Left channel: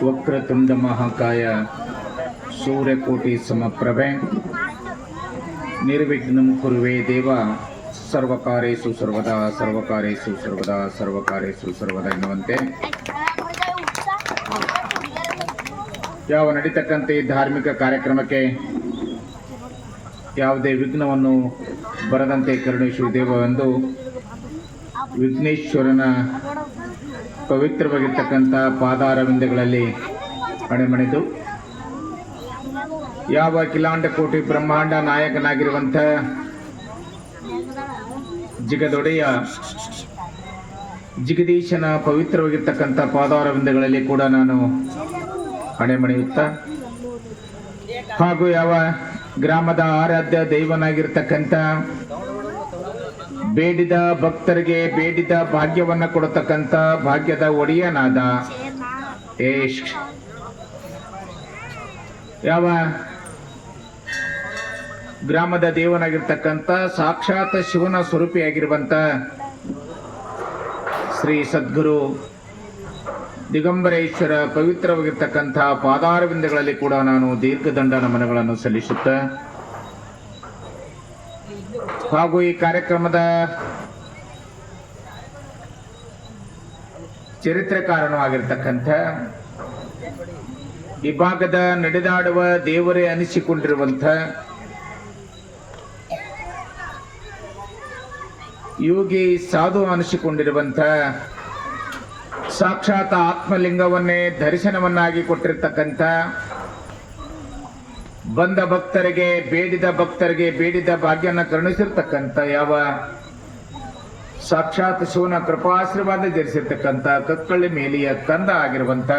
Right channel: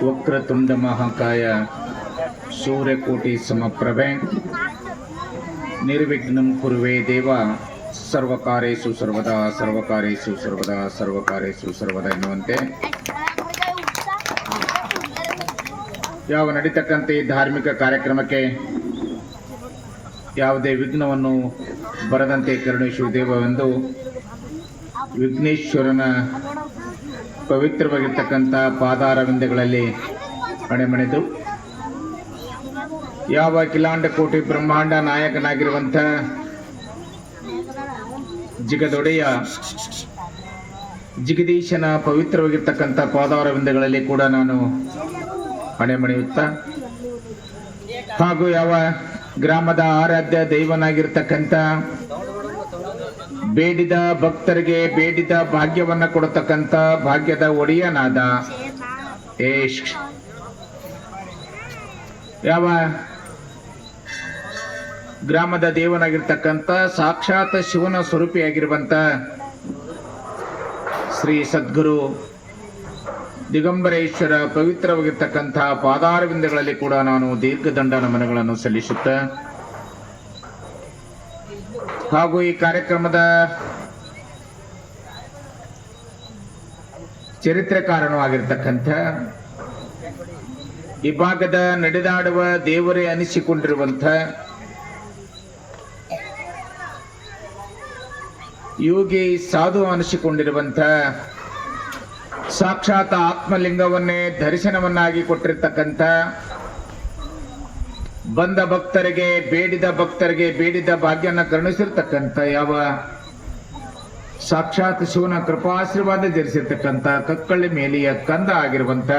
ವಕ್ರತುಂಡ ಮಹಾಕಾಯ ಸೂರ್ಯಕೋಟಿ ಸಮಪ್ರಭೆ ನಿರ್ವಿಘ್ನಂ ಕುರುವೆ ದೇವ ಸರ್ವಕಾರ್ಯೇಷು ಸರ್ವದಾ ಸರ್ವಕಾರ್ಯೇಷು ಸರ್ವದಾ ಸರ್ವಕಾರ್ಯೇಷು ಸರ್ವದಾ ಎನ್ನುವಂತೆ ಯಾವ ನಡೀತಕ್ಕಂಥ ಈ ಧಾರ್ಮಿಕ ಕಾರ್ಯಕ್ರಮಕ್ಕೆ ಯಾವುದೇ ವಿಘ್ನವನ್ನು ಬರದಂತೆ ಕರುಣಿಸುವ ದೇವವೆಂದು ವಿಘ್ನೇಶ್ವರನ ಪವಿತ್ರವಾಗಿರ್ತಕ್ಕಂಥ ಪಾದಾರವಿಂದಗಳಲ್ಲಿ ಅಣೆಮಣೆದು ಯಾವ ಅಖಿಲಾಂಡ ಕೋಟಿ ಬ್ರಹ್ಮಾಂಡ ನಾಯಕನಾಗಿರುವಂಥ ಜಿಗದೊಡೆಯ ಜಗದೀಶನ ಪವಿತ್ರವಾಗಿರ್ತಕ್ಕಂಥ ಪಾದಾರವಿಂದಗಳಲ್ಲಿ ಕೂಡ ನಾನು ಅಣೆಮಣೆಯುತ್ತಾ ಹಾಗೂ ಯಾವ ಗ್ರಾಮದ ಆರಾಧ್ಯ ದೈವನಾಗಿರ್ತಕ್ಕಂಥ ಬೇಡಿದ ಭಕ್ತರಿಗೆ ಬೇಡಿದ ಭಾಗ್ಯವನ್ನ ಕೊಡತಕ್ಕಂಥ ಭಾಗ್ಯದ ಒಡೆಯನಾದ ಯಾವ ಗ್ರಾಮದ ದೇವನಾಗಿರ್ತಕ್ಕಂಥ ಸಾಕ್ಷಾತ್ ಶಿವನ ಸ್ವರೂಪಿಯಾಗಿರುವಂತ ಶ್ರೀ ಸದ್ಗುರು ದಿಗಂಬರೇಶ್ವರ ಪವಿತ್ರವಾಗಿರ್ತಕ್ಕಂಥ ಪಾದಾರವಿಂದಗಳಲ್ಲಿ ಕೂಡ ನಾನು ದೀರ್ಘದಂಡ ನಮನಗಳನ್ನು ಸಲ್ಲಿಸುತ್ತಾ ಹಾಗೂ ಈ ಕಾರ್ಯಕ್ರಮದ ಚರಿತ್ರಕಾರನವಾಗಿರ್ತಕ್ಕಂಥ ಈ ಭಾಗದ ನಡೆದಾಡುವ ದೇವರೇ ಅನಿಸಿಕೊಂಡಿರುವಂಥ ಯೋಗಿ ಸಾಧು ಅನಿಸಿಕೊಂಡಿರುವಂಥ ಸಾಕ್ಷಾತ್ ಆತ್ಮಲಿಂಗವನ್ನೇ ದರ್ಶನವನ್ನಾಗಿ ಕೊಟ್ಟಿರ್ತಕ್ಕಂಥ ಬಂದ ಭಕ್ತರಿಗೆ ಬೇಡಿದ ಭಾಗ್ಯನ ಕರುಣಿಸಿರ್ತಕ್ಕಂಥ ಯಾವ ಸಾಕ್ಷಾತ್ ಶಿವನ ಕೃಪಾಶೀರ್ವಾದ ಧರಿಸಿರ್ತಕ್ಕಂಥ ಕಕ್ಕಳ್ಳಿ ಮೇಲಿಯ ಕಂದ ಆಗಿರುವಂತ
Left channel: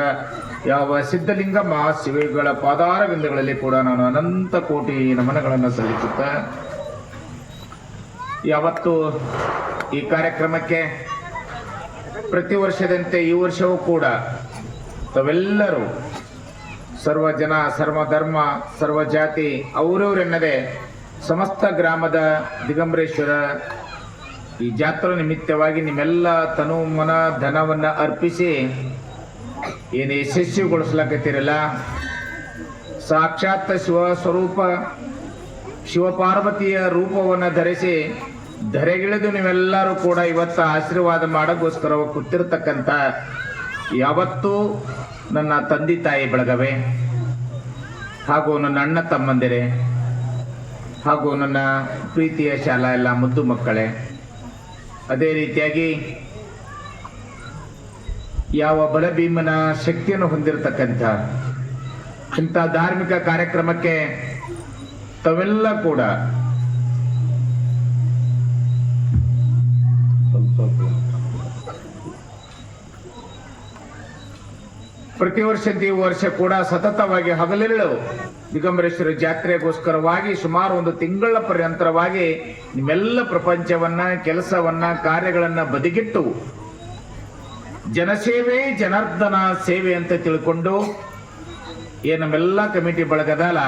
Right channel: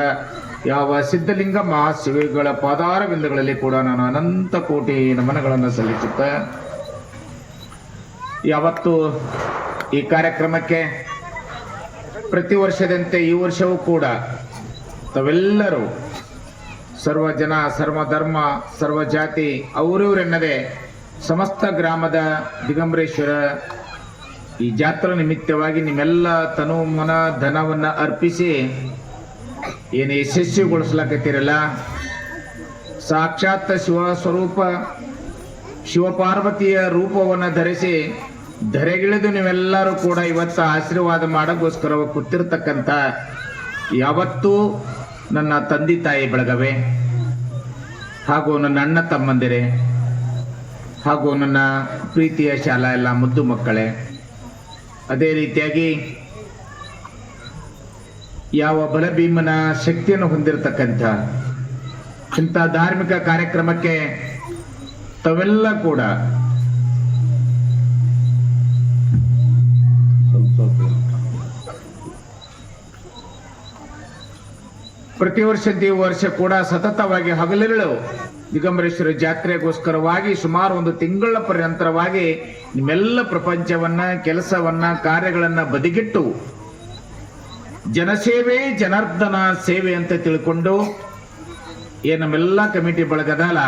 ಯಾವ ಸಿದ್ಧಲಿಂಗ ಮಹಾಶಿವಗಳ ಪಾದಾರವಿಂದಗಳಲ್ಲಿ ಕೂಡ ನಾನು ಅನಂತ ಕೋಟಿ ನಮನಗಳನ್ನು ಸಲ್ಲಿಸುತ್ತ ಯಾವತ್ತು ಈ ಕಾರ್ಯಕ್ರಮಕ್ಕೆ ಪ್ರತಿ ವರ್ಷದಂತೆ ಈ ವರ್ಷವೂ ಕೂಡ ತಾವೆಲ್ಲರೂ ಸರ್ವ ಜನ ಸರ್ವ ಧರ್ಮ ಸರ್ವ ಜಾತಿ ಅವರವರೆನ್ನದೆ ಸಮಸ್ತ ಗ್ರಾಮದ ದಿಗಂಬರೇಶ್ವರ ಈ ಜಾತ್ರಾ ನಿಮಿತ್ತವಾಗಿ ನಿಮ್ಮೆಲ್ಲ ತನು ಮನ ಧನವನ್ನ ಅರ್ಪಿಸಿ ಏನು ಯಶಸ್ವಿಗೊಳಿಸ್ಲಾಕತ್ತೀರಲ್ಲ ಸಾಕ್ಷಾತ್ ಶಿವ ಸ್ವರೂಪ ಶಿವಪಾರ್ವತಿಯ ರೂಪವನ್ನು ಧರಿಸಿ ಧರೆಗಿಳಿದು ನೀವೆಲ್ಲರೂ ಕೂಡ ಇವತ್ತು ಆಶೀರ್ವಾದ ಮಾಡೋಕ್ಕೋಸ್ಕರ ಕೂತಿರ್ತಕ್ಕಂಥ ಯಾವತ್ತೂ ನನ್ನ ತಂದೆ ತಾಯಿ ಬೆಳಗವೆ ಹಾಗೂ ನನ್ನ ಅಣ್ಣ ತಮ್ಮಂದಿರೇ ಹಾಗೂ ನನ್ನ ಪ್ರೀತಿಯ ಶಾಲಾ ಎಲ್ಲ ಮುದ್ದು ಮಕ್ಕಳೇ, ಅದೇ ರೀತಿಯಾಗಿ ಯಾವ ಬಲಭೀಮನ ಶಕ್ತಿಯನ್ನು ಹೊಂದಿರತಕ್ಕಂಥ ಇಂಥ ಧಾರ್ಮಿಕ ಕಾರ್ಯಕ್ರಮಕ್ಕೆ ತಾವೆಲ್ಲ ಕೂಡ ಪ್ರತಿ ವರ್ಷ ಕೂಡ ಸತತವಾಗಿ ಹಗಲಿರುಳು ದಿಗಂಬರೇಶ್ವರ ಜಾತ್ರೆಗೋಸ್ಕರವಾಗಿ ಸುಮಾರು ಒಂದು ತಿಂಗಳ ಪರ್ಯಂತರವಾಗಿ ನಿಮ್ಮೆಲ್ಲ ಪ್ರಪಂಚವನ್ನ ಕೆಲಸವನ್ನ ಕಾರ್ಯಗಳನ್ನ ಬದಿಗಿಟ್ಟು ಜನಸೇವೆ ಜನಾರ್ದನ ಸೇವೆ ಅಂತ ತಿಳ್ಕೊಂಡು ನಮ್ಮೆಲ್ಲ ಕಮಿಟಿ ಬಳಗದಲ್ಲ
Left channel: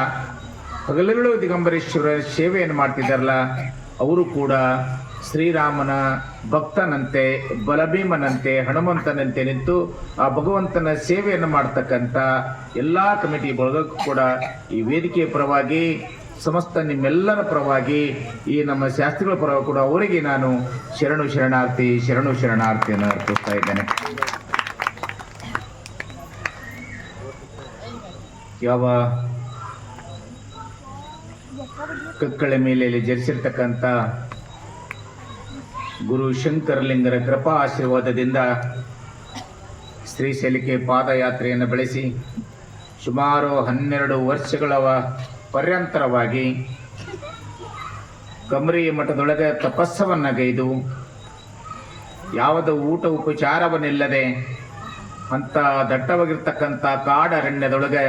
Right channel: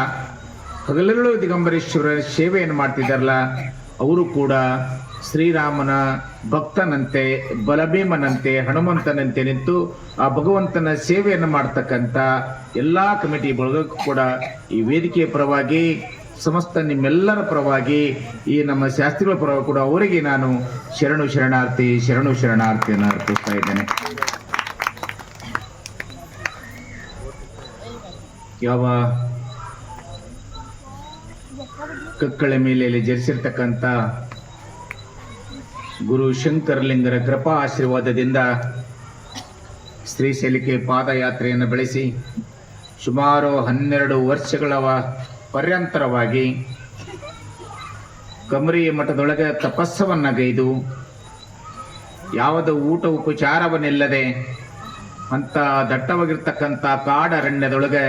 ಹಗಲಿರುಳು ದಿಗಂಬರೇಶ್ವರ ಸೇವೆಯನ್ನು ಮಾಡ್ತಿದ್ದಾರಲ್ಲ ಅವರು ಕೂಡ ಶ್ರೀರಾಮನ ಭಕ್ತನಂತೆ ಬಲಭೀಮನಂತೆ ಹನುಮಂತನಂತೆ ನಿಂತು ಆ ಭಗವಂತನ ಸೇವೆಯನ್ನು ಮಾಡ್ತಕ್ಕಂಥ ಎಲ್ಲಾ ಕಮಿಟಿ ಬಳಗಕ್ಕೂ ಕೂಡ ಈ ವೇದಿಕೆಯ ಪರವಾಗಿ ಸಮಸ್ತ ನಿಮ್ಮೆಲ್ಲರ ಪರವಾಗಿ ಈ ನಮ್ಮ ಶಾಸ್ತ್ರಿಗಳ ಪರವಾಗಿ ಕೂಡ ಅವರಿಗೆ ನಾನು ಶರಣಾರ್ಥಿಯನ್ನು ಅರ್ಪಿಸ್ತಾ ಇದ್ದೇನೆ. ಯಾವ ಕಕ್ಕಳ ಮೇಲೆ ಜರಿಸಿರ್ತಕ್ಕಂಥ ಗುರು ಶಂಕರಲಿಂಗರ ಕೃಪಾ ಆಶೀರ್ವಾದದಿಂದ ಶ್ರೀಶೈಲಕ್ಕೆ ಪಾದಯಾತ್ರೆಯನ್ನು ಬೆಳೆಸಿ ಸುಮಾರು 12 ವರ್ಷಗಳ ಪರ್ಯಂತರವಾಗಿ ಕಮರಿಯ ಮಠದೊಳಗೆ ತಪಸ್ಸವನ್ನಗೈದು ಯಾವುದೋ ಊಟ ಉಪಚಾರವನ್ನಿಲ್ಲದೆ ಅಂತ ದಟ್ಟವಾಗಿರ್ತಕ್ಕಂಥ ಕಾಡರಣ್ಯದೊಳಗೆ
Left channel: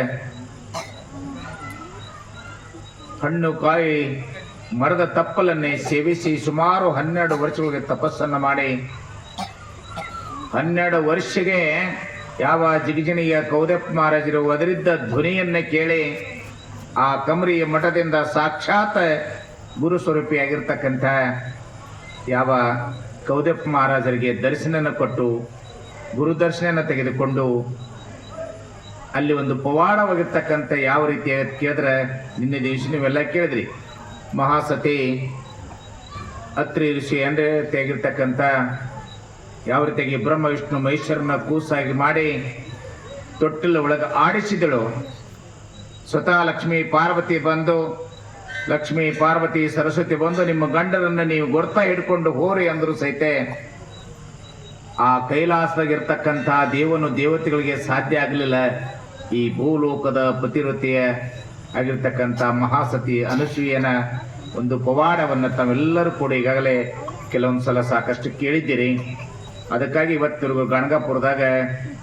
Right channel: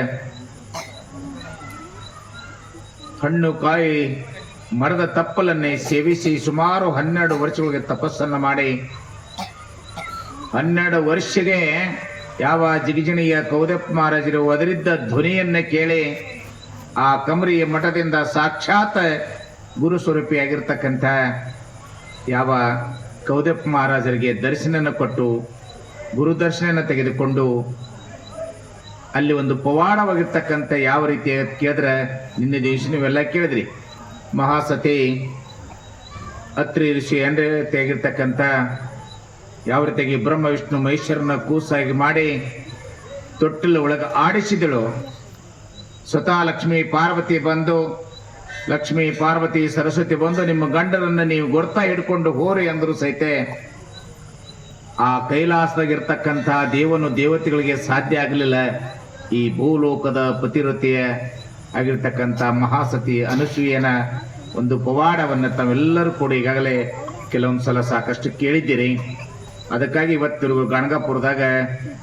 ಹಣ್ಣು ಕಾಯಿ ಮರದ ತಪ್ಪಲನ್ನೇ ಸೇವಿಸಿ ಸುಮಾರು 12 ವರ್ಷಗಳಿಗೆ ತಪಸ್ಸನ್ನು ಮಾಡಿ 12 ವರ್ಷಗೆ ಯಾವ ಜಿಗಜಿಣಿಯ ಕೌದಪ್ಪ ಮಹಾರಾಜರು ಒದರಿದ್ದ ಧ್ವನಿಯನ್ನ ಕೇಳಿ ಆ ಕಮರಿಯ ಮಠದಿಂದ ಸಾಕ್ಷಾತ್ ಗುರು ಸ್ವರೂಪಿಯಾಗಿರ್ತಕ್ಕಂಥ ಯಾವ ಕೌದಪ್ಪ ಮಹಾರಾಜರಿಗೆ ದರ್ಶನ ಕೊಟ್ಟು ಗುರು ದರ್ಶನ ತೆಗೆದುಕೊಂಡು ಅಲ್ಲಿ ಒಂದು ಪವಾಡವಾಗಿರ್ತಕ್ಕಂಥ ಯಾವ ರೀತಿ ಕೇಳಿದ್ರೆ ನಿನ್ನೆ ದಿವಸ ನೀವೆಲ್ಲ ಕೇಳಿದ್ರಿ. ಮಹಾಸತಿ ಅತ್ರಿ ಋಷಿ ಅಂದ್ರೆ ತೆಗಿರ್ತಕ್ಕಂಥ ಯಾವ ರೀತಿಯಾಗಿ ಬ್ರಹ್ಮ ವಿಷ್ಣು ಮಹೇಶ್ವರನ ಕೂಸಾಗಿ ಮಾಡಿ ತೊಟ್ಟಿಲ ಒಳಗೆ ಆಡಿಸಿದಳು. ಸ್ವತಃ ಲಕ್ಷ್ಮೀ ಪಾರ್ವತಿ ಬಂದು, ಲಕ್ಷ್ಮೀ ಪಾರ್ವತಿ ಸರಸ್ವತಿ ಬಂದು ನಿಮ್ಮ ಗಂಡನನ್ನ ನೀವು ಗೊರ್ತಾ ಹಿಡ್ಕೊಂಡು ಹೋರಿ ಅಂದ್ರು ಸಹಿತ ಆ ಕೈಲಾಸದಾಗಿರ್ತಕ್ಕಂಥ ದೇವತೆಗಳಿಗೆ ಸಾಧ್ಯ ಆಗಲಿಲ್ಲ. ಈ ಭೂಲೋಕದ ಪತಿವ್ರತೆಯ ಆಗಿರ್ತಕ್ಕಂಥ ಮಹಾಸತಿ ಅನುಸೂಯನ ಒಂದು ಪವಾಡವನ್ನು ತಾವೆಲ್ಲರೂ ಕೂಡ ಈಗಾಗಲೇ ಕೆಲವೊಂದ್ಸಲ ಸಾಕಷ್ಟು ಕೇಳಿದ್ದೀರಿ. ಅದಕ್ಕಾಗಿ ಇವತ್ತಿಗೂ ಗಣಗಾಪುರದಾಗ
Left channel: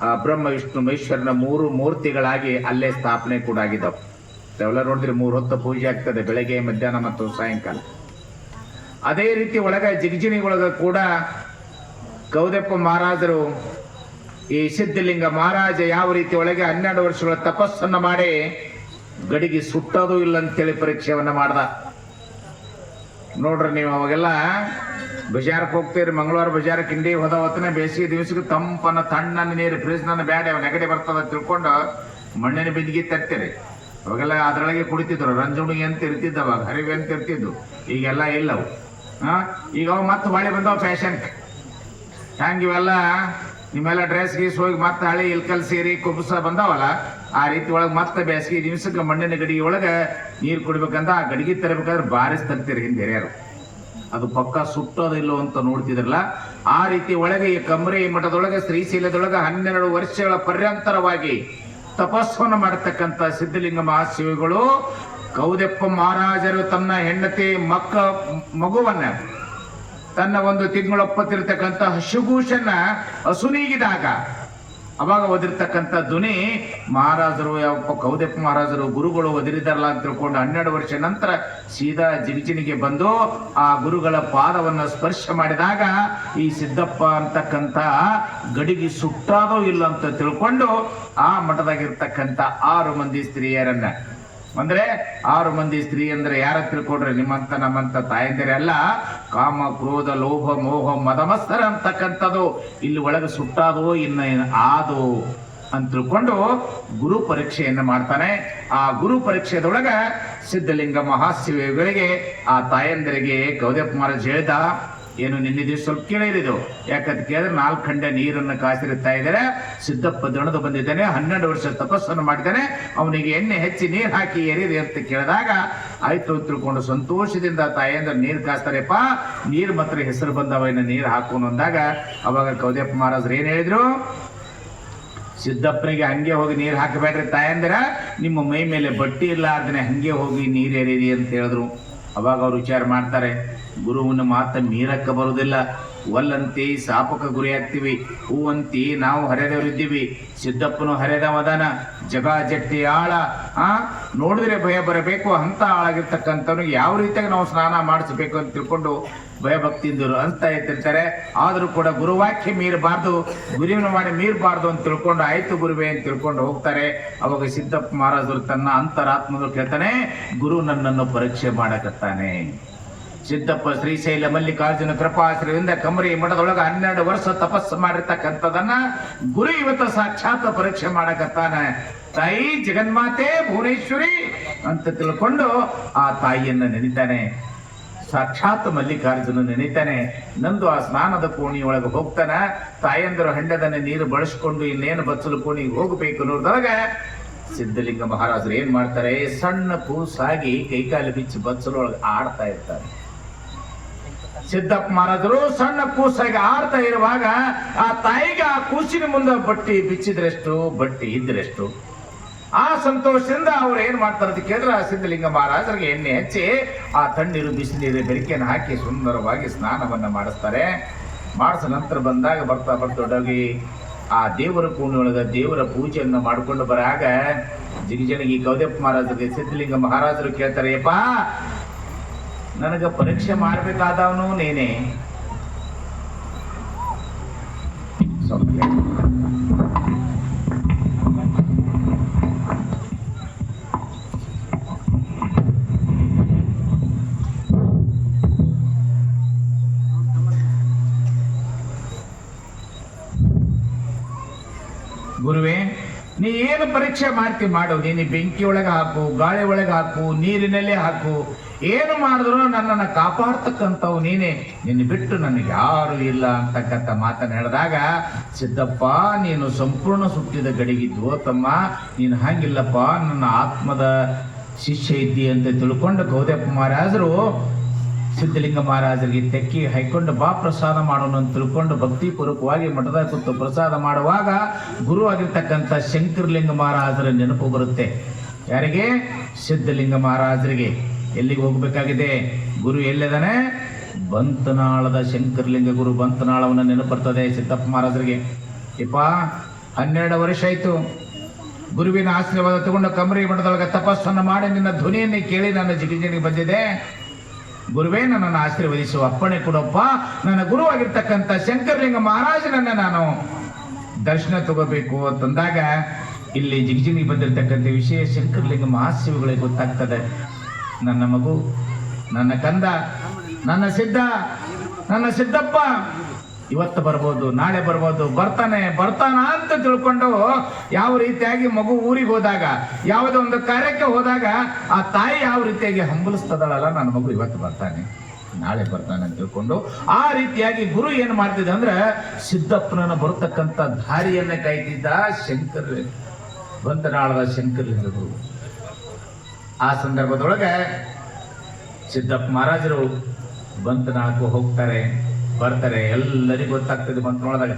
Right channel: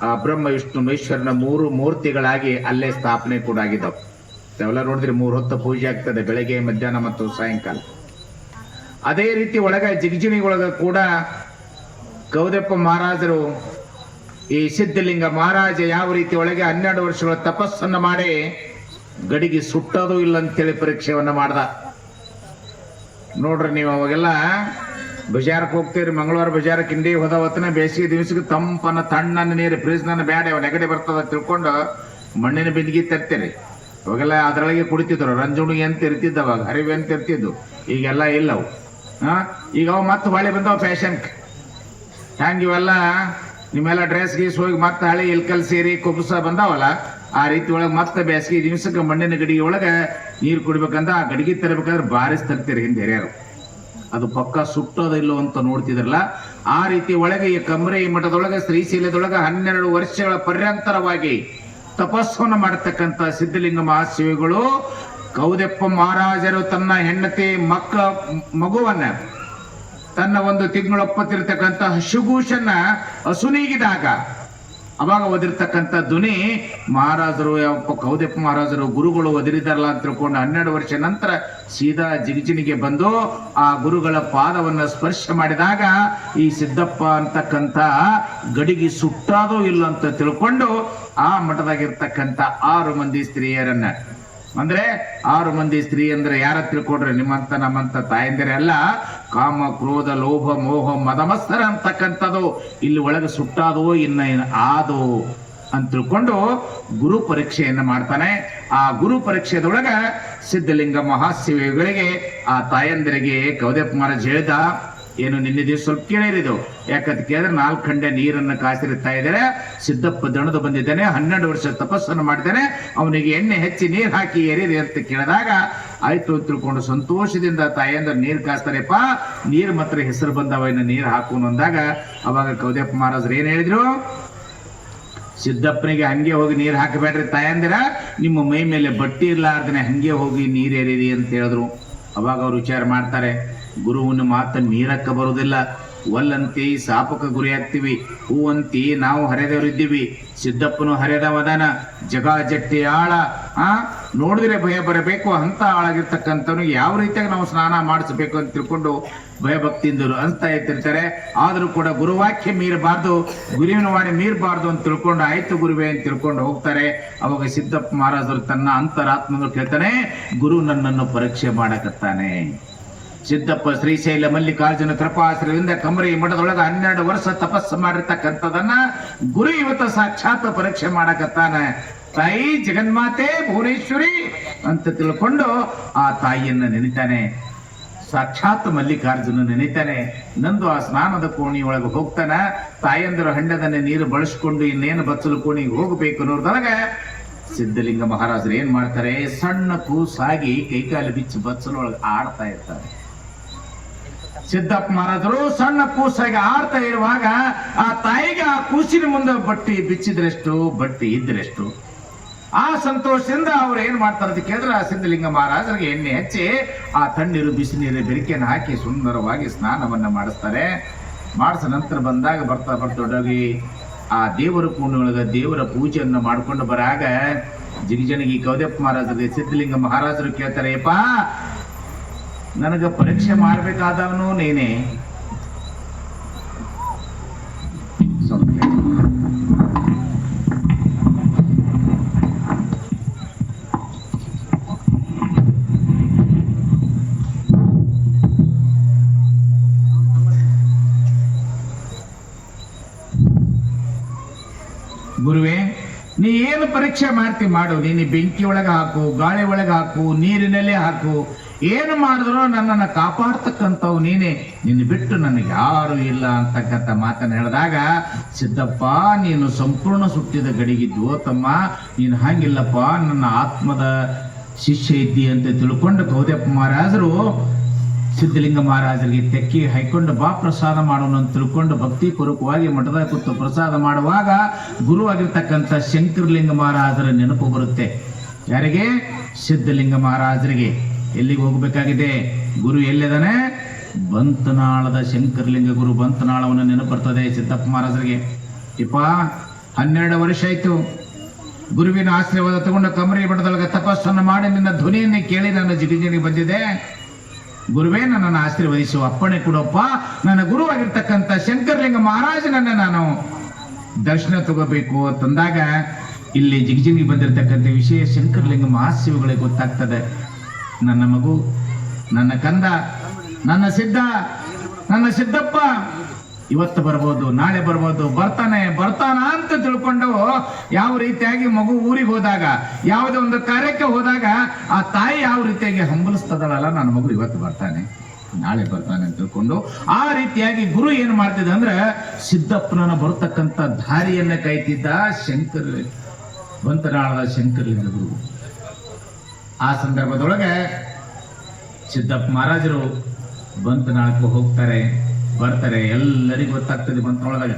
ಆ ಬ್ರಹ್ಮ ವಿಷ್ಣು ಮಹೇಶ್ವರನ 3 ಮೂರ್ತಿಗಳಾಗಿ ಅಲ್ಲೇ ಸ್ಥಾಪನೆ ಕೂಡ ಆಗಿದ್ದಾವೆ. ತಾವೆಲ್ಲ ನೋಡಿದ್ರಿ 3 ಹೊತ್ತು ಪೂಜೆ ಆಗ್ತದೆ, ಬೆಳಗ್ಗೆ, ಮಧ್ಯಾಹ್ನ ಮತ್ತು ಸಾಯಂಕಾಲ. ಅದೇ ರೀತಿ ಒಳಗ ಜಿಗಜಿಣಿ ಒಳಗ ಕೂಡ ಗೌದಪ್ಪ ಮಹಾರಾಜರು ಈ ಸಿದ್ಧಲಿಂಗ ಮಹಾರಾಜ ಯಾವ ರೀತಿ ಒಳಗೆ 12 ವರ್ಷಗಳ ತಪಸ್ಸನ್ನ ಮಾಡಿ ಗಡಿಗೆ ಸುಟ್ಟೋದು ಇಲ್ಲ ಅಂತೇಳಿ ಪರೀಕ್ಷೆಯನ್ನ ಮಾಡ್ದ. ನೋಡ್ರಿ ನೀವು ಅವಾಗೆಲ್ಲ ಬಜಾರಕ್ಕೆ ಹೋಗ್ತೀರಿ, ಮಂಗಳವಾರ ಬಜಾರಕ್ಕೆ ಇಂಡಿ ಹೋದ ಹೊತ್ತನ ಬೇಸಿಗೆ ದಿವಸಕ್ಕೆ ತಂಪನ್ನ ತಣ್ಣನ ನೀರು ಫ್ರಿಜ್ ನನ್ನ ಬ್ಯಾಡ ನೆಗಡಿ ಬರ್ತದ ತಿಳ್ಕೊಂಡು ಮಣ್ಣಿನ ಬಿಂದಿಗೆ ತರ್ತೀರಿ. ಅವಾಗೆಲ್ಲ ಅದರೊಳಗೆ ಕುಡಿತಿದ್ರು. ರಂಜುಣಿಗೆ ಅಂತ ಇರ್ತಿದ್ದವ, ಹರಿವೆ ಅಂತ ಇರ್ತಿದ್ದು. ಈಗೆಲ್ಲ ಇಲ್ಲವು. ಈಗ ಅವು ಮತ್ತೆ ಹೊಳೆ ಬಂದವ ಫ್ಯಾಷನ್. ಹ್ಯಾಂಗ ಇವೆಲ್ಲ ನಿಮ್ಮೆಲ್ಲ ಡ್ರೆಸ್ ಗೀಸ್ ಹೋಗಿ ಮತ್ತೆ ಹಳೆ ಇಲ್ಕಲ್ ಸೇರಿ ಕುಬುಸ ಬಂದಾವಲ್ಲ, ಆ ರೀತಿ ಒಳಗೆ ಮತ್ತೆ ಬೇಸಿಗೆ ದಿವಸಕ್ಕೆ ಮಣ್ಣಿನ ಗಡಿಗೆ ಒಳಗೆ ನೀರು ಕುಡಿಬೇಕಂದ್ರೆ ಆ ಗಡಿಗೆ ತರಬೇಕಾದ್ರೆ ಬಾರಿಸ್ ತರ್ತೀರಿ ಹಿಂದೆ ಹಿರಿಯರು. ಅದು ಪಕ್ಕ ಸುಟ್ಟೋದಿಲ್ಲೋ ಅಂತ ನೋಡ್ತಿದ್ರಲ್ಲ. ಆ ರೀತಿ ಒಳಗೆ ಈ ಕಮರೆ ಮಠದೊಳಗೆ ಶ್ರೀಶೈಲದೊಳಗೆ 12 ವರ್ಷಗಳ ಪರ್ಯಂತರವಾಗಿ ತಪಸ್ಸನ್ನು ಮಾಡತಕ್ಕಂಥ ಸಿದ್ಧಲಿಂಗ ಮಹಾಶಿವಗಳು ಗೌದಪ್ಪ ಮಹಾರಾಜರು ತನ್ನ ಹೆಂಡತಿ ಮಗುವನ್ನ ತನ್ನ 1 ತಿಂಗಳೊಪ್ಪತ್ತಿರ್ತಕ್ಕಂಥ ಹಸುಗೂಷನ್ನ ಹಸುನೀಗಿದಾಗ ಅವಾಗ ಓದಿರ್ತಕ್ಕಂಥ ಧ್ವನಿ ಮಹಾರಾಜರು ಯಾವ ಗೌದಪ್ಪ ಮಹಾರಾಜರು ಗುರುಗಳು ಒದರಿದಾರಲ್ಲ ಅಂತ ತಿಳ್ಕೊಂಡು 12 ವರ್ಷ ನಂತರ ಸೀದಾ ಜಿಗಜಿಣಿಗೆ ಬಂದು ಆ ಗುರುಗಳ ಪಾದವನ್ನ ಸ್ಪರ್ಶ ಮಾಡಿದಾಗ ಈ ಸಿದ್ದಪ್ಪ ಅಂತಕ್ಕಂಥ ಗಡಿಗೆ ಸುಟ್ಟಾದೋ ಇಲ್ಲ ಅಂತ ತಿಳ್ಕೊಂಡು ಆ ಮಠದಾಗಿರ್ತಕ್ಕಂಥ 6 ಮಂದಿ ಸ್ತ್ರೀಯರನ್ನ, ಅಂದ್ರೆ 6 ಮಂದಿ ಸ್ತ್ರೀ ಅಂದ್ರೆ ಯಾರ ತಿಳ್ಕೊಡ್ರಿ, ನಿಮ್ಮಂತ ನಮ್ಮಂತ ತಾಯಂದಿರ ಅಲ್ಲ. ಕಾಮ ಕ್ರೋಧ ಲೋಭ ಮೋಹ ಮದಮತ್ಸರ ಅಂತಕ್ಕಂಥದ್ದು ಇಲ್ಲಿ ಒಳಗೆ ಸುಟ್ಟಾದೋ ಇನ್ನ ಆದೋ ಅಂತ ತಿಳ್ಕೊಂಡು ಗುರು ಪರೀಕ್ಷೆಯನ್ನ ಮಾಡ್ತಾನೆ. ಆ ಗುರು ಪರೀಕ್ಷೆದೊಳಗ ಸಿದ್ಧಲಿಂಗ ಮಹಾಶಿವಗಳಿಗೆ ಆ ತಾಯಂದಿರಿಗೆ ಗೌದಪ್ಪ ಮಹಾರಾಜ್ ಹೇಳ್ದ, ಏನು ನಿನ್ನೆ ದಿವಸ ಸ್ವಲ್ಪ ಕೇಳಿರಿದು. ಯಾಕಂತ ಕೇಳಿದ್ರೆ 4 ಖಂಡೆ ನೀರನ್ನು ಕಾಸಿರುತ್ತಾ ಇದ್ದಾರೆ. ಸಿದ್ದಪ್ಪ ದಣದು ಬಂದಿದ್ದಾನೆ, 12 ವರ್ಷ ತಪಸ್ಸನ್ನು ಮಾಡಿದ್ದಾನೆ, ಅವನಿಗೆ ಎಣ್ಣೆ ಹೆಚ್ಚಿ ನೀರು ಹಾಕಿ ಏರಿದೆ ಅಂತ ಕೇಳಿದಾಗ ಆಯ್ತು ತಿಳ್ಕೊಂಡು ಸಂತೋಷದಿಂದ ತಾಯಂದ್ರ ನೀರು ಕಾಸ್ತಾರೆಪ್ಪ, ನೀರು ಮಾತ್ರ ಹೆಸರು ಬಂದವ, ಇನ್ನು ನೀರು ಹಾಕೋನು ಅಂದಾಗ ಅವಾಗ ಗೌದಪ್ಪ ಮಹಾರಾಜರು ಏನ್ ಹೇಳಿದ್ರು, ಸಿದ್ದಪ್ಪನಿಗೆ ಹಂಗೆ ಹೋಗಿ ನೀರು ಹಾಕಬೇಡ್ರಿ ತಾಯಂದಿರ, ನಿಮ್ಮ ಮೈ ಮೇಲೆ ಬಟ್ಟಿ ಇರ್ಲಾರ್ದನೆ ಹಂಗೆ ಹೋಗಿ ನೀರು ಏರಿರಿ ಅಂತ ಹೇಳಿದ್ರು. ಅವಾಗ ಅವ್ರು ವಿಚಾರ ಮಾಡ್ತಾರೆ, ಗುರುವಿನ ಮಾತ ಮೀರಕ್ಕ ಬರುವುದಿಲ್ಲ. ಒಲ್ಲಂತಿ ಸಾಪಕ ಗುರಿ ಆಗ್ತೀವಿ, ಹೂವಂತಿ ನಾವು ಹರಿದವರಿದ್ದೀವಿ. ಸಿದ್ದಪ್ಪನು ಹರಿದವದಾನ, ಜಗ ಜಟ್ಟಿ ಆಳ ನೋಡಿದ್ರೆ ಭಯ ಬರಬೇಕು ಅಂತ ಆಳಾಗಿರ್ತಕ್ಕಂಥವ್ನು ಯಾವ ರೀತಿಯಾಗಿ ನಾವು ಸ್ನಾನ ಮಾಡಿಸ್ಬೇಕು ಅಂತ ತಿಳ್ಕೊಂಡು ಭಯಭಕ್ತಿಯಿಂದರು ಅಂತ ಇರ್ತಿರ್ತಾರೆ. ಆದ್ರೂ ಕೂಡ ಗುರುವಾಕ್ಯ ಮೀರಬಾರ್ದು, ಗುರುವಿನ ವಾಣಿ ಮೀರಬಾರ್ದು ಅಂತ ತಿಳ್ಕೊಂಡು ಆಯ್ತು ಗುರುವೇ ಅಂತ ತಿಳ್ಕೊಂಡು ಹೋಗ್ತಾರೆ. ಅವಾಗ ಸಿದ್ದಪ್ಪ ಮಹಾರಾಜರು ತನ್ನ ಅಂತರಾತ್ಮಗಳು ಕೇಳ್ತಾನೆ, ಗುರು ನನ್ನನ್ನು ಪರೀಕ್ಷೆ ಮಾಡಕತ್ತಾನೆ. ಸಿದ್ದಪ್ಪ ಶ್ರೀಶೈಲ ಮಲ್ಲಿಕಾರ್ಜುನ ಕೃಪಾಶ್ರಯದಿಂದ ಕಮರಿ ಮಠದೊಳಗ 12 ವರ್ಷ ತಪಸ್ಸು ಮಾಡಿರ್ತಕ್ಕಂಥದನ್ನ ಗುರು ಇವತ್ತು ಸಾಕ್ಷಾತ್ ಪರೀಕ್ಷೆ ಮಾಡಕತ್ತಾನ. ತಾಯಿ ಜಗನ್ಮಾತೆ ಭುವನೇಶ್ವರಿ ಅಂತ ತಿಳ್ಕೊಂಡು ಆ ತಾಯಿಯನ್ನ ನೆನಿತಾನೆ. ಸಾಕ್ಷಾತ್ ಮಲ್ಲಿಕಾರ್ಜುನ ನೆನಿತಾನೆ. ನಂದು ಆ ಸ್ನಾನದ ಕೋಣಿ ಒಳಗೆ ಹೋಗ್ತಾನ. ತಾಯಂದರು ಹಂಡದನ್ನ ನೀರು ಬಳಸ್ಕೊಂಡು ಇನ್ನೇನು ಬಚ್ಚಲು ಕೋಣಿಗೆ ಹೋಗಬೇಕು ಅನ್ನೋದ್ರೊಳಗ ಸಿದ್ಧಲಿಂಗ ಮಹಾರಾಜರು ಏನ್ ಮಾಡ್ತಾರೆ, ಸಣ್ಣ ಕೂಸಾಗಿ ಕೈಕಾಲು ಬಿಚ್ಚಿ ಬಚ್ಚಲೊಳಗೆ ಆಡ್ತಾ ಇರ್ತಾರೆ. ಸಿದ್ದಪ್ಪ ಮಹಾರಾಜರು ಸಣ್ಣ ಕೂಸಾಗಿ ಆಡ್ತಾ ಇರುವಾಗ ಆ ತಾಯಿಗೆ ಆ ಕೂಸಿನ ಮುಂದೆ ಬಟ್ಟಿ ಬಿಚ್ಚಿದ್ರೆಷ್ಟು, ಬಟ್ಟಿ ಇದ್ರೆಷ್ಟು. ಆ ಸಂತೋಷದಿಂದ ಅವ್ರು ಏನ್ ಮಾಡ್ತಾರೆ ಅಂತ ಕೇಳಿದ್ರೆ, ಆ ಸಿದ್ಧಲಿಂಗ ಮಹಾರಾಜರಿಗೆ ಎಣ್ಣೆ ಹಚ್ಚಿ ಆ ತಣ್ಣೀರು ಬಿಸಿನೀರು ಬೆರಿಕೆಯನ್ನು ಹಾಕಿ ಸುಂದರವಾಗಿ ಸ್ನಾನವನ್ನ ಮಾಡಿಸ್ತಾರೆ. ಮಾಡಿಸ ನಂತರ ಬಂದಾಗ ಬರ್ತಾ ದೊಡ್ಡಗಿ ಆ ದೇವರ ಕೋಣೆಯೊಳಗ ದೇವರ ಪೂಜೆಯನ್ನು ಮಾಡ್ಕೊಂಡು ಬರಾಗ ಜಿಗಜನಿಗೆ ಗೌದಪ್ಪ ಮಹಾರಾಜರಿಗೆ ಸಿದ್ಧಲಿಂಗ ಮಹಾರಾಜರು ಕೇಳ್ತಾರೆ, ಯಪ್ಪ ನನಗ ಪರೀಕ್ಷೆ ಮಾಡ್ಬೇಕಾದವನು ನೀನೇ. ಗುರುವೇ, ನೀ ಏನು ಪರೀಕ್ಷೆ ಮಾಡ್ತಿ ಮಾಡು, ನೀನು ಬೆಂಕಿ ಒಳಗೆ ಹಾಕು, ಗಾಳಿ ಒಳಗೆ ಹಾಕು, ನೀರಿನಲ್ಲೇ ಹಾಕು, ಏನು ಮಾಡಿದ್ರು ನನ್ನನ್ನು ಕಾಪಾಡ್ತಕ್ಕಂಥವು ನೀನೇ, ನಿನ್ನ ಬಿಟ್ಟು ನನಗೆ ಯಾರು ಇಲ್ಲ ಅಂತಕ್ಕಂಥ ಮಾತನ್ನು ಹೇಳಿದಾಗ, ಸಿದ್ದಪ್ಪ ನೀನು ಸಂಪೂರ್ಣ ಸುತ್ತಿದ ಗಡಿಗಿದ್ದು ತಮ್ಮ, ನೀನು ಹಂಗಿಲ್ಲಪ್ಪ, ನನ್ನ ಆತ್ಮದ ಶಿಷ್ಯ ಇದ್ದಿ ಅಂತ ತಿಳ್ಕೊಂಡು ಗೌದಪ್ಪ ಮಹಾರಾಜರು ಸಿದ್ಧಲಿಂಗ ಮಹಾರಾಜರಿಗೆ ತೆಕ್ಕಿ ಹಾಕೊಂಡು ಬಾ ಪ್ರಸಾದ ಮಾಡೋಣ ಅಂತ ತಿಳ್ಕೊಂಡು ಭಕ್ತಿಪೂರ್ವಕವಾಗಿ ಮಠದ ಕೂತು ಪ್ರಸಾದ ಮಾಡುವಾಗ ಗುರು ಆಗಿರ್ತಕ್ಕಂಥ ಶಂಕರಲಿಂಗ ಮಹಾರಾಜರ ನೆನಪು ಬರುತ್ತೆ. ಯಾರಿಗೆ? ಸಿದ್ಧಲಿಂಗ ಮಹಾರಾಜರಿಗೆ. ಎಲ್ಲಿಗೆ ಹೋಗ್ಬೇಕಾಗಿದೆ? ಗುರು ಎಲ್ಲಿದ್ದಾನೆ? ಬಂತನಾಳದ ಶಂಕರಲಿಂಗ ಗುರು ಬಂತನಾಳವನ್ನು ನೆನಪು ಬರ್ತದೆ ಸಿದ್ದಪ್ಪ ಮಹಾರಾಜರಿಗೆ. ಇಪ್ಪ 12 ವರ್ಷ ಆಯ್ತು ಗುರುವಿನ ಆಶೀರ್ವಾದ ತಗೊಂಡು ಕಮರಿ ಮಠದೊಳಗೆ ತಪಸ್ಸನ್ನು ಮಾಡಿ ನಿನ್ನ ಧ್ವನಿಯನ್ನೇ ಕೇಳಿ ನನ್ನ ಜಿಗಿಜಿಗಿ ಬಂದಿದೆ. ಗುರುವೇ ನನ್ನನ್ನು ಆಶೀರ್ವದಿಸು, ಅಪ್ಪಣೆ ಕೊಡಪ್ಪ, ನನ್ನ ಗುರು ಆಗಿರ್ತಕ್ಕಂಥ ಶಂಕರಲಿಂಗ ಮಹಾರಾಜನನ್ನ ನಾನು ದರ್ಶನ ತಗೋಬೇಕು ಅಂತಂದಾಗ ಇಲ್ಲಿ ಜಿಗಿಜಿಗಿ ಬಂದಿರತಕ್ಕಂಥ ವಿಷಯ ಶಂಕರಲಿಂಗ ಮಹಾಶಿವಗಳಿಗೆ ಗೊತ್ತಾಗ್ತದೆ. ನನ್ನ ಮಗು, ನನ್ನ ಕಂದ, ನನ್ನ ಸಿದ್ದಪ್ಪ ಇವತ್ತು ಬರ್ಬೋದು, ನಾಳೆ ಬರ್ಬೋದು, ಬರ್ತಾನ ಅಂತ ತಿಳ್ಕೊಂಡು ಯಾವ ರೀತಿಯಾಗಿ ಮಗು ಊರಿಗೆ ಹೋದಾಗ, ಯಾವುದೋ ಒಂದು ಕಾರ್ಯಕ್ಕೆ ಹೋದಾಗ ಆ ತಾಯಿ ಯಾವ ರೀತಿಯಾಗಿ ಹಂಬಲಿಸ್ತದಲ್ಲ, ನನ್ನ ಮಗು ಇವತ್ತು ಬರ್ತಾನೆ, ನಾಳೆ ಬರ್ತಾನೆ ಅಂತ ತಿಳ್ಕೊಂಡು ಆ ರೀತಿಯಾಗಿ ಗುರು ಏನ್ ಮಾಡ್ತಿದ್ದ ಅಂದ್ರೆ ಸಿದ್ದಪ್ಪನ ಬರ್ತಕ್ಕಂಥ ದಾರಿಯನ್ನ ಕಾಯ್ತಿದ್ದ ಬಂತನಾಳದ ಶಂಕರಲಿಂಗ ಗುರು. ಆ ಸಂದರ್ಭದೊಳಗೆ ಸಿದ್ದಪ್ಪ ಮಹಾರಾಜರು ಬಂತನಾಳಕ್ಕೂ ಹೋಗ್ತಾರೆ, ಬರ್ತಾರೆ. ಎಲ್ಲರಿಗೂ ಗೊತ್ತಾಗ್ತದೆ ಬಂತನಾಳದಾಗ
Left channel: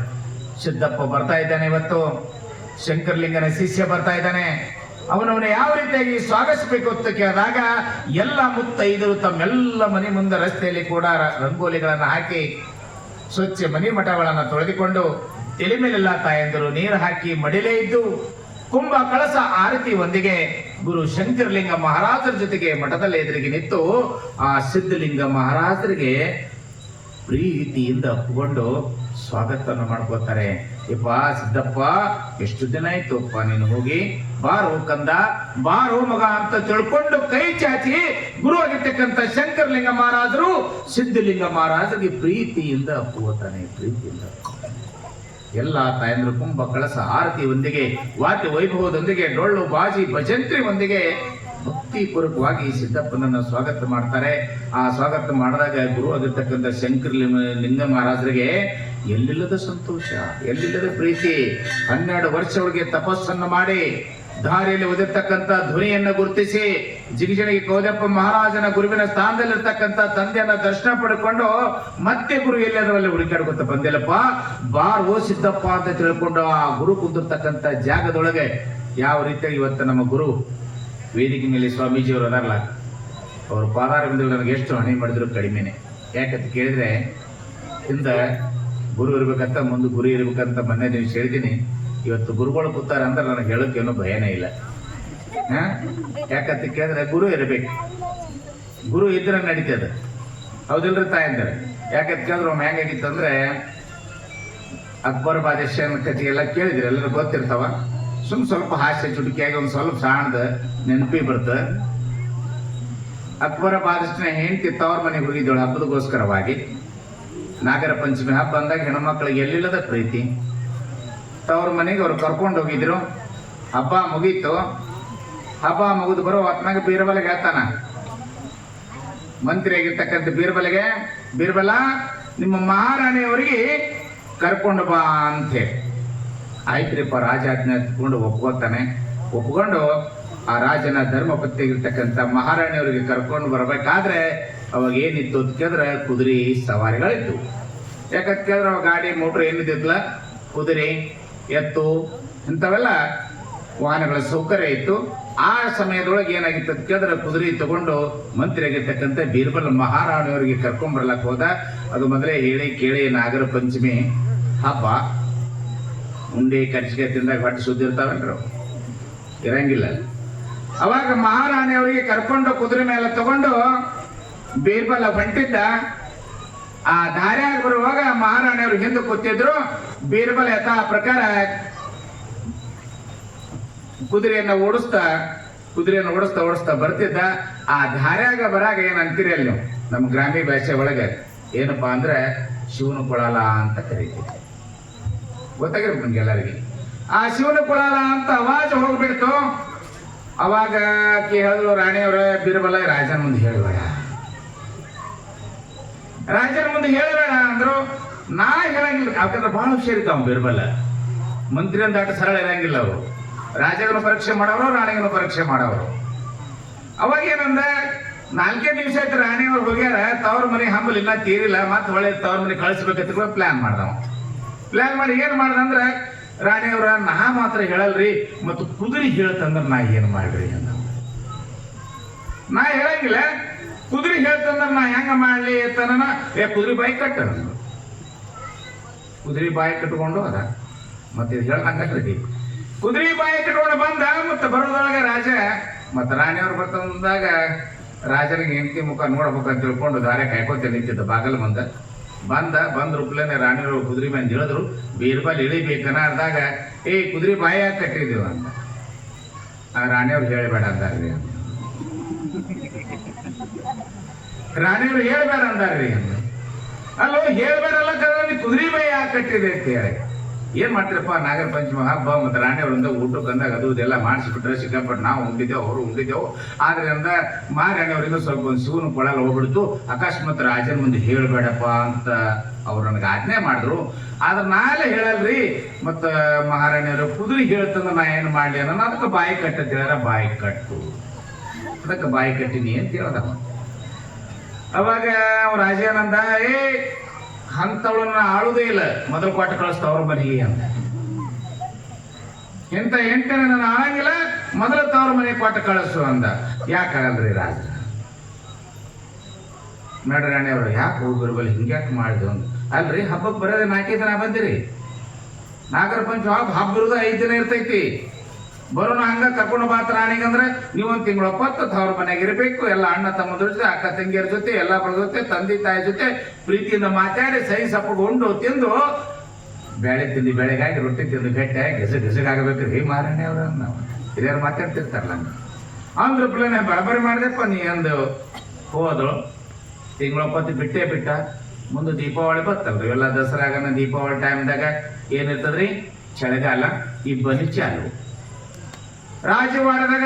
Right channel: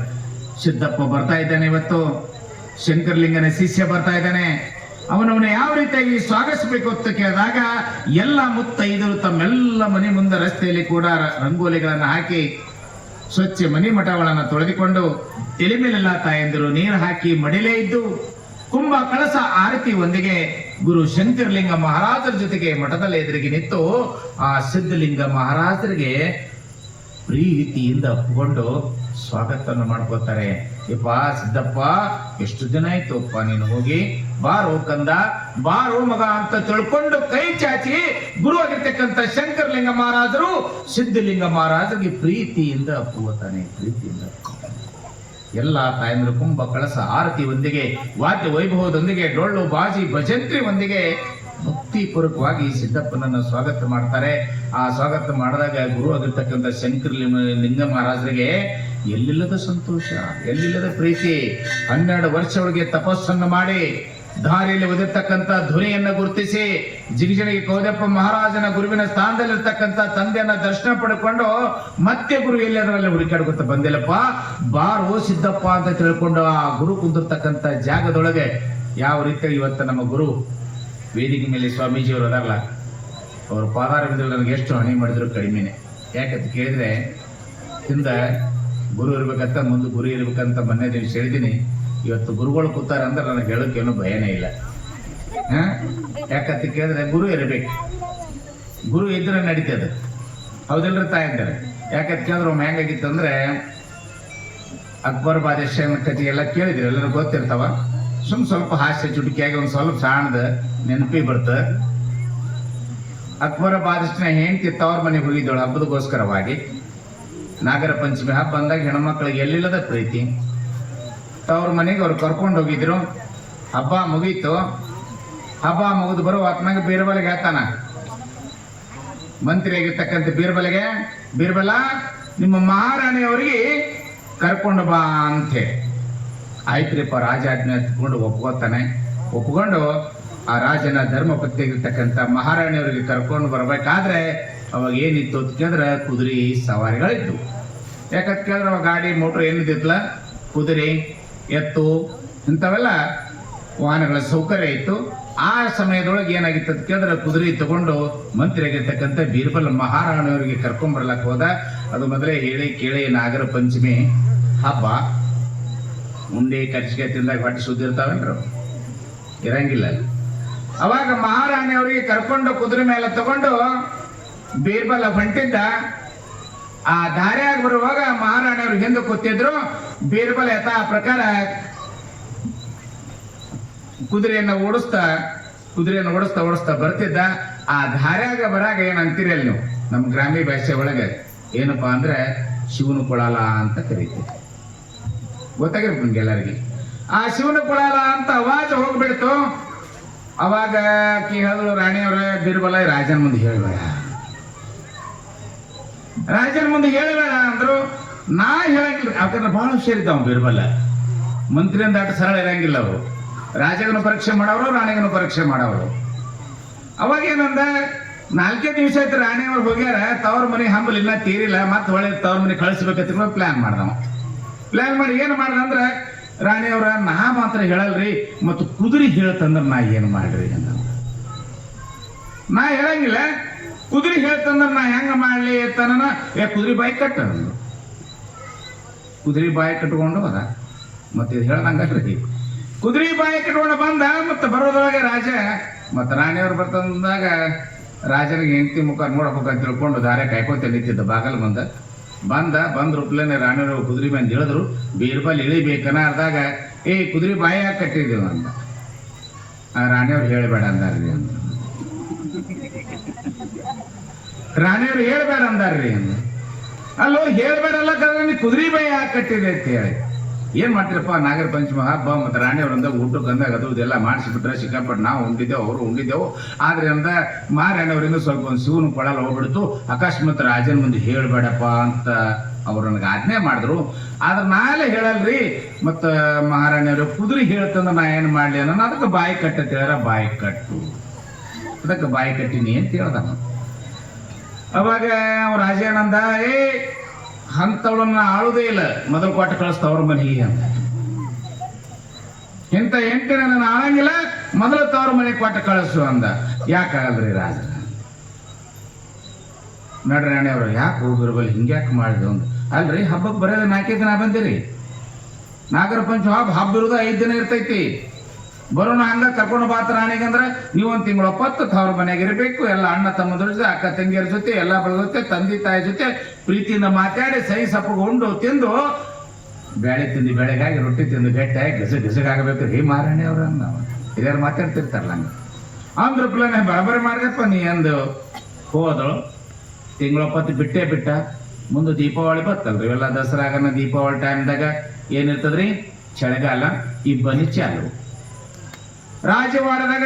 ಸಿದ್ದಪ್ಪ ಬರ್ತಾ ಇದ್ದಾನೆ, ಇವತ್ತು ಶಂಕರಲಿಂಗನ ಶಿಷ್ಯ ಬರ್ತಾ ಇದ್ದಾನೆ, ಅವನವನ್ನ ಯಾವ ರೀತಿಯಾಗಿ ಸ್ವಾಗತಿಸಬೇಕು ಅಂತ ಕೇಳಿದಾಗ ಎಲ್ಲ ಮುತ್ತೈದರು ತಮ್ಮೆಲ್ಲ ಮನೆ ಮುಂದೆ ರಸ್ತೆಯಲ್ಲಿ ಕೂಡ ರಂಗೋಲಿಗಳನ್ನು ಹಾಕಿ ಸ್ವಚ್ಛ ಮನೆ ಮಠಗಳನ್ನು ತೊಳೆದುಕೊಂಡು ತಲೆ ಮೇಲೆಲ್ಲ ತಾಯಂದರು ನೀರು ಹಾಕಿ ಮಡಿಲೇ ಇದ್ದು ಕುಂಭ ಕಳಸ ಆರತಿ ಒಂದಿಗೆ ಗುರು ಶಂಕರಲಿಂಗ ಮಹಾರಾಜರ ಜೊತೆಗೆ ಮಠದಲ್ಲಿ ಎದುರಿಗೆ ನಿಂತು ಆ ಸಿದ್ಧಲಿಂಗ ಮಹಾರಾಜರಿಗೆ ಪ್ರೀತಿಯಿಂದ ಒಪ್ಪಿಕೊಂಡು ಸ್ವಾಗತವನ್ನು ಮಾಡ್ಕೋತಾರೆ. ಯಪ್ಪ ಸಿದ್ದಪ್ಪ, ಎಷ್ಟು ದಿನ ಆಯ್ತು ಅಪ್ಪ ನೀನು ಹೋಗಿ, ಬಾರೋ ಕಂದ, ಬಾರೋ ಮಗ ಅಂತ ತಿಳ್ಕೊಂಡು ಕೈ ಚಾಚಿ ಗುರು ಆಗಿರ್ತಕ್ಕಂಥ ಶಂಕರಲಿಂಗ ಮಹಾರಾಜರು ಸಿದ್ಧಲಿಂಗ ಮಹಾರಾಜರಿಗೆ ಪ್ರೀತಿಯಿಂದ ಒಪ್ಪಿಕೋತಾನೆ. ಪ್ರೀತಿಯಿಂದ ಎಲ್ಲ ತಾಯಂದ್ರು ಕುಂಭ ಕಳಸ ಆರತಿ ಒಂದಿಗೆ, ವಾದ್ಯ ವೈಭವದೊಂದಿಗೆ, ಡೊಳ್ಳು ಬಾಜಿ ಭಜಂತ್ರಿ ಒಂದಿಗೆ ಭಕ್ತಿಪೂರ್ವಕವಾಗಿ ಸಿದ್ದಪ್ಪನನ್ನು ಸ್ವಾಗತ ಮಾಡ್ತಾರೆ. ಆ ಸ್ವಾಗತ ಮಾಡಿದಾಗ ಗುರು ಆಗಿರ್ತಕ್ಕಂಥ ಶಂಕರಲಿಂಗ ಮಹಾರಾಜರಿಗೆ ಎಲ್ಲಿಲ್ಲದ ಸಂತೋಷ, ಎಲ್ಲಿಲ್ಲದ ಪ್ರೀತಿ. 12 ವರ್ಷವರೆಗೆ ತಪಸ್ಸನ್ನು ಮಾಡಿ ದಾರಿಯಲ್ಲಿ ಓದಿರ್ತಕ್ಕಂಥ ಧ್ವನಿಯನ್ನು ಗುರುತಿಸಿ ಜಿಗಿಜನಿಗೆ ಗೌದಪ್ಪ ಮಹಾರಾಜನ ಗುರುವಿನ ಸ್ಥಾನದಲ್ಲಿರ್ತಕ್ಕಂಥ ತಂದೆಯನ್ನ ದರ್ಶನ ಪಡ್ಕೊಂಡು ಮತ್ತೆ ಗುರು ಎಲ್ಲದರಲ್ಲಿ ಹುಡುಕಾಡ್ಕೊತ ಬಂದಿಲ್ಲಪ್ಪ, ಬಾರೋ ಸಿದ್ದಪ್ಪ ಅಂತ ತಿಳ್ಕೊಂಡು ಆ ಗುರು ಕುಂದಿರ್ತಕ್ಕಂಥ ಜಾಗದೊಳಗೆ ಯಾವ ರೀತಿಯಾಗಿ ಇವತ್ತು ನಮ್ಮ ಗುರು ವೇದಿಕೆ ಮೇಲೆ ಸ್ವಾಮೀಜಿಯವರು ಅದಾರಲ್ಲ, ಅವ್ರ ಪಾದಾರವಿಂದ ನನಗೆ ಎಷ್ಟು ಹಣೆ ಮಾಡಿದ್ರು ಕಡಿಮೆನೆ. ಯಾಕಂತ ಕೇಳಿದ್ರೆ ಹಿಂದೆ ಗುರು ಇರ್ಬೇಕಂತ, ಮುಂದೆ ಗುರು ಇರ್ಬೇಕಂತ ಮೊನ್ನೆ ದಿವಸ ಹೇಳಿದ್ದೀನಿ. ಇವತ್ತು ಗುರುಗಳು ಕೂತಾರೆ ಅಂದ್ರೆ ನನಗೆ ಹೇಳೋಕ್ಕೇನು ಭಯನೇ ಇಲ್ಲ. ಯಾಕಂತ ಕೇಳಿದ್ರೆ ಗುರು ಇರಬೇಕು, ಗುರು ಇದ್ರೆ ನಡೀತದೆ, ಹೌದಿಲ್ರಿ ತಾಯಿದ್ದಾರೆ. ಯಾಕಂತ ಕೇಳಿದ್ರೆ ಒಮ್ಮೆ ಹೆಂಗಾಗಿತ್ತಂದ್ರೆ ಅಕ್ಬರ್ ಬಾದಶಾಹನ ಕಥೆ ಎಲ್ಲ ಕೇಳಿದ್ರೆ ಎಲ್ಲರೂ ಗೊತ್ತಿರ್ತಾವ. ಸ್ವಲ್ಪ ಹಾಸ್ಯ ಚುಟುಕಿಯಾಗಿ ಒಂದು ಸ್ವಲ್ಪ ಸಣ್ಣದ ನೆನಪಿ ಬರ್ತ. ಅಕ್ಬರ ಬಾದಶನ ಹೆಂಡತಿ ತವ್ರ ಮನೆಗೆ ಹೋಗಿದ್ದಳು ಹಬ್ಬದಗೋಸ್ಕರವಾಗಿ. ನಾಗರ ಪಂಚಮಿ ಹಬ್ಬ ಬಂದಾಗ ಹೆಣ್ಮಕ್ಳಿಗೆ ಎಲ್ಲಿಲ್ಲದ ಪ್ರೀತಿ. ತವ್ರ ಮನೆಗೆ ಅವ್ರು ಕರ್ಕೊಂಡು ಹೋಗಿದ್ರು. ಹಬ್ಬ ಮುಗೀತು. ಹಬ್ಬ ಮುಗಿದು ಬರೋ ಹೊತ್ನಾಗ ಬೀರ್ಬಲಿಗೆ ಹೇಳ್ತಾನ, ಮಂತ್ರಿ ಆಗಿರ್ತಕ್ಕಂಥ ಬೀರ್ಬಲ ನಿಮ್ಮ ಮಹಾರಾಣಿಯವರಿಗೆ ಕರ್ಕೊಂಡು ಬಾ ಅಂತೇಳಿ. ಆಯ್ತ್ರಿಪ್ಪ, ರಾಜ ಆಜ್ಞೆ ಎತ್ಕೊಂಡು ಒಪ್ಕೊಂಡು ಆ ರಾಜನ ಧರ್ಮಪತ್ನಿ ಇರ್ತಕ್ಕಂಥ ಮಹಾರಾಣಿಯವರಿಗೆ ಕರ್ಕೊಂಡು ಬರಬೇಕಾದ್ರೆ ಅವಾಗ ಏನಿತ್ತು ಅಂತ ಕೇಳಿದ್ರೆ ಕುದುರೆ ಸವಾರಿಗಳಿತ್ತು. ಯಾಕಂತ ಕೇಳಿದ್ರೆ ಅವಾಗ ಗಾಡಿ ಮೋಟ್ರ್ ಏನಿದ್ದಿಲ್ಲ, ಕುದುರೆ ಎತ್ತು ಇಂಥವೆಲ್ಲ ವಾಹನಗಳ ಸೌಕರ್ಯ ಇತ್ತು. ಆ ಸಮಯದೊಳಗೆ ಏನಾಗಿತ್ತು ಅಂತ ಕೇಳಿದ್ರೆ ಕುದುರೆ ತಗೊಂಡು ಮಂತ್ರಿ ಆಗಿರ್ತಕ್ಕಂಥ ಬೀರ್ಬಲ್ ಮಹಾರಾಣಿಯವರಿಗೆ ಕರ್ಕೊಂಡ್ಬರ್ಲಕ್ಕೆ ಹೋದ. ಅದು ಮೊದಲೇ ಹೇಳಿ ಕೇಳಿ ನಾಗರ ಪಂಚಮಿ ಹಬ್ಬ. ಮುಂದೆ ಕಚ್ಚಿಗೆ ತಿಂದಾಗ ಹೊಟ್ಟೆ ಸುದ್ದಿ ಇರ್ತಾವೇನ್ರು? ಇರಂಗಿಲ್ಲ. ಅವಾಗ ಮಹಾರಾಣಿಯವರಿಗೆ ಕರ್ಕೊಂಡು ಕುದುರೆ ಮೇಲೆ ತಗೊಂಡು ಬೀರ್ಬಲ ಹೊಂಟಿದ್ದ. ಆ ದಾರಿಯಾಗಿ ಬರುವಾಗ ಮಹಾರಾಣಿಯವರು ಹಿಂದೆ ಕೂತಿದ್ರು. ಬೀರ್ಬಲ ಯಥಾ ಪ್ರಕಾರ ಕುದುರೆಯನ್ನು ಓಡಿಸ್ತಾ ಬರ್ತಿದ್ದ. ಆ ದಾರ್ಯಾಗ ಬರಾಗ ಏನಂತೀರಿ ಅಲ್ಲಿ ನೀವು ನಮ್ಮ ಗ್ರಾಮೀಣ ಭಾಷೆ ಒಳಗೆ ಏನಪ್ಪಾ ಅಂದ್ರೆ ಶಿವನು ಕೊಳಲ ಅಂತ ಕರೀತೀವಿ. ಗೊತ್ತಾಗಿರ್ಬೇಕು ನಿಮ್ಗೆ ಎಲ್ಲರಿಗೆ. ಆ ಶಿವನ ಕೊಡಲ್ಲ ಅಂತ ಅವಾಜ್ ಹೋಗ್ಬಿಡ್ತು. ಅವಾಗ ಹೇಳಿದ್ರು ರಾಣಿಯವ್ರ ಬಿರ್ಬಲ ರಾಜನ ಮುಂದೆ ಹೇಳಬೇಡ, ರಾಜನ ಮುಂದೆ ಹೇಳಬೇಡ ಅಂದ್ರು. ನಾ ಹೇಳಂಗಿಲ್ಲ, ಯಾಕಂದ್ರೆ ಬಹಳ ಹುಷಾರಿದ್ದಾವ ಬಿರ್ಬಲ. ಮಂತ್ರಿ ಅಂತ ಸರಳ ಇರಂಗಿಲ್ಲ ಅವರು. ರಾಜಗನ ಪರೀಕ್ಷೆ ಮಾಡೋರು, ರಾಣಿಗನ ಪರೀಕ್ಷೆ ಮಾಡೋರು. ಅವಾಗ ಏನಂದ, 4 ದಿವಸ ಆಯ್ತು ರಾಣಿಯವ್ರು ಹೋಗ್ಯಾರ, ತವ್ರ ಮನೆ ಹಂಬಲ್ ಇಲ್ಲ ತೀರಿಲ್ಲ, ಮತ್ತೆ ಒಳ್ಳೆ ತವ್ರ ಮನೆ ಕಳಿಸ್ಬೇಕಂತ ಪ್ಲಾನ್ ಮಾಡ್ದವ. ಪ್ಲಾನ್ ಮಾಡಿ ಏನು ಮಾಡ್ದಂದ್ರೆ, ರಾಣಿಯವ್ರ ನಾ ಮಾತ್ರ ಹೇಳಲ್ರಿ, ಮತ್ತು ಕುದುರೆ ಹೇಳ್ತಂದ್ರೆ ನಾ ಏನು ಮಾಡ್ರಿ, ನಾ ಹೇಳಂಗಿಲ್ಲ. ಕುದುರೆ ಹೇಳ್ತಂದ್ರೆ ನಾ ಹೆಂಗ ಮಾಡ್ಲಿ ತನ, ಕುದುರೆ ಬಾಯಿ ಕಟ್ಟ, ಕುದುರೆ ಬಾಯಿ ಕಟ್ಕೊಂಡು ಅದ ಮತ್ತೆ ಹೇಳ್ದಂಗ್ರಿ. ಕುದುರೆ ಬಾಯಿ ಕಟ್ಕೊಂಡು ಬಂದ. ಮತ್ತೆ ಬರೋದ್ರೊಳಗೆ ರಾಜ ಮತ್ತೆ ರಾಣಿಯವ್ರು ಬರ್ತಂದಾಗ ರಾಜನಿಗೆ ಹೆಂಡತಿ ಮುಖ ನೋಡ್ಬೇಕಂತ ತಿಳ್ಕೊಂಡು ದಾರೆ ಕಾಯ್ಕೊಂತ ನಿಂತಿದ್ದ. ಬಾಗಲ್ ಬಂದ ರೂಪ್ಲೇನೆ ರಾಣಿಯವರು ಕುದುರೆ ಮೇಲೆ ಇಳಿದ್ರು. ಬೀರ್ಬಲ್ ಇಳಿಬೇಕನ ಅಂದಾಗ, ಕುದುರೆ ಬಾಯಿ ಕಟ್ಟಿದ್ದೀವ ಅಂತ. ರಾಣಿಯವ್ರು ಹೇಳಬೇಡ ಅಂದಾರ್ರಿ, ರಾಣಿಯವ್ರು ಹೇಳ್ಬೇಡ ಅಂದಾರ್ರಿ. ಅಲ್ಲೋ ಹೇಳ್ಬೇಡಲ್ಲ ಕದ, ಕುದುರೆ ಬಾಯಿ ಯಾಕೆ ಕಟ್ಟಿದೆ ಅಂತ ಹೇಳಿ ಏನ್ ಮಾಡ್ತೀರಪ್ಪ, ನಾಗರ ಪಂಚಮ ಹಬ್ಬ ಮತ್ತೆ ರಾಣಿಯವ್ರಿಂದ ಊಟಕ್ಕೆ ಅಂದಾಗ ಅದು ಇದೆಲ್ಲ ಮಾಡಿಸಿಬಿಟ್ರೆ ಸಿಕ್ಕಾಪಟ್ಟು ನಾವು ಉಂಡಿದ್ದೆವು, ಅವರು ಉಂಡಿದ್ದೆವು. ಆದ್ರಿಂದ ಮಾರಾಣಿಯವರಿಂದ ಸ್ವಲ್ಪ ಒಂದು ಶಿವನು ಕೊಡಲ್ಲ ಹೋಗ್ಬಿಡ್ತು. ಅಕಸ್ಮಾತ್ ರಾಜನ ಮುಂದೆ ಹೇಳ್ಬೇಡಪ್ಪ ಅಂತ ಅವ್ರು ನನಗೆ ಆಜ್ಞೆ ಮಾಡಿದ್ರು. ಆದ್ರೆ ನಾಳೆ ಹೇಳಲ್ರಿ. ಮತ್ತು ಮಹಾರಾಣಿಯವರು ಕುದುರೆ ಹೇಳ್ತಂದ್ರೆ ನಾ ಏನು ಮಾಡಲಿ ಅನ್ನೋ, ಅದಕ್ಕೆ ಬಾಯಿ ಕಟ್ಟಂತ ಹೇಳಿದ್ರೆ ಬಾಯಿ ಕಟ್ಟು, ಅದಕ್ಕೆ ಬಾಯಿ ಕಟ್ಟಿನಿ ಅಂತ ಹೇಳ್ದ. ಅವಾಗ ಅವ್ರ ರಾಜ ಏನಂದ, ಅಂತವಳನ್ನ ಆಳುದೇ ಇಲ್ಲ, ಮೊದಲು ಕೊಟ್ಟು ಕಳಿಸ್ತವ್ರ ಮನೆಗೆ ಅಂತ. ಇಂಥ ಹೆಂಡತಿನ ನಾನು ಆಳಂಗಿಲ್ಲ, ಮೊದಲು ತವ್ರ ಮನೆಗೆ ಕೊಟ್ಟು ಕಳಿಸು ಅಂದ. ಯಾಕಾಗಲ್ರಿ ರಾಜ? ನೋಡ್ರಿ ರಾಣಿಯವರು, ಯಾಕೆ ಹೋಗಿರ್ಬಲ್ಲ ಹಿಂಗ್ಯಾಕೆ ಮಾಡಿದ್ರು ಅಂತ. ಅಲ್ರಿ, ಹಬ್ಬಕ್ಕೆ ಬರೋದೇ 4 ದಿನ ಬಂದಿರಿ. ನಾಗರ ಪಂಚಮ ಹಬ್ಬ ಇರೋದು 5 ದಿನ ಇರ್ತೈತಿ. ಬರೋಣ ಹಂಗ ಕರ್ಕೊಂಡು ಬಾತ ರಾಣಿಗಂದ್ರೆ ನೀವು 1 ತಿಂಗಳು ಒಪ್ಪತ್ತು ತವ್ರ ಮನೆಗೆ ಇರಬೇಕು. ಎಲ್ಲ ಅಣ್ಣ ತಮ್ಮದ್ರ ಜೊತೆ, ಅಕ್ಕ ತಂಗಿಯರ ಜೊತೆ, ಎಲ್ಲ ಬರ ಜೊತೆ, ತಂದೆ ತಾಯಿ ಜೊತೆ ಪ್ರೀತಿಯಿಂದ ಮಾತಾಡಿ ಸಹಿ ಸಪ್ಪಗೊಂಡು ತಿಂದು, ಬೇಳೆ ತಿಂದು ಬೆಳೆಗಾಗಿ ರೊಟ್ಟಿ ತಿಂದು ಗಟ್ಟಿಯಾಗಿ ಗಿಸಗಾಗಬೇಕ್ರಿ ಮಾರಾಣಿ ಅವ್ರ ಇದ್ಯಾರು ಮಾತಾಡ್ತಿರ್ತಾರಲ್ಲ. ಅಂದ್ರ ಪ್ಲಾನೆ ಬರಬರಿ ಮಾಡಿದಪ್ಪ ನೀ ಅಂದು ಹೋದ್ರು. ತಿಂಗಳೊಪ್ಪತ್ತು ಬಿಟ್ಟ. ಮುಂದೆ ದೀಪಾವಳಿ ಬರ್ತಲ್ರಿ, ಎಲ್ಲ ದಸರಾಗನ ದೀಪಾವಳಿ ಟೈಮ್ದಾಗ ಏನಿರ್ತದ್ರಿ, ಚಳಿಗಾಲ, ಇಬ್ಬನಿ ಚಾಲು. ರಾಜವಾಡದಾಗ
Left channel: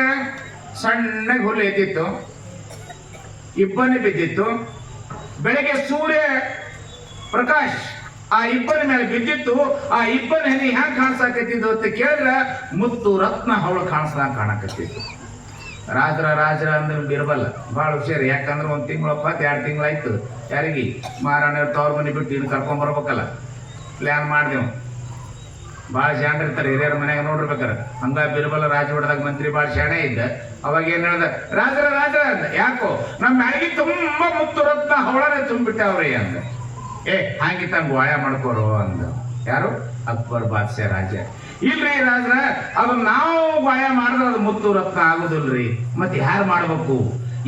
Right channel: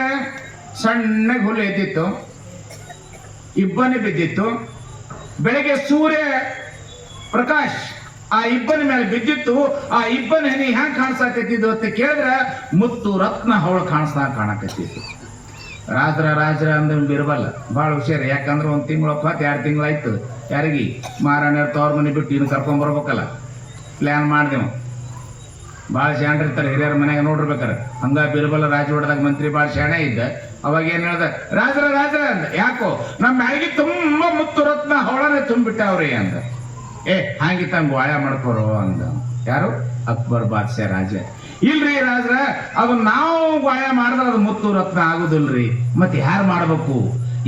ಸಣ್ಣ ಹುಲ್ಲು ಎದ್ದಿತ್ತು, ಇಬ್ಬನಿ ಬಿದ್ದಿತ್ತು. ಬೆಳಗ್ಗೆ ಸೂರ್ಯ ಪ್ರಕಾಶ್ ಆ ಇಬ್ಬನಿ ಮೇಲೆ ಬಿದ್ದಿತ್ತು. ಆ ಇಬ್ಬನಿ ಹನಿ ಹ್ಯಾಂಗ ಕಾಣಿಸಾಕತ್ತಿದ್ದು ಅಂತ ಕೇಳಿದ್ರೆ, ಮುತ್ತು ರತ್ನ ಹವಳು ಕಾಣಿಸ್ದಂಗ ರಾಜರ ಅಂದ್ರೆ ಬಿರ್ಬಲ್ಲ, ಭಾಳ ಹುಷಾರಿ. ಯಾಕಂದ್ರೆ 1 ತಿಂಗಳು 2 ತಿಂಗಳಾಯ್ತು. ಯಾರಿಗೆ ಮಾರಾಣಿಯವ್ರ ತವ್ರ ಮನೆ ಬಿಟ್ಟು ಇನ್ನು ಕರ್ಕೊಂಡ್ಬರ್ಬೇಕಲ್ಲ, ಪ್ಲ್ಯಾನ್ ಮಾಡಿದೆವು. ಭಾಳ ಶಾಣೆ ಇರ್ತಾರೆ ಹಿರಿಯರ ಮನೆಯಾಗ ನೋಡಿರ್ಬೇಕಾರೆ. ಹಂಗ ಬಿರ್ಬಲ್ಲ ರಾಜವಾಡದಾಗ ಮಂತ್ರಿ ಭಾಳ ಶಾಣೆ ಇದ್ದ. ಅವಾಗ ಏನ್ ಹೇಳ್ದ, ರಾಜರ ಅಂತ. ಯಾಕೋ ನಮ್ಮ ಮ್ಯಾಳಿಗೆ ತುಂಬಾ ಮುತ್ತು ರತ್ನ ಹವಳನೆ ತುಂಬಿಟ್ಟವ್ರಿ ಅಂತ. ಹಾಂಗಿತ್ತ ಹಂಗ ವಾಯ ಮಾಡ್ಕೋರು ಅಂದ. ಯಾರು? ಅಕ್ಬರ್ ಬಾದ್ಶಾ ರಾಜ. ಇಲ್ರಿ ರಾಜರ, ಅದು ನಾವು ಗಾಯ ಮಾಡಿದ್ರೆ ಅದು ಮುತ್ತು ರತ್ನ ಆಗುದಿಲ್ರಿ. ಮತ್ತೆ ಯಾರು ಮಾಡ್ಬೇಕು?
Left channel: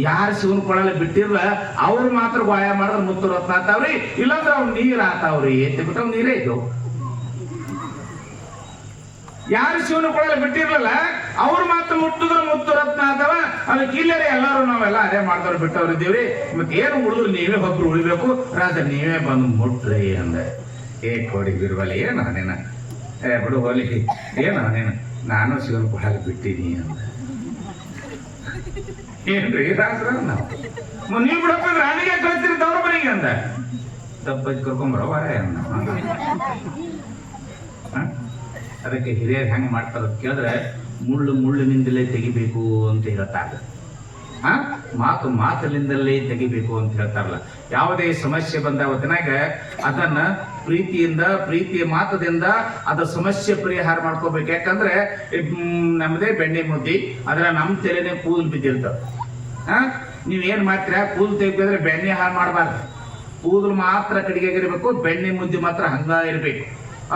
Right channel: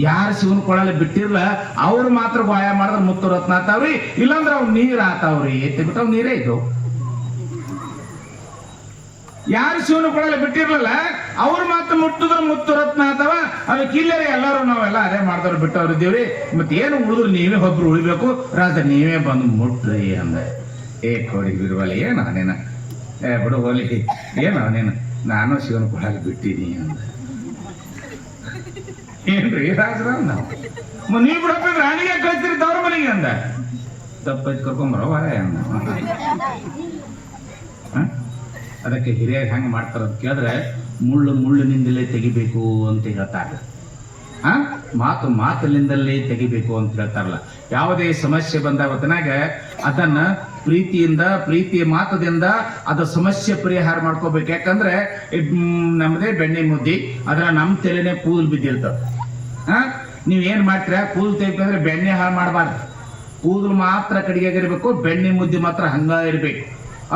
ಯಾರು ಶಿವನ್ ಕೊಳಲೆ ಬಿಟ್ಟಿರ್ಲ ಅವ್ರು ಮಾತ್ರ ಗಾಯ ಮಾಡಿದ್ರೆ ಮುತ್ತು ರತ್ನ ಆತಾವ್ರಿ, ಇಲ್ಲಾಂದ್ರೆ ಅವ್ರು ನೀರ್ ಆತಾವ್ರಿ. ಬಿಟ್ಟವ್ ನೀರೇ ಇದು. ಯಾರು ಶಿವನ ಕೊಳಲೆ ಬಿಟ್ಟಿರ್ಲಲ್ಲ ಅವ್ರು ಮಾತ್ರ ಮುಟ್ಟಿದ್ರೆ ಮುತ್ತು ರತ್ನ ಆತವ. ಅದಕ್ಕೆ ಇಲ್ಲರಿ ಎಲ್ಲರೂ ನಾವೆಲ್ಲ ಅದೇ ಮಾಡ್ದವ್ರು ಬಿಟ್ಟವ್ರು ಇದ್ದೀವ್ರಿ. ಮತ್ತೆ ಏನು ಉಳಿದ್ರು ನೀವೇ ಒಬ್ರು ಉಳಿಬೇಕು ರಾಜ, ನೀವೇ ಬಂದು ಮುಟ್ರಿ ಅಂದ. ಕೊಡಿಗಿರುವಲ್ಲ ಏನು ಅದೇನ ಬಿಡು ಹೋಲಿ, ಏನು ಅದೇನು ನಾನು ಶಿವನ ಕೊಳಲೆ ಬಿಟ್ಟಿನಿ ಅಂದ. ಏನ್ರಿ ರಾಜರ, ನೀವು ಬಿಡಪ್ಪ ರಾಣಿಗೆ ಕಳ್ಸಿರಿ ತವ್ರ ಮನೆಗೆ ಅಂದ. ತಪ್ಪಿ ಕರ್ಕೊಂಬರೋ ಅದಕ್ಕೆ ಹಿರಿಯರು ಹೆಂಗೆ ಮಾಡ್ತಾರ ಕೇಳಿದ್ರೆ, ಮುಳ್ಳಿನಿಂದಲೇ ತೆಗಿಬೇಕು ಅಂತ ಹೇಳ್ತಾರೆ. ಮಾತಿನಿಂದಲೇ ತೆಗಿಬೇಕು ಅಂತ ಹೇಳ್ತಾರಲ್ಲ. ಯಾವುದೇ ಸಮಸ್ಯೆ ಬಂದ ಹೊತ್ತಿನಾಗ ಅದನ್ನ ಪ್ರೀತಿಯ ಮಾತದಿಂದ ಅದ ಸಮಸ್ಯೆ ಪರಿಹಾರ ಮಾಡ್ಕೋಬೇಕು. ಯಾಕಂದ್ರೆ ನಮ್ದೇ ಬೆಣ್ಣೆ ಮುದ್ದಿ, ಅದ್ರ ನಮ್ಮ ತಲೆನೇ ಕೂದಲು ಬಿದ್ದಿರ್ತದ. ನೀವ್ ಏನ್ ಮಾಡ್ತೀರಾ, ಕೂದಲು ತೆಗಿದ್ರೆ ಬೆಣ್ಣೆ ಹಾಳು ಮಾಡಬಾರ್ದು. ಕೂದಲು ಮಾತ್ರ ಕಡಿಗೆಗಿರ್ಬೇಕು, ಬೆಣ್ಣೆ ಮುದ್ದಿ ಮಾತ್ರ ಹಂಗ ಇರ್ಬೇಕು.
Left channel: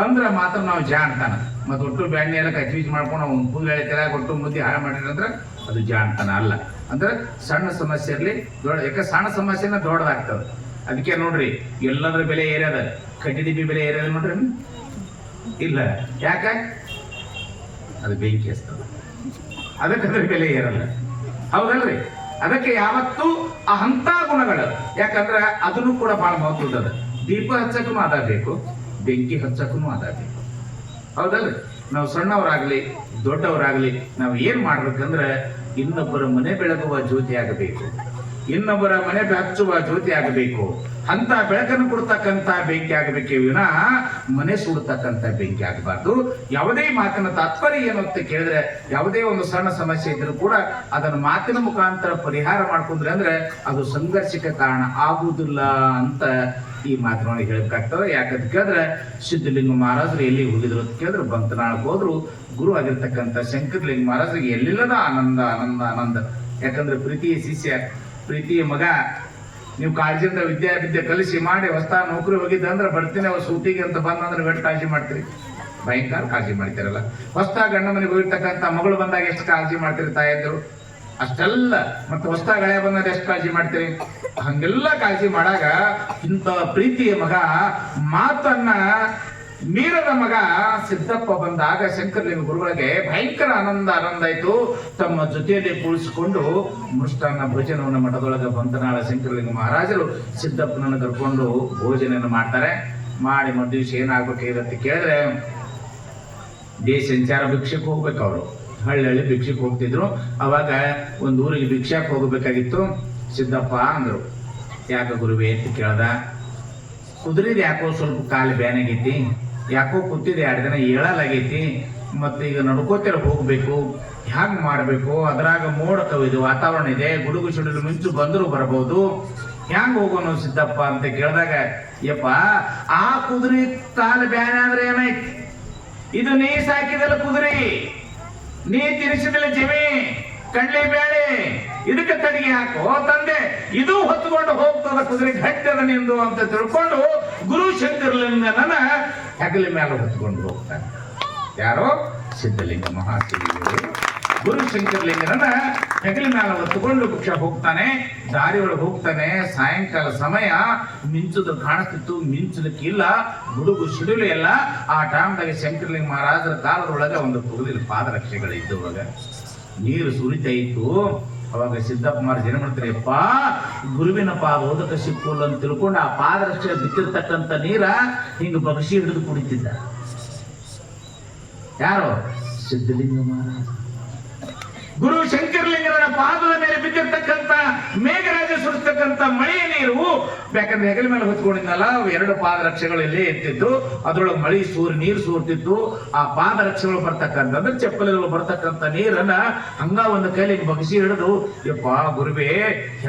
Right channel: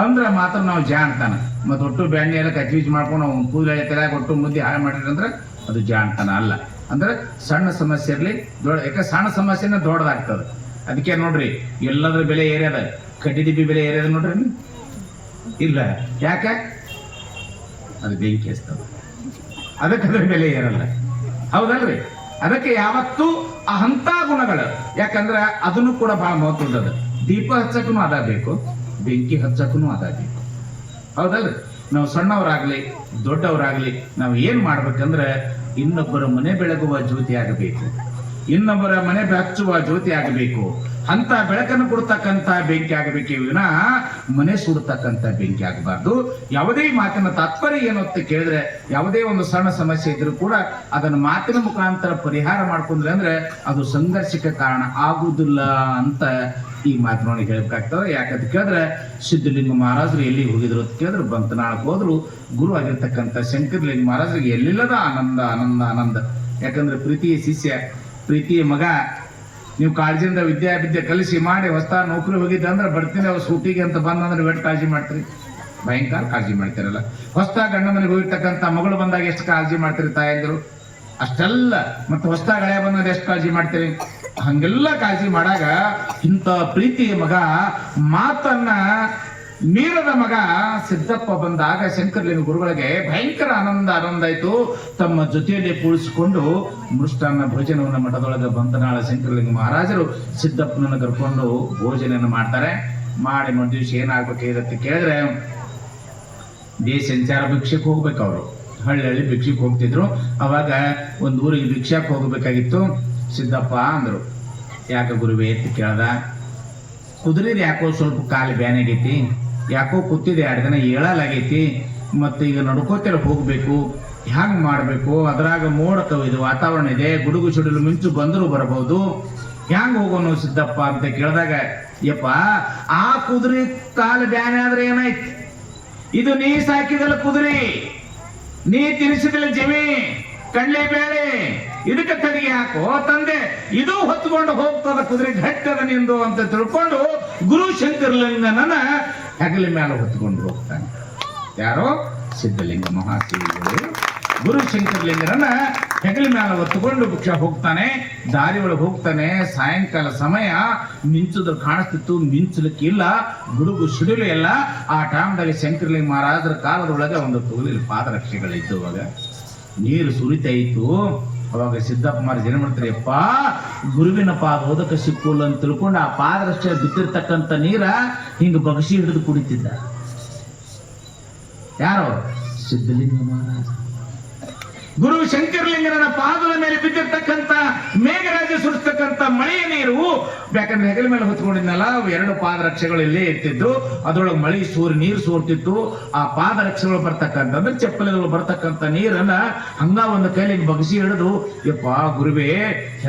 ಅಂದ್ರೆ ಮಾತ್ರ ನಾವು ಜಾಣ್ತಾನ. ಮತ್ತೆ ಒಟ್ಟು ಬೆಣ್ಣೆ ಎಲ್ಲ ಕಚ್ಚಿಬಿಚ್ ಮಾಡ್ಕೊಂಡು ಅವ್ನು ಕೂದಲು ಎಳೆ ಒಟ್ಟು ಮುದ್ದಿ ಹಾಳು ಮಾಡಿದ್ರೆ ಅದು ಜಾಣ್ತಾನ ಅಲ್ಲ. ಅಂದ್ರೆ ಸಣ್ಣ ಸಮಸ್ಯೆ ಇರಲಿ ದೊಡ್ಡ, ಯಾಕೆ ಸಣ್ಣ ಸಮಸ್ಯೆನ ದೊಡ್ಡದಾಗ್ತದೆ. ಅದಕ್ಕೆ ನೋಡ್ರಿ ಎಲ್ಲದ್ರ ಬೆಲೆ ಏರ್ಯದ, ಕಡ್ಡಿ ದಿಬ್ಬಿ ಬೆಲೆ ಏರ್ಯದ ನೋಡ್ರಿ ಇಲ್ಲ. ಯಾಕೆ? ಅದು ಬೆಂಕಿ ಹಚ್ತದೆ, ಅದಕ್ಕೆ ಅದ್ರ ಬೆಲೆ ಏರಲ್ಲ. ಹೌದಲ್ರಿ? ಅದಕ್ಕೆ ಯಾವತ್ತೂ ಅಂಥ ಗುಣಗಳು, ಯಾಕಂದ್ರೆ ಅದನ್ನು ಕೂಡ ಬಹಳ ಮಹತ್ವದ. ದೀಪ ಹಚ್ಚಕ್ಕೂ ಅದ ಬೇಕು, ಬೆಂಕಿ ಹಚ್ಚಕ್ಕೂ ಅದ ಬೇಕು. ಹೌದಲ್ರಿ? ನಾವು ಸಣ್ಣವರಾಗ್ಲಿ ದೊಡ್ಡವರಾಗ್ಲಿ ನಾವು ಏನ್ ಮಾಡ್ಬೇಕಂದ್ರೆ ಇನ್ನೊಬ್ಬರ ಮನೆ ಬೆಳಗುವ ಜ್ಯೋತಿ ಆಗಬೇಕು, ಇನ್ನೊಬ್ಬರ ಮನೆ ಹಚ್ಚುವ ಜ್ಯೋತಿ ಆಗಬೇಕು. ಅಂತ ಬೆಳಕನ್ನು ಕೊಡ್ತಕ್ಕಂತ ಬೆಂಕಿ ಆಗಬೇಕೇ ವಿನ ಮನೆ ಸುಡ್ತಕ್ಕಂತ ಬೆಂಕಿ ಆಗಬಾರ್ದು. ಯಾವುದೇ ಮಾತಿನ ತಾತ್ಪರ್ಯ ಏನು ಅಂತ ಕೇಳಿದ್ರೆ, ಯಾವುದೇ ಒಂದು ಸಣ್ಣ ಸಮಸ್ಯೆ ಇದ್ರೂ ಕೂಡ ಅದನ್ನು ಮಾತಿನ ಮುಖಾಂತರ ಪರಿಹಾರ ಮಾಡ್ಕೊಂಡ್ರೆ ಅಂದ್ರೆ ಅದು ಸಂಘರ್ಷಕ್ಕೆ ಕಾರಣ ಆಗುವುದಿಲ್ಲ ಅಂತ ಈ ಮಾತುಗಳನ್ನು ಹೇಳ್ಬೇಕಾಗ್ತದೆ. ಯಾಕಂತ ಕೇಳಿದ್ರೆ ಸಿದ್ಧಲಿಂಗ ಮಹಾರಾಜರು ಎಲ್ಲಿ ಹೋಗಿದ್ರು ಅಂತ ಕೇಳಿದ್ರು, ಬಂತನಾಳಕ್ಕೆ ಹೋದ್ರು. ಗುರು ಆಗಿರ್ತಕ್ಕಂಥ ಶಂಕರಲಿಂಗ ಮಹಾರಾಜರಿಗೆ ಎಲ್ಲಿಲ್ಲದ ಆನಂದ ಆನಂದ ಆನಂದ. ಯಾಕಂದ್ರೆ ಪ್ರೀತಿಯ ಶಿಷ್ಯ, ಪ್ರೀತಿಯ ಮಗ, ನೀವು ಕಾಳಜಿಯಿಂದ ವಿದ್ಯೆ ಕಲಿಸಿ ಮಾಡಿ ಹೊಸ ನೌಕರಿ ಹೋಗಿದ್ದ ಅಂದ್ರೆ ಬರ್ತೀನಿ ಅವ್ರು ಸೂಟಿಗೆ ಅಂತ ಬಂದಂದ್ರೆ ವೆಟ್ ಕಾಳಜಿ ಮಾಡ್ತೀರಿ, ಭಯಂಕರ ಕಾಳಜಿ ಮಾಡ್ತಿರಲ್ಲ. ಹೊಸ ಗಂಡ ಮನೆಗೆ ಹೋಗಿರ್ತಕ್ಕಂಥ ಮಗಳು ಬಂದಾಗ ಎಷ್ಟು ಕಾಳಜಿ ಮಾಡ್ತೀರಿ ತಾಯಂದ್ರು, ಅಷ್ಟೆಲ್ಲ. ಮತ್ತೆ ಹೊಸ ಗಳೆ ಬಂದಾಗ ಎಷ್ಟು ಕಾಳಜಿ ಮಾಡ್ತೀರಿ, ಹಂಗೆಲ್ಲ ಕಾಳಜಿ ಮಾಡಾಗ ಇಂಥ ಪ್ರೀತಿಯ ಮಗ ಮಾತನ್ನ ಮೀರದ ಮಗ ಸಿದ್ದಪ್ಪ ಬಂದಾಗ ಶಂಕರಲಿಂಗ ಗುರುಗಳಿಗೆ ಭಯಂಕರ ಆನಂದ ಆಯ್ತು. ತಮ್ಮ ಜೊತೆಯಲ್ಲಿ ಕೂಡಿಸಿಕೊಂಡು ಮೃಷ್ಟಾನ್ನ ಭೋಜನವನ್ನು ಮಠದೊಳಗೆ ಬಂದನಾಳ ಶಂಕರಲಿಂಗ ಮಹಾರಾಜರು ಸಿದ್ದಪ್ಪನನ್ನು ಕರ್ಕೊಂಡು ಭೋಜನ ಮಾಡ್ತಾರೆ. ಮಾಡಿ ಒಂದು ದಿವಸ ಏನಾಗ್ಬೇಕು ಕೇಳಿದ್ರೆ, ದೇಶ ಸಂಚಾರ ಭಿಕ್ಷಕ್ಕೆ ಹೋಗ್ಬೇಕು. ಅವರು ಹಳ್ಳಿ ಭಿಕ್ಷಕ್ಕೆ ಹೋಗ್ತಿದ್ರು. ಅವಾಗ ಒಂದು ಊರಿಗೆ ಭಿಕ್ಷಕ್ಕೆ ಹೋಗಬೇಕಾಗಿತ್ತು. ಸಿದ್ದಪ್ಪ ಅಂದ್ರು, ಯಾಕೆ ಗುರುವೇ ಅಂತ ಕೇಳ್ದ. ಕುದುರೆದು ಯಾಕೋ ಸ್ವಲ್ಪ ಕಾಲು ಬ್ಯಾನಾಗೈತಿ, ಯಾಕೋ ಕೂತಿದೆ 2 ದಿನ ಏಳಲಾಗೈತಿ, ಮತ್ತೆ ಈಗ ನಡ್ಕೋತಿರ ಹೋಗ್ಬೇಕು, ಹ್ಯಾಂಗ್ ಮಾಡ್ಬೇಕು, ಅದ್ರಾಗ ಮೋಡ ಕವಿದು ವಾತಾವರಣ ಇದೆ, ಗುಡುಗು ಸಿಡಿಲು ಮಿಂಚು ಬಂದರೂ ಬರಬಹುದು, ಹ್ಯಾಂಗ್ ಹೋಗೋನು ಸಿದ್ದಪ್ಪ ಅಂತ ಕೇಳಿದಾಗ, ಯಪ್ಪ ಆ ಕುದುರೆ ಕಾಲು ಬ್ಯಾನೆ ಆದ್ರೆ ಏನಾಯ್ತು, ಇದು ನೀ ಸಾಕಿದಲ್ಲ ಕುದುರೆ, ನೀ ತಿನ್ನಿಸಿದಲ್ಲ ಜಮಿ ಕಡ್ಲಿ ಬೇಳೆ, ಇದಕ್ಕೆ ತಡಿಗೆ ಹಾಕೋ ತಂದೆ, ಇದು ಹೊತ್ಕೊಂಡು ಹೋಗ್ತದ ಕುದುರೆ ಗಟ್ಟದ ನಿಂದು ಅಂತ ತಿಳ್ಕೊಂಡು ಗುರು ಶಂಕರಲಿಂಗನ ಹೆಗಲ ಮೇಲೆ ಹೊತ್ಕೊಂಡು ಹೋಗ್ತಾನೆ. ಯಾರೋ ಸಿದ್ಧಲಿಂಗ ಮಹಾಶ್ರೀಗಳು ಗುರು ಶಂಕರಲಿಂಗನ ಹೆಗಲ ಮೇಲೆ ಹೊತ್ಕೊಂಡು ಭಿಕ್ಷ ಹೋಗ್ತಾನೆ. ದಾರಿ ಒಳಗೆ ಹೋಗ್ತಾನೆ. ಸಾಯಂಕಾಲ ಸಮಯ ಮಿಂಚುದು ಕಾಣಿಸ್ತಿತ್ತು, ಮಿಂಚಲಿಕ್ಕಿಲ್ಲ, ಗುಡುಗು ಸಿಡಿಲು ಎಲ್ಲ. ಆ ಟೈಮ್ದಾಗ ಶಂಕರಲಿಂಗ ಮಹಾರಾಜರ ಕಾಲದೊಳಗೆ ಒಂದು ತುಳಿದ ಪಾದರಕ್ಷೆಗಳಿದ್ದು, ಅವಾಗ ನೀರು ಸುರಿತಾ ಇತ್ತು. ಅವಾಗ ಸಿದ್ದಪ್ಪ ಮಾರ ಜನ ಮಾಡ್ತಾರೆ, ಅಪ್ಪ ಗುರುವಿನ ಪಾದ ಓದಕ ಸಿಕ್ಕುಲ್ಲ ಅಂತ ತಿಳ್ಕೊಂಡು ಆ ಪಾದರಕ್ಷೆ ಬಿತ್ತಿರ್ತಕ್ಕಂಥ ನೀರ ಹಿಂಗ ಬಗಸಿ ಹಿಡಿದು ಕುಡಿತಿದ್ದ. ಯಾರೋ ಸಿದ್ಧಲಿಂಗ ಮಹಾರಾಜ. ಗುರು ಶಂಕರಲಿಂಗನ ಪಾದದ ಮೇಲೆ ಬಿದ್ದಿರ್ತಕ್ಕಂಥ ಮೇಘರಾಜ ಸುರಿಸ್ತಕ್ಕಂಥ ಮಳೆಯ ನೀರು, ಯಾಕಂದ್ರೆ ಹೆಗಲ ಮೇಲೆ ಹೊತ್ಕೊಂಡಿದ್ನಲ್ಲ, 2 ಪಾದರಕ್ಷೆಗಳು ಇಲ್ಲೇ ಇರ್ತಿದ್ದು, ಅದ್ರೊಳಗೆ ಮಳೆ ನೀರು ಸೋರ್ತಿತ್ತು. ಆ ಪಾದರಕ್ಷೆಗಳು ಬರ್ತಕ್ಕಂಥದ್ದು, ಚಪ್ಪಲಿಗಳು ಬರ್ತಕ್ಕಂಥ ನೀರನ್ನ ಹಂಗ ಒಂದು ಕೈಲಿ ಬಗ್ಸಿ ಹಿಡಿದು, ಯಪ್ಪ ಗುರುವೇ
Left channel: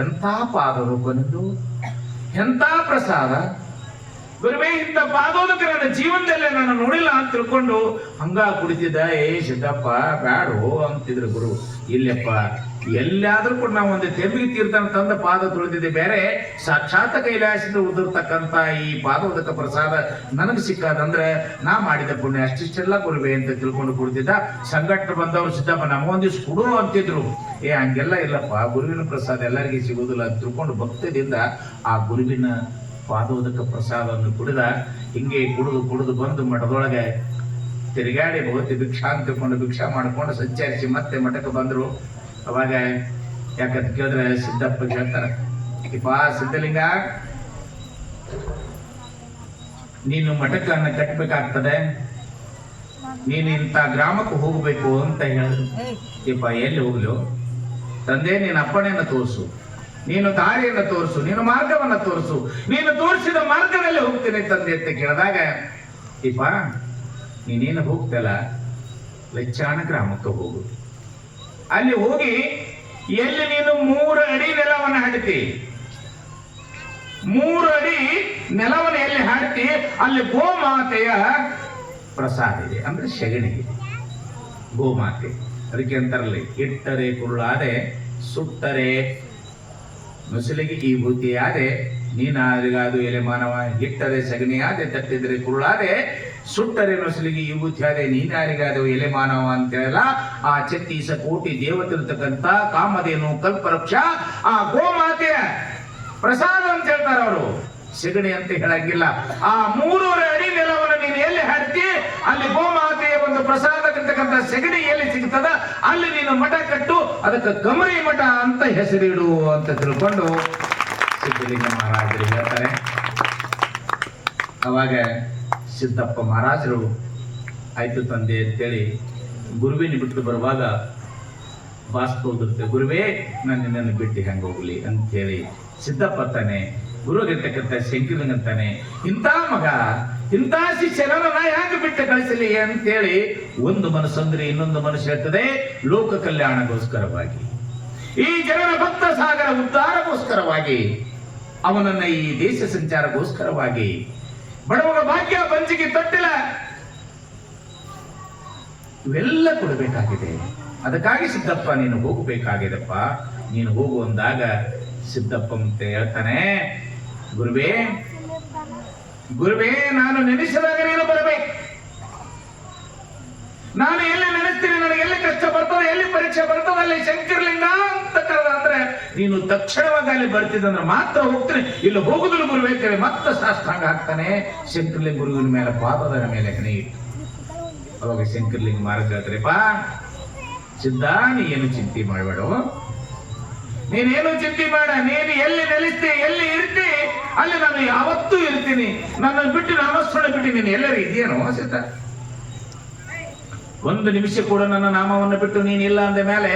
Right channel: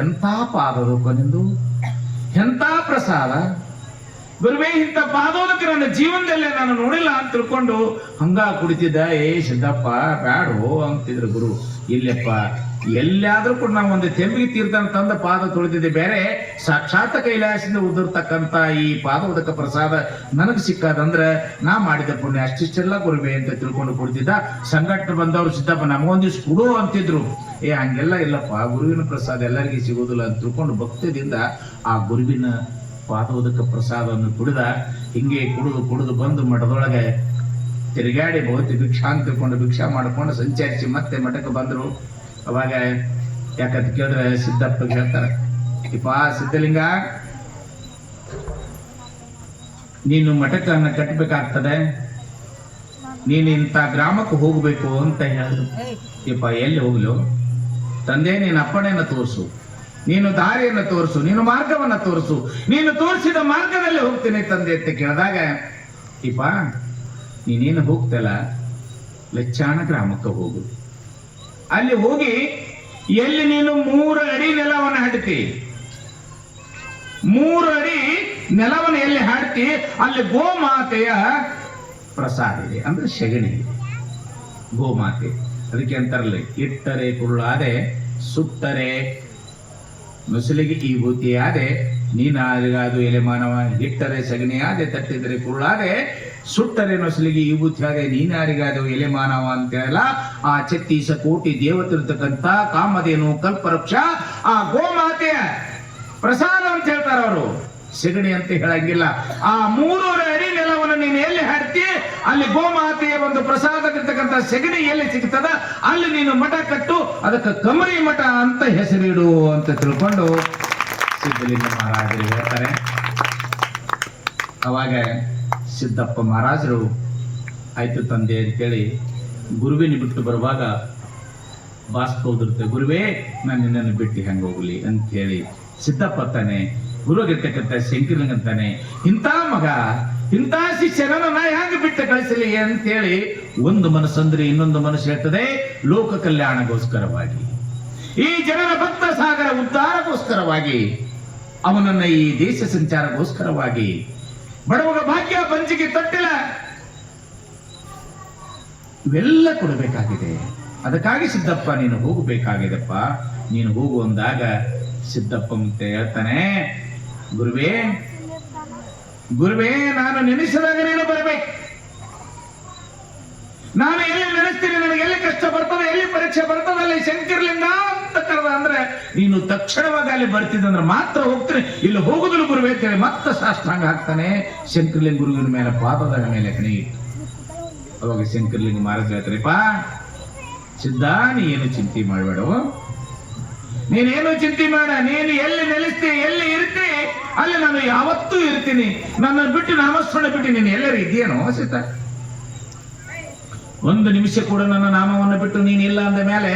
ಎಂಥ ಪಾದರೋಪ ನಿಂದು, ಎಂಥ ಪ್ರಸಾದ ಗುರುವೇ, ಇಂಥ ಪಾದೋದಕ್ಕೆ ನನ್ನ ಜೀವನದಲ್ಲೇ ನಾನು ನೋಡಿಲ್ಲ ಅಂತ ತಿಳ್ಕೊಂಡು ಹಂಗ ಕುಡಿತಿದ್ದ. ಸಿದ್ದಪ್ಪ ಬ್ಯಾಡೋ ಅಂತಿದ್ರು ಗುರು. ಇಲ್ಲಪ್ಪ ಎಲ್ಲಾದ್ರೂ ಕೂಡ ನಾವು ಒಂದು ತೆರಿಗೆ ತೀರ್ಥನ ತಂದ ಪಾದ ತೊಳೆದಿದ್ದೆ ಬೇರೆ, ಸಾಕ್ಷಾತ್ ಕೈಲಾಸದಿಂದ ಉದಿರ್ತಕ್ಕಂಥ ಈ ಪಾದೋದಕ ಪ್ರಸಾದ ನನಗೆ ಸಿಕ್ಕದಂದ್ರೆ ನಾ ಮಾಡಿದ ಪುಣ್ಯ ಅಷ್ಟಿಷ್ಟೆಲ್ಲ ಗುರುವೇ ಅಂತ ತಿಳ್ಕೊಂಡು ಕುಡಿತಿದ್ದ. ಸಂಘಟನೆ ಬಂದವರು ಸಿದ್ದಪ್ಪ ನಮಗೊಂದಿಷ್ಟು ಕೊಡು ಅಂತಿದ್ರು. ಹಂಗೆಲ್ಲ ಇಲ್ಲಪ್ಪ, ಗುರುವಿನ ಪ್ರಸಾದ ಎಲ್ಲರಿಗೂ ಸಿಗುದಿಲ್ಲ ಅಂತ ತಿಳ್ಕೊಂಡು ಭಕ್ತಿಯಿಂದ ಆ ಗುರುವಿನ ಪಾದೋದಕ ಪ್ರಸಾದವನ್ನು ಕುಡಿದ. ಹಿಂಗೆ ಕುಡಿದು ಬಂದು ಮಠದೊಳಗೆ ತಿರುಗಾಡಿ ಬಹುತಿ ಭಿಕ್ಷಾ ಅಂತ ತಿಳ್ಕೊಂಡು ಭಿಕ್ಷಾ ಮಾಡ್ಕೊಂಡು ಸಂಚರಿಸಿ ಮತ್ತೆ ಮಠಕ್ಕೆ ಬಂದರು. ಅವಾಗ ಯಾಕಂತ ಕೇಳಿದ್ರೆ ಸಿದ್ದಪ್ಪ ಹೇಳ್ತಾರೆ, ಇಪ್ಪ ಸಿದ್ಧಲಿಂಗ, ನೀನು ಮಠಕ್ಕನ್ನ ಕಟ್ಟಬೇಕಾಗ್ತದೆ, ನೀನು ಇಂಥ ಗ್ರಾಮಕ್ಕೆ ಹೋಗ್ಬೇಕು ಅಂತ ಹೇಳಿದ್ರು. ಇಪ್ಪ ಎಲ್ಲಿ ಹೋಗ್ಲು ತಂದೆ, ನೀನು ಅಪ್ಪಣೆಯನ್ನು ತೋರಿಸು, ನೀನು ದಾರಿಯನ್ನು ತೋರಿಸು, ನೀನು ಮಾರ್ಗವನ್ನು ತೋರಿಸು, ನೀನು ತೋರಿಸಿದ ಮಾರ್ಗದಲ್ಲಿ ಹೋಗ್ತೇನೆ ತಂದೆ ಅಂತ ಕೇಳಿದಾಗ, ಇಪ್ಪ ನೀನೇನು ಹೋಗ್ತಲ್ಲ ಲೆಚ್ಚಾಣ ಗ್ರಾಮಕ್ಕೆ ಹೋಗು. ಅಲ್ಲಿ ಹೋಗಿ ಎಲ್ಲಿ ನೀನು 3 ಅಡಿ ನೆಲವನ್ನು ಹಾಡ್ತಿ, 3 ಅಡಿ ನೆಲವನ್ನು ಎಲ್ಲಿ ಹಾಡ್ತಿ ಅಲ್ಲಿ ಗೋಮಾತೆಯ ಪ್ರಸಾದ ಇದೆ, ಅಂದ್ರೆ ಸೆಗಣಿ ಗೋಮಾತೆ. ಅದಕ್ಕೆ ಅಂತಾರಲ್ಲ, ಇಟ್ಟರೆ ಕುರುಳಾದೆ ಸುಟ್ಟರೆ ನುಸುಲಿಗೆ ಈ ಭೂತಿಯಾದೆ, ನೀನಾರಿಗಾದು ಎಲೆ ಮಾನವ, ಇಟ್ಟರೆ ಸಗಣಿಯಾದೆ, ತಟ್ಟಿದರೆ ಕುರುಳಾದೆ, ಸುಟ್ಟರೆ ನುಸುಲಿಗೆ ಈ ಭೂತಿಯಾದೆ, ನೀನಾರಿಗಾದು ಎಲೆ ಮಾನವ ಅಂತ ಹೇಳಲ್ಲ. ಆ 36 ಕೋಟಿ ದೇವತಿರ್ತಕ್ಕಂಥ ಕಾಮಧೇನು ಕಲ್ಪವೃಕ್ಷ ಆ ಗೋಮಾತೆಯ ಪ್ರಸಾದ ಅಂತ ಹೇಳ್ತಾರ ಅವರು, ಸೆಗಣಿ ಅಂತ ಹೇಳಂಗಿಲ್ಲ. ಆ 3 ಅಡಿ ನೆಲವನ್ನು ನೀನು ಎಲ್ಲಿ ಹಾಡ್ತಿ ಅಲ್ಲಿ ಗೋಮಾತೆಯ ಒಂದು ಪ್ರಸಾದಕ್ಕಿರ್ತಕ್ಕಂಥ ಸೆಗಣಿ ಎಲ್ಲಿ ಸಿಗ್ತದ ಅಲ್ಲಿ ನೀನು ಮಠ ಕಟ್ಟು, ಅದಕ್ಕೆ ಕಮರಿ ಮಠ ಅಂತ ಹೆಸರಿಡು ಅಂತ ತಿಳ್ಕೊಂಡು ಸಿದ್ಧಲಿಂಗ ಮಹಾರಾಜರು ಹೇಳ್ತಾರೆ. ಅವಾಗ ಸಿದ್ದಪ್ಪ ಮಹಾರಾಜರು ಆಯ್ತು ತಂದೆ ಅಂತೇಳಿ ಗುರುವಿನ ಬಿಟ್ಟು ಬರುವಾಗ ಬಾಸ್ಕೋದಿರುತ್ತೆ, ಗುರುವೇ ನಾನು ನಿನ್ನನ್ನು ಬಿಟ್ಟು ಹೆಂಗೆ ಹೋಗ್ಲಿ ಅಂತೇಳಿ ಸಿದ್ದಪ್ಪ ತಾನೆ ಗುರುಗಿರ್ತಕ್ಕಂಥ ಶಂಕರಲಿಂಗಂತಾನೆ ಇಂಥ ಮಗ ಇಂಥ ಶಿಷ್ಯರನ್ನ ನಾ ಯಾಕೆ ಬಿಟ್ಟು ಕಳಿಸಲಿ ಅಂತೇಳಿ ಒಂದು ಮನಸ್ಸಂದ್ರೆ ಇನ್ನೊಂದು ಮನಸ್ಸು ಹೇಳ್ತದೆ. ಲೋಕ ಕಲ್ಯಾಣಗೋಸ್ಕರವಾಗಿ, ಈ ಜನರ ಭಕ್ತ ಸಾಗರ ಉದ್ಧಾರಗೋಸ್ಕರವಾಗಿ, ಅವನನ್ನ ಈ ದೇಶ ಸಂಚಾರಗೋಸ್ಕರವಾಗಿ, ಬಡವರ ಭಾಗ್ಯ ಬಂಚಿಗೆ ತೊಟ್ಟಿಲ ಇವೆಲ್ಲ ಕೊಡಬೇಕಾಗಿದೆ. ಅದಕ್ಕಾಗಿ ಸಿದ್ದಪ್ಪ ನೀನು ಹೋಗಬೇಕಾಗಿದೆಪ್ಪ, ನೀನು ಹೋಗು ಅಂದಾಗ ಸಿದ್ದಪ್ಪ ಮತ್ತೆ ಹೇಳ್ತಾನೆ, ಗುರುವೇ ಗುರುವೇ ನಾನು ನೆನೆಸಿದಾಗ ನೀನು ಬರಬೇಕು. ನಾನು ಎಲ್ಲಿ ನೆನೆಸ್ತೀನಿ, ನನಗೆ ಎಲ್ಲಿ ಕಷ್ಟ ಬರ್ತದೆ, ಎಲ್ಲಿ ಪರೀಕ್ಷೆ ಬರ್ತದೆ, ಅಲ್ಲಿ ಶಂಕರಲಿಂಗ ಅಂತ ಕರೆದ ಅಂದ್ರೆ ನೀನು ತಕ್ಷಣವಾಗಿ ಅಲ್ಲಿ ಬರ್ತಿದ್ದಂದ್ರೆ ಮಾತ್ರ ಹೋಗ್ತೀನಿ, ಇಲ್ಲಿ ಹೋಗುದಿಲ್ಲ ಗುರುವೇ ಅಂತೇಳಿ ಮತ್ತೆ ಸಾಷ್ಟಾಂಗ ಹಾಕ್ತಾನೆ. ಶಂಕರಲಿಂಗ ಗುರುವಿನ ಮೇಲೆ ಪಾದದ ಮೇಲೆ ಕಣಿ. ಅವಾಗ ಶಂಕರಲಿಂಗ ಮಹಾರಾಜ್ ಹೇಳ್ತಾರೆಪ್ಪ, ಸಿದ್ಧ ನೀ ಏನು ಚಿಂತೆ ಮಾಡಬೇಡ, ನೀನೇನು ಚಿಂತೆ ಮಾಡ, ನೀನು ಎಲ್ಲಿ ನೆಲೆಸ್ತಿ ಎಲ್ಲಿ ಇರ್ತಿ ಅಲ್ಲಿ ನಾನು ಯಾವತ್ತೂ ಇರ್ತೀನಿ. ನನ್ನನ್ನು ಬಿಟ್ಟು ನಾಮಸ್ಮರಣೆ ಬಿಟ್ಟು ನೀನು ಎಲ್ಲರೂ ಇದೆಯೇನೋ ಸಿದ್ಧ? ಒಂದು ನಿಮಿಷ ಕೂಡ ನನ್ನ ನಾಮವನ್ನು ಬಿಟ್ಟು ನೀನು ಇಲ್ಲ ಅಂದ ಮೇಲೆ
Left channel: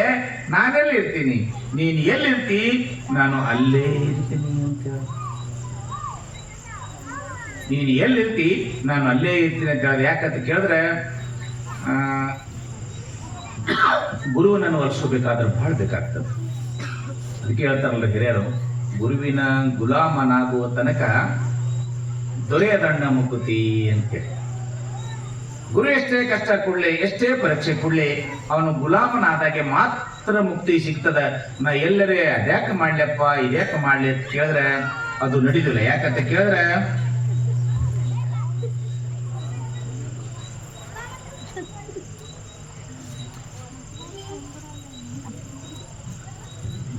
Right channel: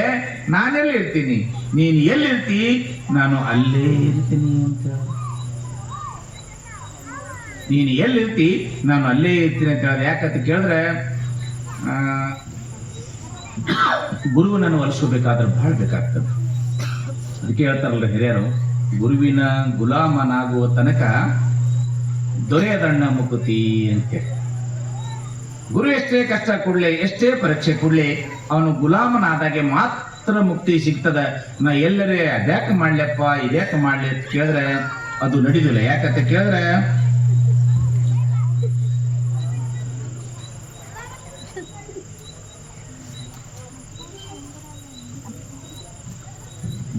ನಾನೆಲ್ಲಿ ಇರ್ತೀನಿ, ನೀನು ಎಲ್ಲಿರ್ತಿ ನಾನು ಅಲ್ಲೇ ಇರ್ತೀನಿ ಅಂತ. ನೀನು ಎಲ್ಲಿರ್ತಿ ನಾನು ಅಲ್ಲೇ ಇರ್ತೀನಿ ಅಂತ ಹೇಳಿದ್ರೆ ಯಾಕಂತ ಕೇಳಿದ್ರೆ, ಗುರುವನನ್ನು ಒಲಿಸಬೇಕಾದ್ರೆ ಬಹಳ ಬೇಕಾಗ್ತದೆ. ಅದಕ್ಕೆ ಹೇಳ್ತಾರಲ್ಲ ಹಿರಿಯರು, ಗುರುವಿನ ಗುಲಾಮನಾಗುವ ತನಕ ದೊರೆಯದಣ್ಣ ಮುಕುತಿ ಅಂತೇಳಿ. ಗುರು ಎಷ್ಟೇ ಕಷ್ಟ ಕೊಡ್ಲಿ, ಎಷ್ಟೇ ಪರೀಕ್ಷೆ ಕೊಡ್ಲಿ, ಅವನು ಗುಲಾಮನಾದಾಗೆ ಮಾತ್ರ ಮುಕ್ತಿ ಸಿಗ್ತದ. ನಾ ಎಲ್ಲರೇ ಅದ್ಯಾಕೆ ಮಾಡ್ಲಪ್ಪ ಇದ್ಯಾಕೆ ಮಾಡ್ಲಿ ಅಂತ ಕೇಳಿದ್ರೆ ಅದು ನಡೀದಿಲ್ಲ. ಯಾಕಂತ ಕೇಳಿದ್ರೆ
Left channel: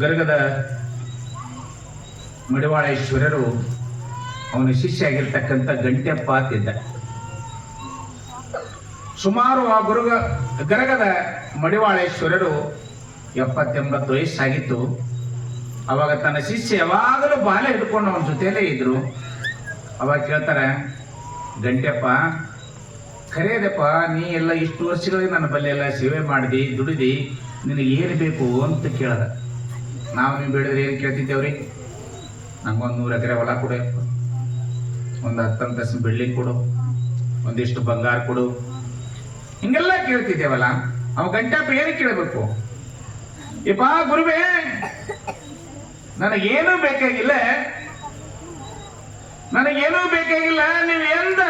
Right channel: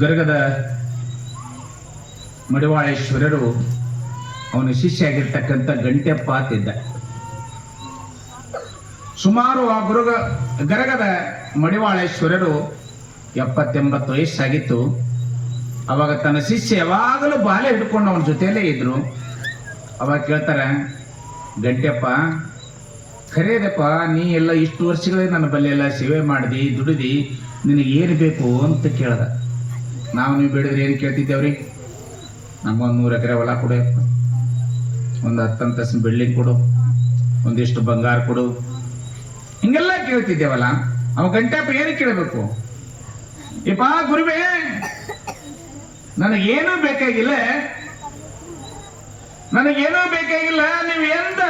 ಗರಗದ ಮಡಿವಾಳೇಶ್ವರರು ಅವನ ಶಿಷ್ಯ ಆಗಿರ್ತಕ್ಕಂಥ ಗಂಟೆಪ್ಪ ಅಂತಿದ್ದ. ಸುಮಾರು ಆ ಗರಗದ ಮಡಿವಾಳೇಶ್ವರರು 70-80 ವಯಸ್ಸಾಗಿತ್ತು. ಅವಾಗ ತನ್ನ ಶಿಷ್ಯ ಯಾವಾಗಲೂ ಬಾಲೆ ಹಿಡ್ಕೊಂಡು ಅವನ ಜೊತೆಯಲ್ಲೇ ಇದ್ರು. ಅವಾಗ ಕೇಳ್ತಾರೆ, ಗಂಟೆಪ್ಪ ಖರೇದಪ್ಪ, ನೀ ಎಲ್ಲ ಇಷ್ಟು ವರ್ಷಗಳಿಗೆ ನನ್ನ ಬಲ್ಲೆ ಎಲ್ಲ ಸೇವೆ ಮಾಡಿದಿ, ದುಡಿದಿ, ನಿನಗೆ ಏನು ಬೇಕು ಅಂತ ಕೇಳ್ದ. ನಾವು ನೀವು ಬೇಡಿದ್ರೆ ಏನು ಕೇಳ್ತಿದ್ದೇವ್ರಿ? ನಮಗೊಂದು 100 ಎಕರೆ ಹೊಲ ಕೊಡು, ಒಂದು 10 ಅಂತಸ್ತಿನ ಬಿಲ್ಡಿಂಗ್ ಕೊಡು, ಒಂದಿಷ್ಟು ಬಂಗಾರ ಕೊಡು, ಹಿಂಗೆಲ್ಲ ಕೇಳ್ತಿದ್ದೇವಲ್ಲ. ಅವ ಗಂಟಪ್ಪ ಏನು ಕೇಳಬೇಕು? ಯಪ್ಪ ಗುರುವೇ, ನನಗೇನೂ ಬೇಕಾಗಿಲ್ಲ, ನನಗೇನೂ ಬೇಕಾಗಿಲ್ಲ. ನೀವು ಎಂದ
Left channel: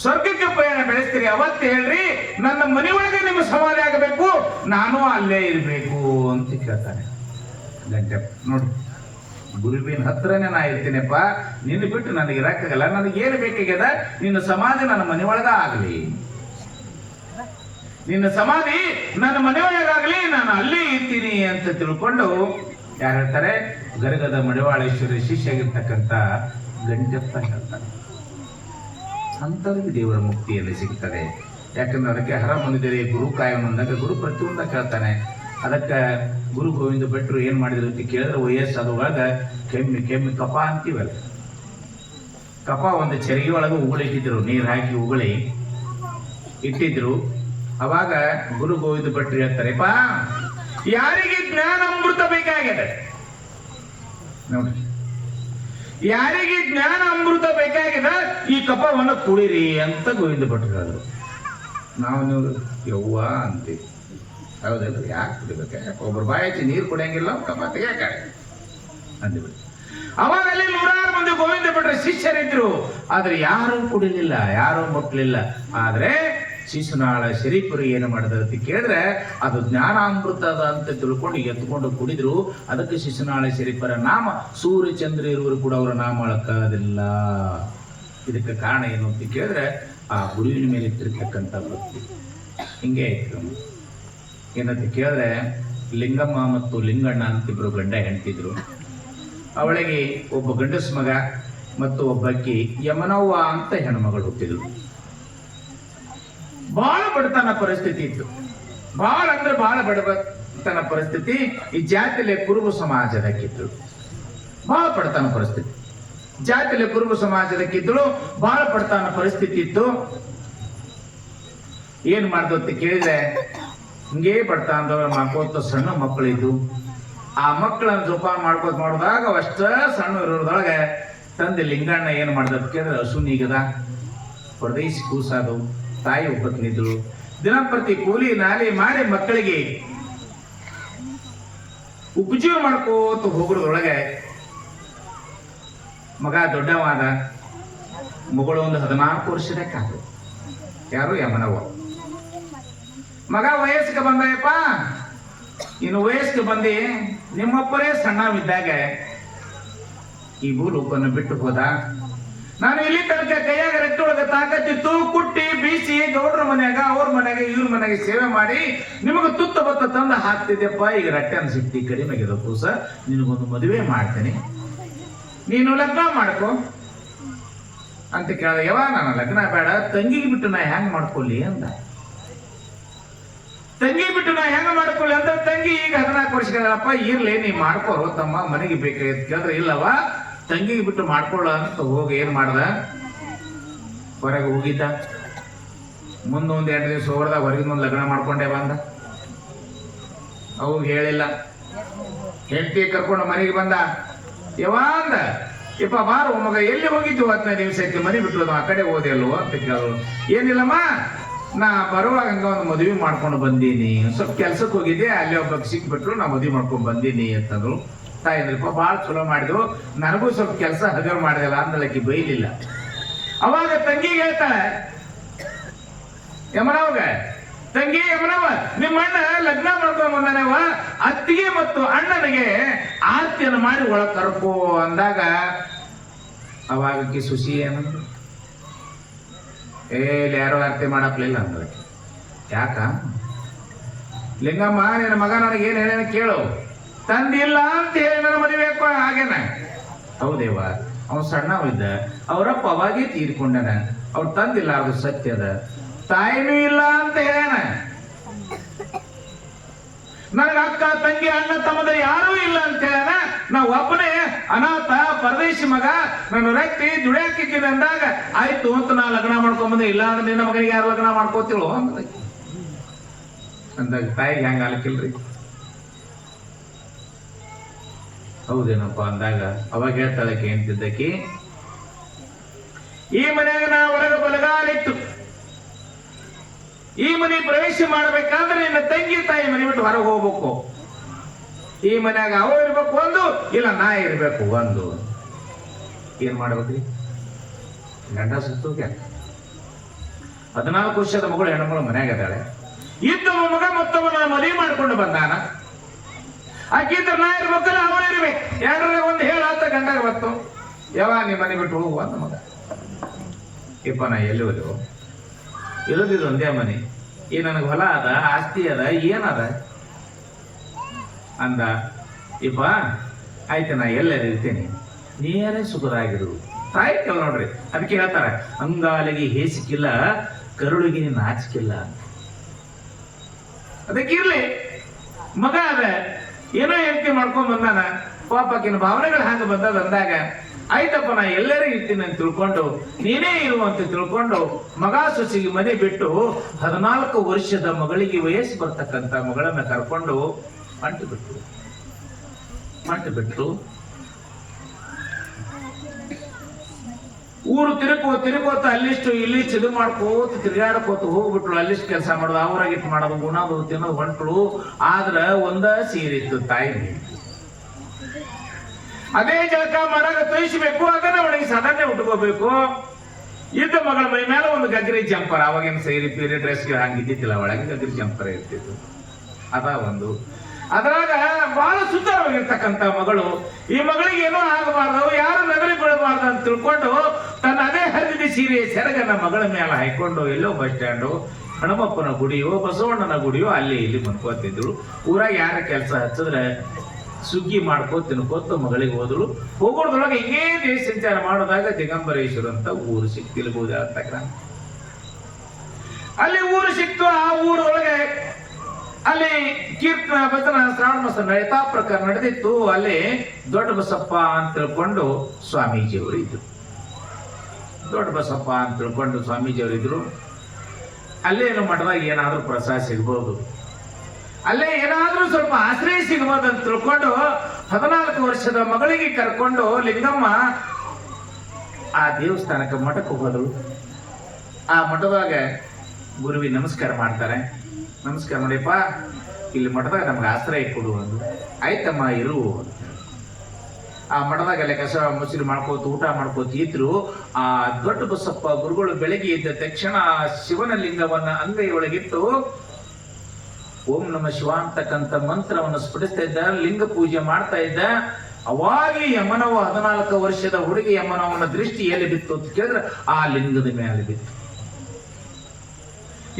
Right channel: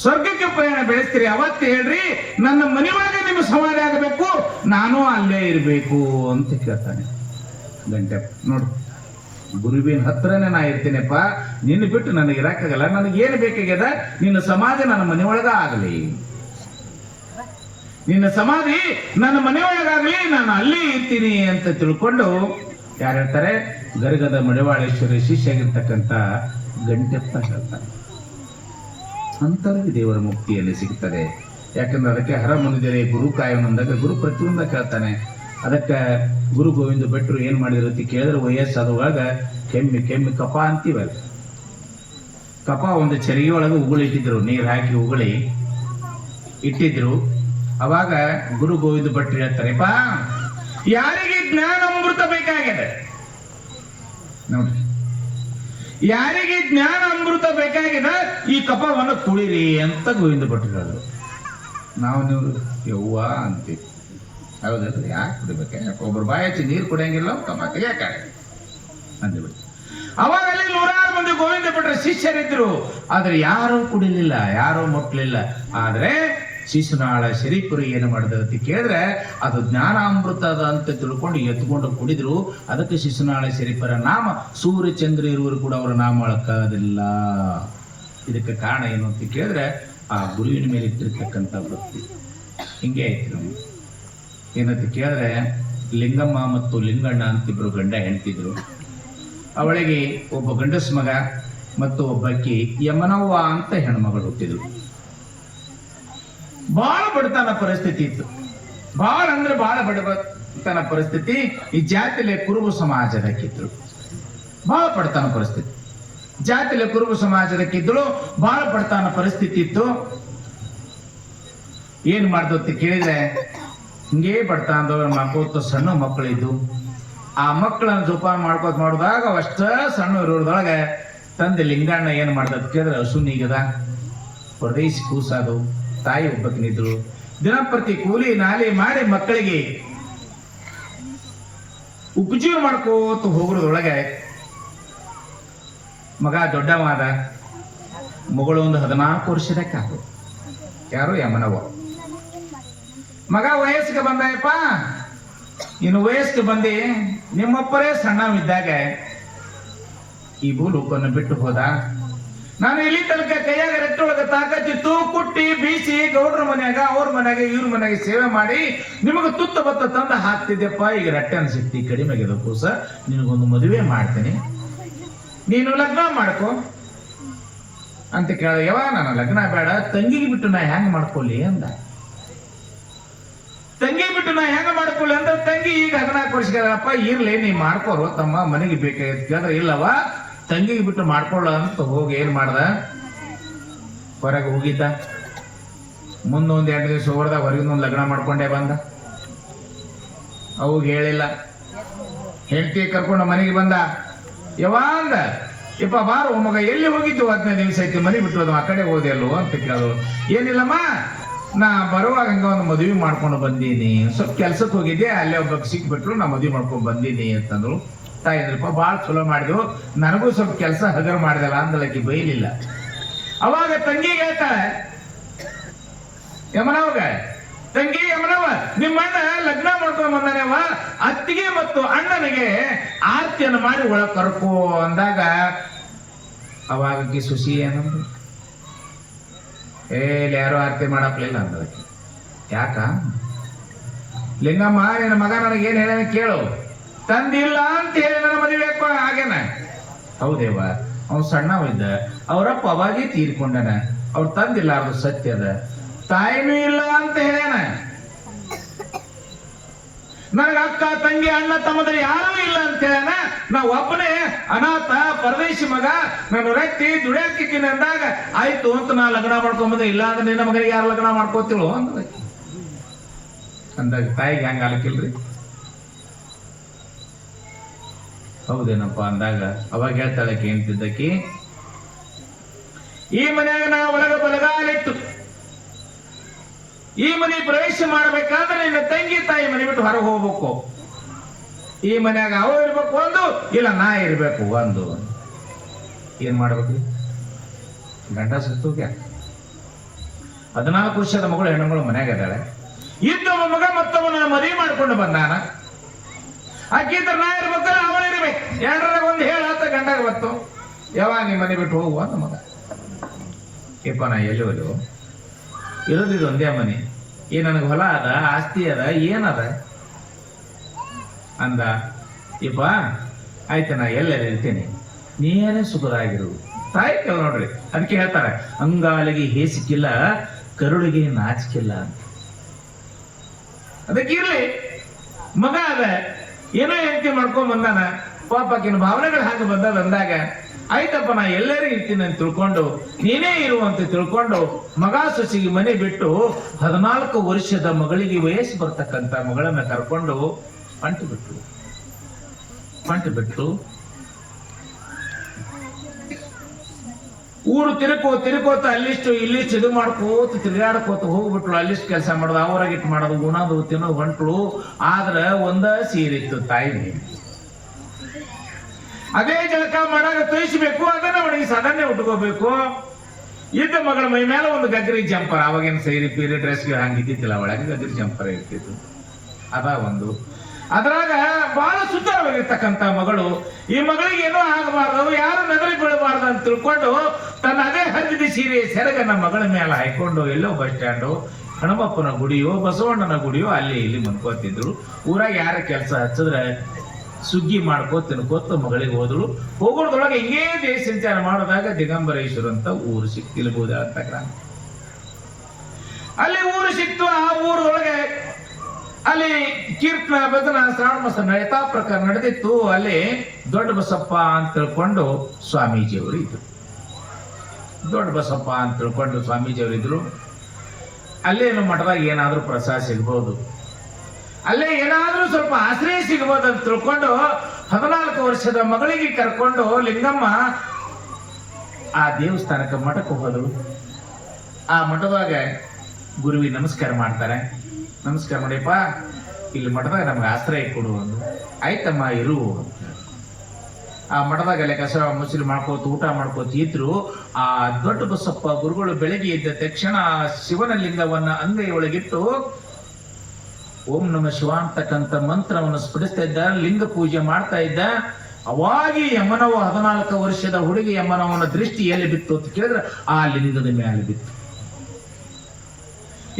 ಸ್ವರ್ಗಕ್ಕೆ ಪ್ರಯಾಣ ಬೆಳೆಸ್ತೀರಿ ಅವತ್ತೇ ಹೇಳ್ರಿ, ನನ್ನ ಮನೆಯೊಳಗೆ ನಿಮ್ಮ ಸಮಾಧಿ ಆಗಬೇಕು, ನಾನು ಅಲ್ಲೇ ಇರಬೇಕು ಅಂತ ಕೇಳ್ತಾನೆ ಗಂಟೆಪ್ಪ. ನೋಡಿ, ಗುರುವಿನ ಹತ್ರನೇ ನಾ ಇರ್ತೀನಪ್ಪ, ನಿನ್ನ ಬಿಟ್ಟು ನನಗೆ ಇರಕ್ಕಾಗಲ್ಲ. ನನಗೇನು ಬೇಕಾಗ್ಯದ, ನಿನ್ನ ಸಮಾಧಿ ನನ್ನ ಮನೆಯೊಳಗ ಆಗಲಿ, ನಿನ್ನ ಸಮಾಧಿ ನನ್ನ ಮನೆಯೊಳಗಾಗಲಿ, ನಾನು ಅಲ್ಲೇ ಇರ್ತೀನಿ ಅಂತ ತಿಳ್ಕೊಂಡು ಯಾರು ಹೇಳ್ತಾರೆ? ಗರಗದ ಮಡಿವಾಳೇಶ್ವರ ಶಿಷ್ಯಾಗಿರ್ತಕ್ಕಂಥ ಗಂಟೆಪ್ಪ ಹೇಳ್ತಾರೆ. ಅಂತವರಿಗೆ ದೇವರ ಮುಕ್ತಿಯಲ್ಲಿ ಸಿಗ್ತದೆ. ಯಾಕಂದ್ರೆ ಅದಕ್ಕೆ ಹರ ಮುನಿದರೆ ಗುರು ಕಾಯಂ ಅಂದಾಗ ಗುರು ಪ್ರತಿಯೊಂದ ಕೇಳ್ತಾನೆ. ಅದಕ್ಕೆ ಗುರು ಗೋವಿಂದ ಭಟ್ರು ಏನ್ ಮಾಡಿದ್ರು ಅಂತ ಕೇಳಿದ್ರೆ, ವಯಸ್ಸಾದವಾಗ ಕೆಮ್ಮಿ ಕಪ ಅಂತೀವಲ್ಲ, ಕಪ ಒಂದು ಚರಿಗೆ ಒಳಗೆ ಉಗುಳಿಟ್ಟಿದ್ರು, ನೀರು ಹಾಕಿ ಉಗುಳಿ ಇಟ್ಟಿದ್ರು. ಅವಾಗ ಗುರು ಗೋವಿಂದ ಭಟ್ರು ಹೇಳ್ತಾರೆ, ಬಾ ಯಾರಿಗೆ ಜ್ಞಾನ ಅಮೃತ ಬೇಕಾಗಿದೆ ನೋಡಿ, ಯಾರಿಗೆ ಜ್ಞಾನ ಅಮೃತ ಬೇಕಾಗಿದೆ ಈ ಕಪವನ್ನು ಕುಡಿರಿ ಅಂತ ಗೋವಿಂದ ಭಟ್ರು. ನಾವು ನೀವು ಯವ್ವ ಅಂತೀವಿ, ಹೌದಲ್ಲ? ಯಾಕೆ ಕುಡಿಬೇಕ? ಒಬ್ಬರು ಬಾಯಿ ಹಚ್ಚಿ ನೀರು ಕುಡಿಯಂಗಿಲ್ಲ, ಕಪ ತೆಗಿಯಾಕ ಅಂತೀವಿ. ಅವಾಗ ಅಲ್ಲಿ 100 ಮಂದಿ ಗೋವಿಂದ ಭಟ್ರ ಶಿಷ್ಯರಿದ್ರು, ಆದ್ರೆ ಯಾರೂ ಕುಡಿಲಿಲ್ಲ, ಯಾರೂ ಮುಟ್ಲಿಲ್ಲ. ಆದ್ರೆ ಶಿಶುನಾಳ ಶರೀಫರು ಏನು ಮಾಡಿದ್ರು ಅಂತ ಕೇಳಿದ್ರೆ, ಅದು ಜ್ಞಾನಾಮೃತದ ಅಂತ ತಿಳ್ಕೊಂಡು ಎತ್ಕೊಂಡು ಕುಡಿದ್ರು. ಅದಕ್ಕೆ ಶಿಶುನಾಳ ಶರೀಫರ ನಾಮ ಸೂರ್ಯ ಚಂದ್ರ ಇರುವರು ಕೂಡ ಅವರ ನಾಮ ಅಳಕ್ಕಾಗೋದಿಲ್ಲ. ಇದಕ್ಕೆ ಕಾರಣ ಏನು ಅಂತ ಕೇಳಿದ್ರೆ, ಆ ಗುರುವಿನ ಮೇಲೆ ಇಟ್ಟಿರ್ತಕ್ಕಂಥ ಭಕ್ತಿ. ಹಿಂಗೆ ಆಯ್ತು. ಏನಂತ ಕೇಳಿದ್ರೆ, ಲಿಂಗಮ್ಮ ಮತ್ತು ಲಿಂಗಣ್ಣ ಅಂತಿಬ್ರು ಗಂಡ ಹೆಂಡ್ತಿದ್ರು. ಅವಳಿಗೆ ಒಬ್ಬ ಗಂಡಸ ಮಗ ಮತ್ತು ಒಬ್ಬಕ್ಕಿ ಯಮನವ್ವ ಅಂತ ಹೆಣ್ಮಗಳು ಹುಟ್ಟಿದ್ರು. ಬಹಳ ಬಡತನ ಪರಿಸ್ಥಿತಿ ಇತ್ತು, ಬಹಳ ಅಂದ್ರೆ ಬಹಳ ಬಡತನ ಪರಿಸ್ಥಿತಿ. ಈ ಜಾತಿಯಲ್ಲಿ ಕುರುಬ ಸಮಾಜದಕ್ಕಿತ್ತು, ಬಹಳ ಬಡತನ ಪರಿಸ್ಥಿತಿ. ಜಾತಿಯಲ್ಲಿ ಕುರುಬ ಸಮಾಜದಕ್ಕಿದ್ದಳು, ಬಹಳ ಬಡತನ ಪರಿಸ್ಥಿತಿ ಇತ್ತು. ಏನ್ ಮಾಡ್ದಂತ ಕೇಳಿದ್ರೆ, ಹಿಂಗೇ ಬಡತನದವ್ರು ಮಾಡ್ಕೋತ ಸಣ್ಣ ಮಕ್ಕಳಿದ್ದು, ಆ ಮಕ್ಕಳನ್ನ ಜೋಪಾನ ಮಾಡ್ಕೋತ ಮಾಡಿದಾಗ ಅಷ್ಟ ಸಣ್ಣ ಇರೋದ್ರೊಳಗೆ ತಂದೆ ಲಿಂಗಣ್ಣ ಏನ್ ಮಾಡ್ದಂತ ಕೇಳಿದ್ರೆ, ಹಸು ನೀಗದ, ಪರದೇಶಿ ಕೂಸಾದು, ತಾಯಿ ಒಬ್ಬಕ್ಕಿನಿದ್ರು, ದಿನಪ್ರತಿ ಕೂಲಿ ನಾಲಿ ಮಾಡಿ ಮಕ್ಕಳಿಗೆ ಉಪಜೀವ ಮಾಡ್ಕೋತ ಹೋಗೋದ್ರೊಳಗೆ ಮಗ ದೊಡ್ಡವಾದ, ಮಗಳು ಒಂದು 14 ವರ್ಷದಕ್ಕಾಗ, ಯಾರು ಯಮನವ್ವ. ಮಗ ವಯಸ್ಸಿಗೆ ಬಂದಯಪ್ಪ, ಇನ್ನು ವಯಸ್ಸಿಗೆ ಬಂದಿ, ನಿಮ್ಮಪ್ಪರೇ ಸಣ್ಣವಿದ್ದಾಗ ಈ ಭೂಲೋಕವನ್ನು ಬಿಟ್ಟು ಹೋದ. ನಾನು ಇಲ್ಲಿ ತನಕ ಕೈಯಾಗ ರಟ್ಟೊಳಗೆ ತಾಕತ್ತಿತ್ತು, ಕುಟ್ಟಿ ಬೀಸಿ ಗೌಡ್ರ ಮನ್ಯಾಗ, ಅವ್ರ ಮನ್ಯಾಗ, ಇವ್ರ ಮನ್ಯಾಗ ಸೇವೆ ಮಾಡಿ ನಿಮಗೆ ತುತ್ತ ಬತ್ತ ತಂದು ಹಾಕ್ತಿದ್ದೆಪ್ಪ. ಈಗ ರಟ್ಟೆನ ಶಕ್ತಿ ಕಡಿಮೆ ಆಗಿದೆ ಕೂಸ, ನಿನಗೊಂದು ಮದುವೆ ಮಾಡ್ತೇನೆ, ನೀನು ಲಗ್ನ ಮಾಡ್ಕೊ ಅಂತ ಕೇಳ. ಯಾವ ನಾನು ಲಗ್ನ ಬೇಡ, ತಂಗಿಗೆ ಬಿಟ್ಟು ನಾ ಹೆಂಗ್ ಮಾಡ್ಕೊಳ್ಳಿ ಅಂದ. ತಂಗಿ ಬಿಟ್ಟು ನಾ ಹೆಂಗ ಮಾಡ್ಕೊಳ್ಳಿ ಅಂದ. ತಂಗಿ ಈಗ 14 ವರ್ಷಗಳಪ್ಪ, ಇರ್ಲಿ ನೀ ಮಾಡ್ಕೋರು ತಮ್ಮ, ಮನೆಗೆ ಬೇಕಾಗಿತ್ತು ಕೇಳಿದ್ರೆ, ಇಲ್ಲವ ತಂಗಿಗೆ ಬಿಟ್ಟು ಮಾಡ್ಕೊಳ್ಳ ಅಂತ ಹೋಗಿ ಏನ್ ಮಾಡ್ದ, ಹೊರಗೆ ಹೋಗಿದ್ದ. ಮುಂದೊಂದ್ 2 ದಿವಸ ಹೊರದಾಗ ಹೊರಗಿನ ಲಗ್ನ ಮಾಡ್ಕೊಂಡೇ ಬಂದ. ಅವಾಗ ಹೇಳಿಲ್ಲ, ಹೆಂಡತಿ ಕರ್ಕೊಂಡು ಮನೆಗೆ ಬಂದ. ಯಾವಾಗ ಯಪ್ಪ ಬಾರು ಮಗ, ಎಲ್ಲಿ ಹೋಗಿದ್ದು? 15 ನಿಮಿಷ ಐತಿ, ಮನೆ ಬಿಟ್ಟು ಆ ಕಡೆ ಹೋದೆ ಅಲ್ವೋ ಅಂತ ಕೇಳೋದು. ಏನಿಲ್ಲಮ್ಮ, ನಾ ಬರುವಾಗ ಹಂಗ ಒಂದು ಮದುವೆ ಮಾಡ್ಕೊಂಡು ಬಂದೀನಿ, ಸ್ವಲ್ಪ ಕೆಲ್ಸಕ್ಕೆ ಹೋಗಿದ್ದೆ, ಅಲ್ಲಿ ಒಬ್ಬ ಸಿಕ್ಬಿಟ್ರು, ನಾ ಮದುವೆ ಮಾಡ್ಕೊಂಡು ಬಂದೀನಿ ಅಂತಂದ್ರು. ತಾಯಿದ್ರಪ್ಪ ಭಾಳ ಚಲೋ ಮಾಡಿದ್ವು, ನನಗೂ ಸ್ವಲ್ಪ ಕೆಲಸ ಹಗರ್ ಮಾಡಿದಲ್ಲ ಅಂದಲಕ್ಕಿ ಬೈಲಿಲ್ಲ. ಅವಾಗ ತಂಗಿಗೆ ಹೇಳ್ತಾಳೆ ಯಮನವ್ಗ, ತಂಗಿ ಯಮನವ್ವ, ನಿಮ್ಮ ಅಣ್ಣ ಲಗ್ನ ಮಾಡ್ಕೊಂಡ್ ಬಂದಾನವ, ಅತ್ತಿಗೆ ಮತ್ತು ಅಣ್ಣನಿಗೆ ಆರತಿಯನ್ನು ಮಾಡಿ ಒಳಗೆ ಕರ್ಕೋ ಅಂದಾಗ, ಅವಾಗಕ್ಕೆ ಸುಶಿ ಏನಂದ್ರು, ಯಾರು ಆರತಿ ಮಾಡಕ್ಲಿಲ್ಲ ಅಂದ. ಯಾಕ? ಲಿಂಗಮ್ಮ, ನಿನ್ನ ಮಗ ನನಗೇನು ಹೇಳ ಕೇಳು, ತಂದಿಲ್ಲ ಅಂತ ಹೇಳಿ ನನ್ನ ಮದುವೆ ಹಾಗೇನ. ಹೌದೇವ, ಅವ್ನು ಸಣ್ಣವಿದ್ದ, ಅವರಪ್ಪ ಅವಾಗೇ ತೀರ್ಕೊಂಡನ, ಅವ್ರು ತಂದಿಲ್ಲ, ಅದು ಸತ್ಯದ. ತಾಯಿನೂ ಇಲ್ಲ ಅಂತ ಹೇಳ್ಯಾನ. ನನಗ ಅಕ್ಕ ತಂಗಿ ಅಣ್ಣ ತಮ್ಮದ ಯಾರೂ ಇಲ್ಲ ಅಂತ ಹೇಳ್ಯಾನ. ನಾ ಒಬ್ಬನೇ ಅನಾಥ ಪರದೇಶಿ ಮಗ, ನಾನು ರಟ್ಟಿ ದುಡಿಯಾಕಿದ್ದೀನಿ ಅಂದಾಗ, ಆಯ್ತು ಅಂತ ನಾ ಲಗ್ನ ಮಾಡ್ಕೊಂಬಂದೆ, ಇಲ್ಲ ಅಂದ್ರೆ ನಿನ್ನ ಮಗನಿಗೆ ಯಾರು ಲಗ್ನ ಮಾಡ್ಕೋತಿಳು ಅಂದಾಗ ತಾಯಿಗೆ ಹಂಗ ಅಲಕಿಲ್ರಿ. ಹೌದೇನಪ್ಪ ಅಂದಾಗ ಅವಾಗ ಹೇಳ್ತಾಳಕ್ಕೆ ಅಂತಿದ್ದಕ್ಕಿ, ಈ ಮನ್ಯಾಗ ನಾ ಒಳಗ ಬಲಗಾಲಿಟ್ಟು ಈ ಮನೆ ಪ್ರವೇಶ ಮಾಡ್ಬೇಕಾದ್ರೆ ನಿನ್ನ ತಂಗಿ ತಾಯಿ ಮನೆ ಬಿಟ್ಟು ಹೊರಗೆ ಹೋಗ್ಬೇಕು. ಈ ಮನ್ಯಾಗ ಅವ ಇರ್ಬೇಕು ಒಂದು, ಇಲ್ಲ ನಾ ಇರ್ಬೇಕು ಒಂದು. ಏನ್ ಮಾಡ್ಬೇಕ್ರಿ? ಗಂಡ ಸುತ್ತೋಕೆ 14 ವರ್ಷದ ಮಗಳು, ಹೆಣ್ಮಗಳು ಮನ್ಯಾಗ ಇದ್ದಾಳೆ. ಇದ್ದವ ಮಗ ಮತ್ತವನ ಮದುವೆ ಮಾಡ್ಕೊಂಡು ಬಂದಾನ. ಆಕಿದ್ರೆ ನಾ ಇರ್ಬೇಕಲ್ಲ, ಅವನಿರ್ಬೇಕು. ಎರಡರಾಗ ಒಂದು ಹೇಳತ್ತ ಗಂಡಾಗ ಬತ್ತು, ಯಾವಾಗ ನಿಮ್ಮ ಮನೆ ಬಿಟ್ಟು ಹೋಗುವ ಅಂತ ಮಗ. ಯಪ್ಪ ನಾ ಎಲ್ಲಿ ಹೋದೆವು, ಇರೋದಿದ್ದು ಒಂದೇ ಮನೆ, ನನಗೆ ಹೊಲ ಅದ, ಆಸ್ತಿ ಅದ, ಏನದ ಅಂದ. ಯಪ್ಪ ಆಯ್ತು, ನಾ ಎಲ್ಲೆಲ್ಲ ಇರ್ತೀನಿ, ನೀನೇ ಸುಖದಾಗಿರುವುದು. ತಾಯಿ ಕೇಳ ನೋಡ್ರಿ, ಅದಕ್ಕೆ ಹೇಳ್ತಾರ, ಅಂಗಾಲಿಗೆ ಹೇಸಿಕಿಲ್ಲ, ಕರುಳಿಗೆ ನಾಚಿಕಿಲ್ಲ. ಅದಕ್ಕಿರ್ಲಿ, ಮಗ ಅದ, ಏನೋ ಹೆಂಡತಿ ಮಾಡ್ಕೊಂಡ್ ಬಂದಾನ, ಪಾಪಕ್ಕಿನ ಭಾವನೆಗಳು ಹಾಗೆ ಬಂದಾಗ, ಆಯ್ತಪ್ಪ ನಾ ಎಲ್ಲರೂ ಇರ್ತೀನಿ ಅಂತ ತಿಳ್ಕೊಂಡು, ನೀನೇ ಇರುವಂತ ತಿಳ್ಕೊಂಡು, ಮಗ ಸೊಸಿಗೆ ಮನೆ ಬಿಟ್ಟು 14 ವರ್ಷದ ಮಗಳಿಗೆ ವಯಸ್ಸು ಬರ್ತಕ್ಕಂಥ ಮಗಳನ್ನ ಕರ್ಕೊಂಡು ಅಂಟು ಬಿಟ್ಟು ಊರು ತಿರುಕೋತ ಅಲ್ಲಿಷ್ಟು ಇಲ್ಲಿಷ್ಟು ಇದು ಮಾಡ್ಕೋತ ತಿರುಗಾಡ್ಕೋತ ಹೋಗ್ಬಿಟ್ರು. ಅಲ್ಲಿಷ್ಟು ಕೆಲಸ ಮಾಡೋದು, ಅವರಾಗಿಟ್ಟು ಮಾಡೋದು, ಗುಣದು ತಿನ್ನೋದು ಹೊಂಟ್ರು. ಆದ್ರ ಒಂದ ಸೀರಿತ್ತು ತಾಯಿ, ಅದೇ ಜಳಕ ಮಾಡಾಗ ತೋಯಿಸ್ಬೇಕು, ಅದನ್ನ ಅವನಿಗೆ ಸಾಧಾರಣ ಉಟ್ಕೋಬೇಕು. ಇದ್ದ ಮಗಳ ಮೈ ಮೇಲೆ ಒಂದು ಗಗ್ರಿ ಜಂಪರ್, ಅವಾಗಿನ ಸೈರಿ ಪೀರಿ ಡ್ರೆಸ್ಗೆ ಹಂಗಿದ್ದಿಲ್ಲ, ಒಳಗೆ ಗಗ್ರಿ ಜಂಪರ್ ಇರ್ತಿತ್ತು. ಅದ ಒಂದು. ಅದ್ರಾಗ ಬಹಳ ಸುಂದರವಾಗಿರ್ತಕ್ಕಂಥ ಮಗಳು. ಈ ಮಗಳಿಗೆ ಏನೋ ಆಗಬಾರ್ದು, ಯಾರು ನಗರಿ ಬೀಳಬಾರ್ದು ಅಂತ ತಿಳ್ಕೊಂಡು ತನ್ನ ಅದೇ ಹರಿದ ಸೀರೆ ಸೆರಗನ ಮಗಳ ಮೇಲೆ ಹಾಕೊಂಡು ಎಲ್ಲೋ ಬಸ್ ಸ್ಟ್ಯಾಂಡು, ಹಣಮಪ್ಪನ ಗುಡಿಯೋ ಬಸವಣ್ಣನ ಗುಡಿಯೋ ಅಲ್ಲಿ ಇಲ್ಲಿ ಮನ್ಕೋತಿದ್ರು. ಊರಾಗ ಯಾರ ಕೆಲಸ ಹಚ್ಚಿದ್ರೆ ಸುಗ್ಗಿ ಮಾಡ್ಕೋತ ತಿನ್ಕೋತ ಮಗಳಿಗೆ ಹೋದ್ರು. ಹೋಗೋದ್ರೊಳಗೆ ಹಿಂಗೇ ದೇಶ ಸಂಚಾರ ಮಾಡೋದಾಗ ದಿಗಂಬರೇಶ್ವರ ಅಂತ ಊರು ಸಿಕ್ತಿಲ್ಬೋದು ಅಂತ. ಅಲ್ಲಿ ಊರು ಸಿಕ್ತು. ಆ ಊರೊಳಗೆ ಅಲ್ಲಿ ಕೀರ್ತನ ಭಜನ ಶ್ರಾವಣ ಮಾಸ ನಡೀತಾ ಪ್ರಕಾರ ನಡೆದಿತ್ತು. ಅಲ್ಲಿ ದೊಡ್ಡ ಬಸಪ್ಪ ಅಂತ ತಿಳ್ಕೊಂಡು ಸ್ವಾಮೀಜಿಯವರು ಇದ್ರು. ದೊಡ್ಡ ಬಸಪ್ಪ ಅಂತ ತಿಳ್ಕೊಂಡು ಸ್ವಾಮೀಜಿಯವರು ಇದ್ರು. ಅಲ್ಲೇನು ಮಠದಾಗ ಏನಾದ್ರೂ ಪ್ರಸಾದ ಸಿಗ್ಬೋದು, ಅಲ್ಲೇ ಏನಾದ್ರೂ ಸ್ವಲ್ಪ ಆಶ್ರಯ ಸಿಗ್ಬೋದು ಅಂತ ತಿಳ್ಕೊಂಡು 14 ವರ್ಷದ ಮಗಳಿಗೆ ಕರ್ಕೊಂಡು ಲಿಂಗಮ್ಮ ಆ ದೇವಸ್ಥಾನಕ್ಕೆ ಮಠಕ್ಕೆ ಹೋದ್ರು. ಆ ಮಠದಾಗ ಗುರುವಿ ನಮಸ್ಕಾರ ಮಾಡ್ತಾರೆ. ನಮಸ್ಕಾರ ಮಾಡಿಪ್ಪ, ಇಲ್ಲಿ ಮಠದಾಗ ನಮ್ಗೆ ಆಶ್ರಯ ಕೊಡು ಅಂದ್ರು. ಆಯ್ತಮ್ಮ ಇರು. ಆ ಮಠದಾಗಲ್ಲೇ ಕಸ ಮುಸುರಿ ಮಾಡ್ಕೋತ ಊಟ ಮಾಡ್ಕೋತ ಇದ್ರು. ಆ ದೊಡ್ಡ ಬಸಪ್ಪ ಗುರುಗಳು ಬೆಳಗ್ಗೆ ಇದ್ದ ತಕ್ಷಣ ಶಿವನ ಲಿಂಗವನ್ನ ಅಂಗೈ ಒಳಗಿಟ್ಟು ಓಂ ನಮ ಶಿವ ಅಂತಕ್ಕಂಥ ಮಂತ್ರವನ್ನು ಸ್ಫುಟಿಸ್ತಾ ಇದ್ದ. ಲಿಂಗ ಪೂಜೆ ಮಾಡ್ತಾ ಇದ್ದ. ಅವಾಗಿ ಯಮನವ 14 ವರ್ಷದ ಹುಡುಗಿ ಯಮನವನ ದೃಷ್ಟಿ ಎಲ್ಲಿ ಬಿತ್ತು ಅಂತ ಕೇಳಿದ್ರೆ ಆ ಲಿಂಗದ ಮೇಲೆ ಬಿತ್ತು.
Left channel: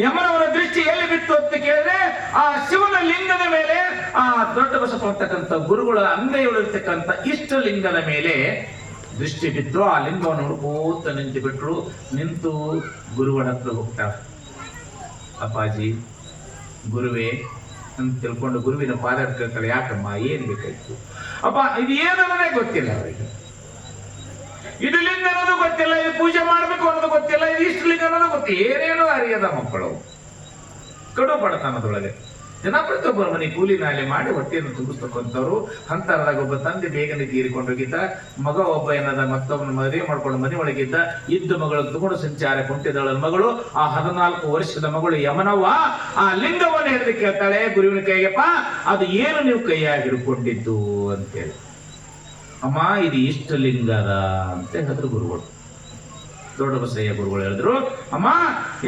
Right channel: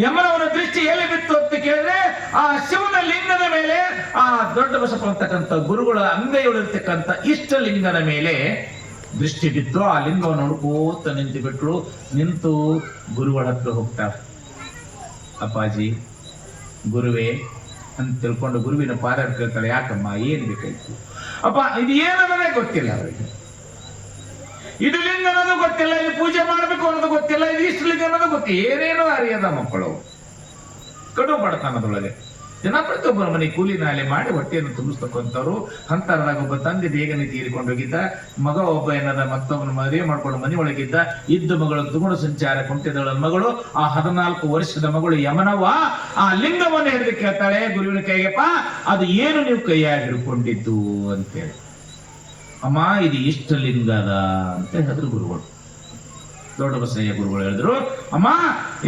ಯಮನವನ ದೃಷ್ಟಿ ಎಲ್ಲಿ ಬಿತ್ತು ಅಂತ ಕೇಳಿದ್ರೆ ಆ ಶಿವನ ಲಿಂಗದ ಮೇಲೆ, ಆ ದೊಡ್ಡ ಬಸಪ್ಪ ಅಂತಕ್ಕಂಥ ಗುರುಗಳ ಅಂಗೈಯೊಳಗಿರ್ತಕ್ಕಂಥ ಇಷ್ಟ ಲಿಂಗದ ಮೇಲೆ ದೃಷ್ಟಿ ಬಿತ್ತು. ಆ ಲಿಂಗವನ್ನು ಹುಡುಕೋತ ನಿಂತು ಬಿಟ್ರು. ನಿಂತು ಗುರುಗಳ ಹತ್ರ ಹೋಗ್ತಾರೆ. ಅಪ್ಪಾಜಿ, ಗುರುವೇ ಅಂತ ತಿಳ್ಕೊಂಡು ಗುರುವಿನ ಪಾದ ಕೇಳ್ತಾರೆ. ಯಾಕಮ್ಮ, ಏನ್ ಬೇಕಾಯ್ತು? ಅಪ್ಪ, ಇದು ಏನನ್ನೋದೇ ಗೊತ್ತಿಲ್ಲ ಅವರಿಗೆ. ಇದು ಲಿಂಗ ಅನ್ನೋದು ಗೊತ್ತಿಲ್ಲ, ಇದು ಪೂಜೆ ಮಾಡ್ಬೇಕು ಅನ್ನೋದು ಗೊತ್ತಿಲ್ಲ, ಇದು ಇಷ್ಟ ಲಿಂಗ ಅನ್ನೋದು ಗೊತ್ತಿಲ್ಲ, ಏನೇನೋ ಅರಿಯದ ಮಕ್ಕಳು. ಕಡು ಬಡತನದೊಳಗೆ ಜನ ಪ್ರತಿಯೊಬ್ಬರ ಮನೆ ಕೂಲಿ ನಾಲೆ ಮಾಡಿ ಹೊಟ್ಟೆಯನ್ನು ತುಂಬಿಸ್ತಕ್ಕಂಥವ್ರು. ಅಂತರದಾಗ ಒಬ್ಬ ತಂದೆ ಬೇಗನೆ ತೀರಿಕೊಂಡು ಹೋಗಿದ್ದ. ಮಗ ಒಬ್ಬ ಏನದ ಮತ್ತೊಬ್ಬನ ಮದುವೆ ಮಾಡ್ಕೊಂಡು ಮನೆ ಒಳಗಿದ್ದ. ಇದ್ದ ಮಗಳು ತುಗುಣ ಸಂಚಾರ ಕುಂಟಿದಳ ಮಗಳು. ಆ 14 ವರ್ಷದ ಮಗಳು ಯಮನವ್ವ ಆ ಲಿಂಗವನ್ನು ಎಂದು ಕೇಳ್ತಾಳೆ ಗುರುವಿನ ಕೈಗೆಪ್ಪ, ಅದು ಏನು ನೀವು ಕೈಯಾಗಿ ಹಿಡ್ಕೊಂಡಿದ್ದು ಅಂತೇಳಿ. ಅಮ್ಮ, ಇದು ಇಷ್ಟ ಲಿಂಗದ ಅಂತ ಹೇಳಿದ್ರು ಗುರುಗಳು. ದೊಡ್ಡ ಬಸಯ್ಯ ಗುರುಗಳು ಹೇಳಿದ್ರು, ಅಮ್ಮ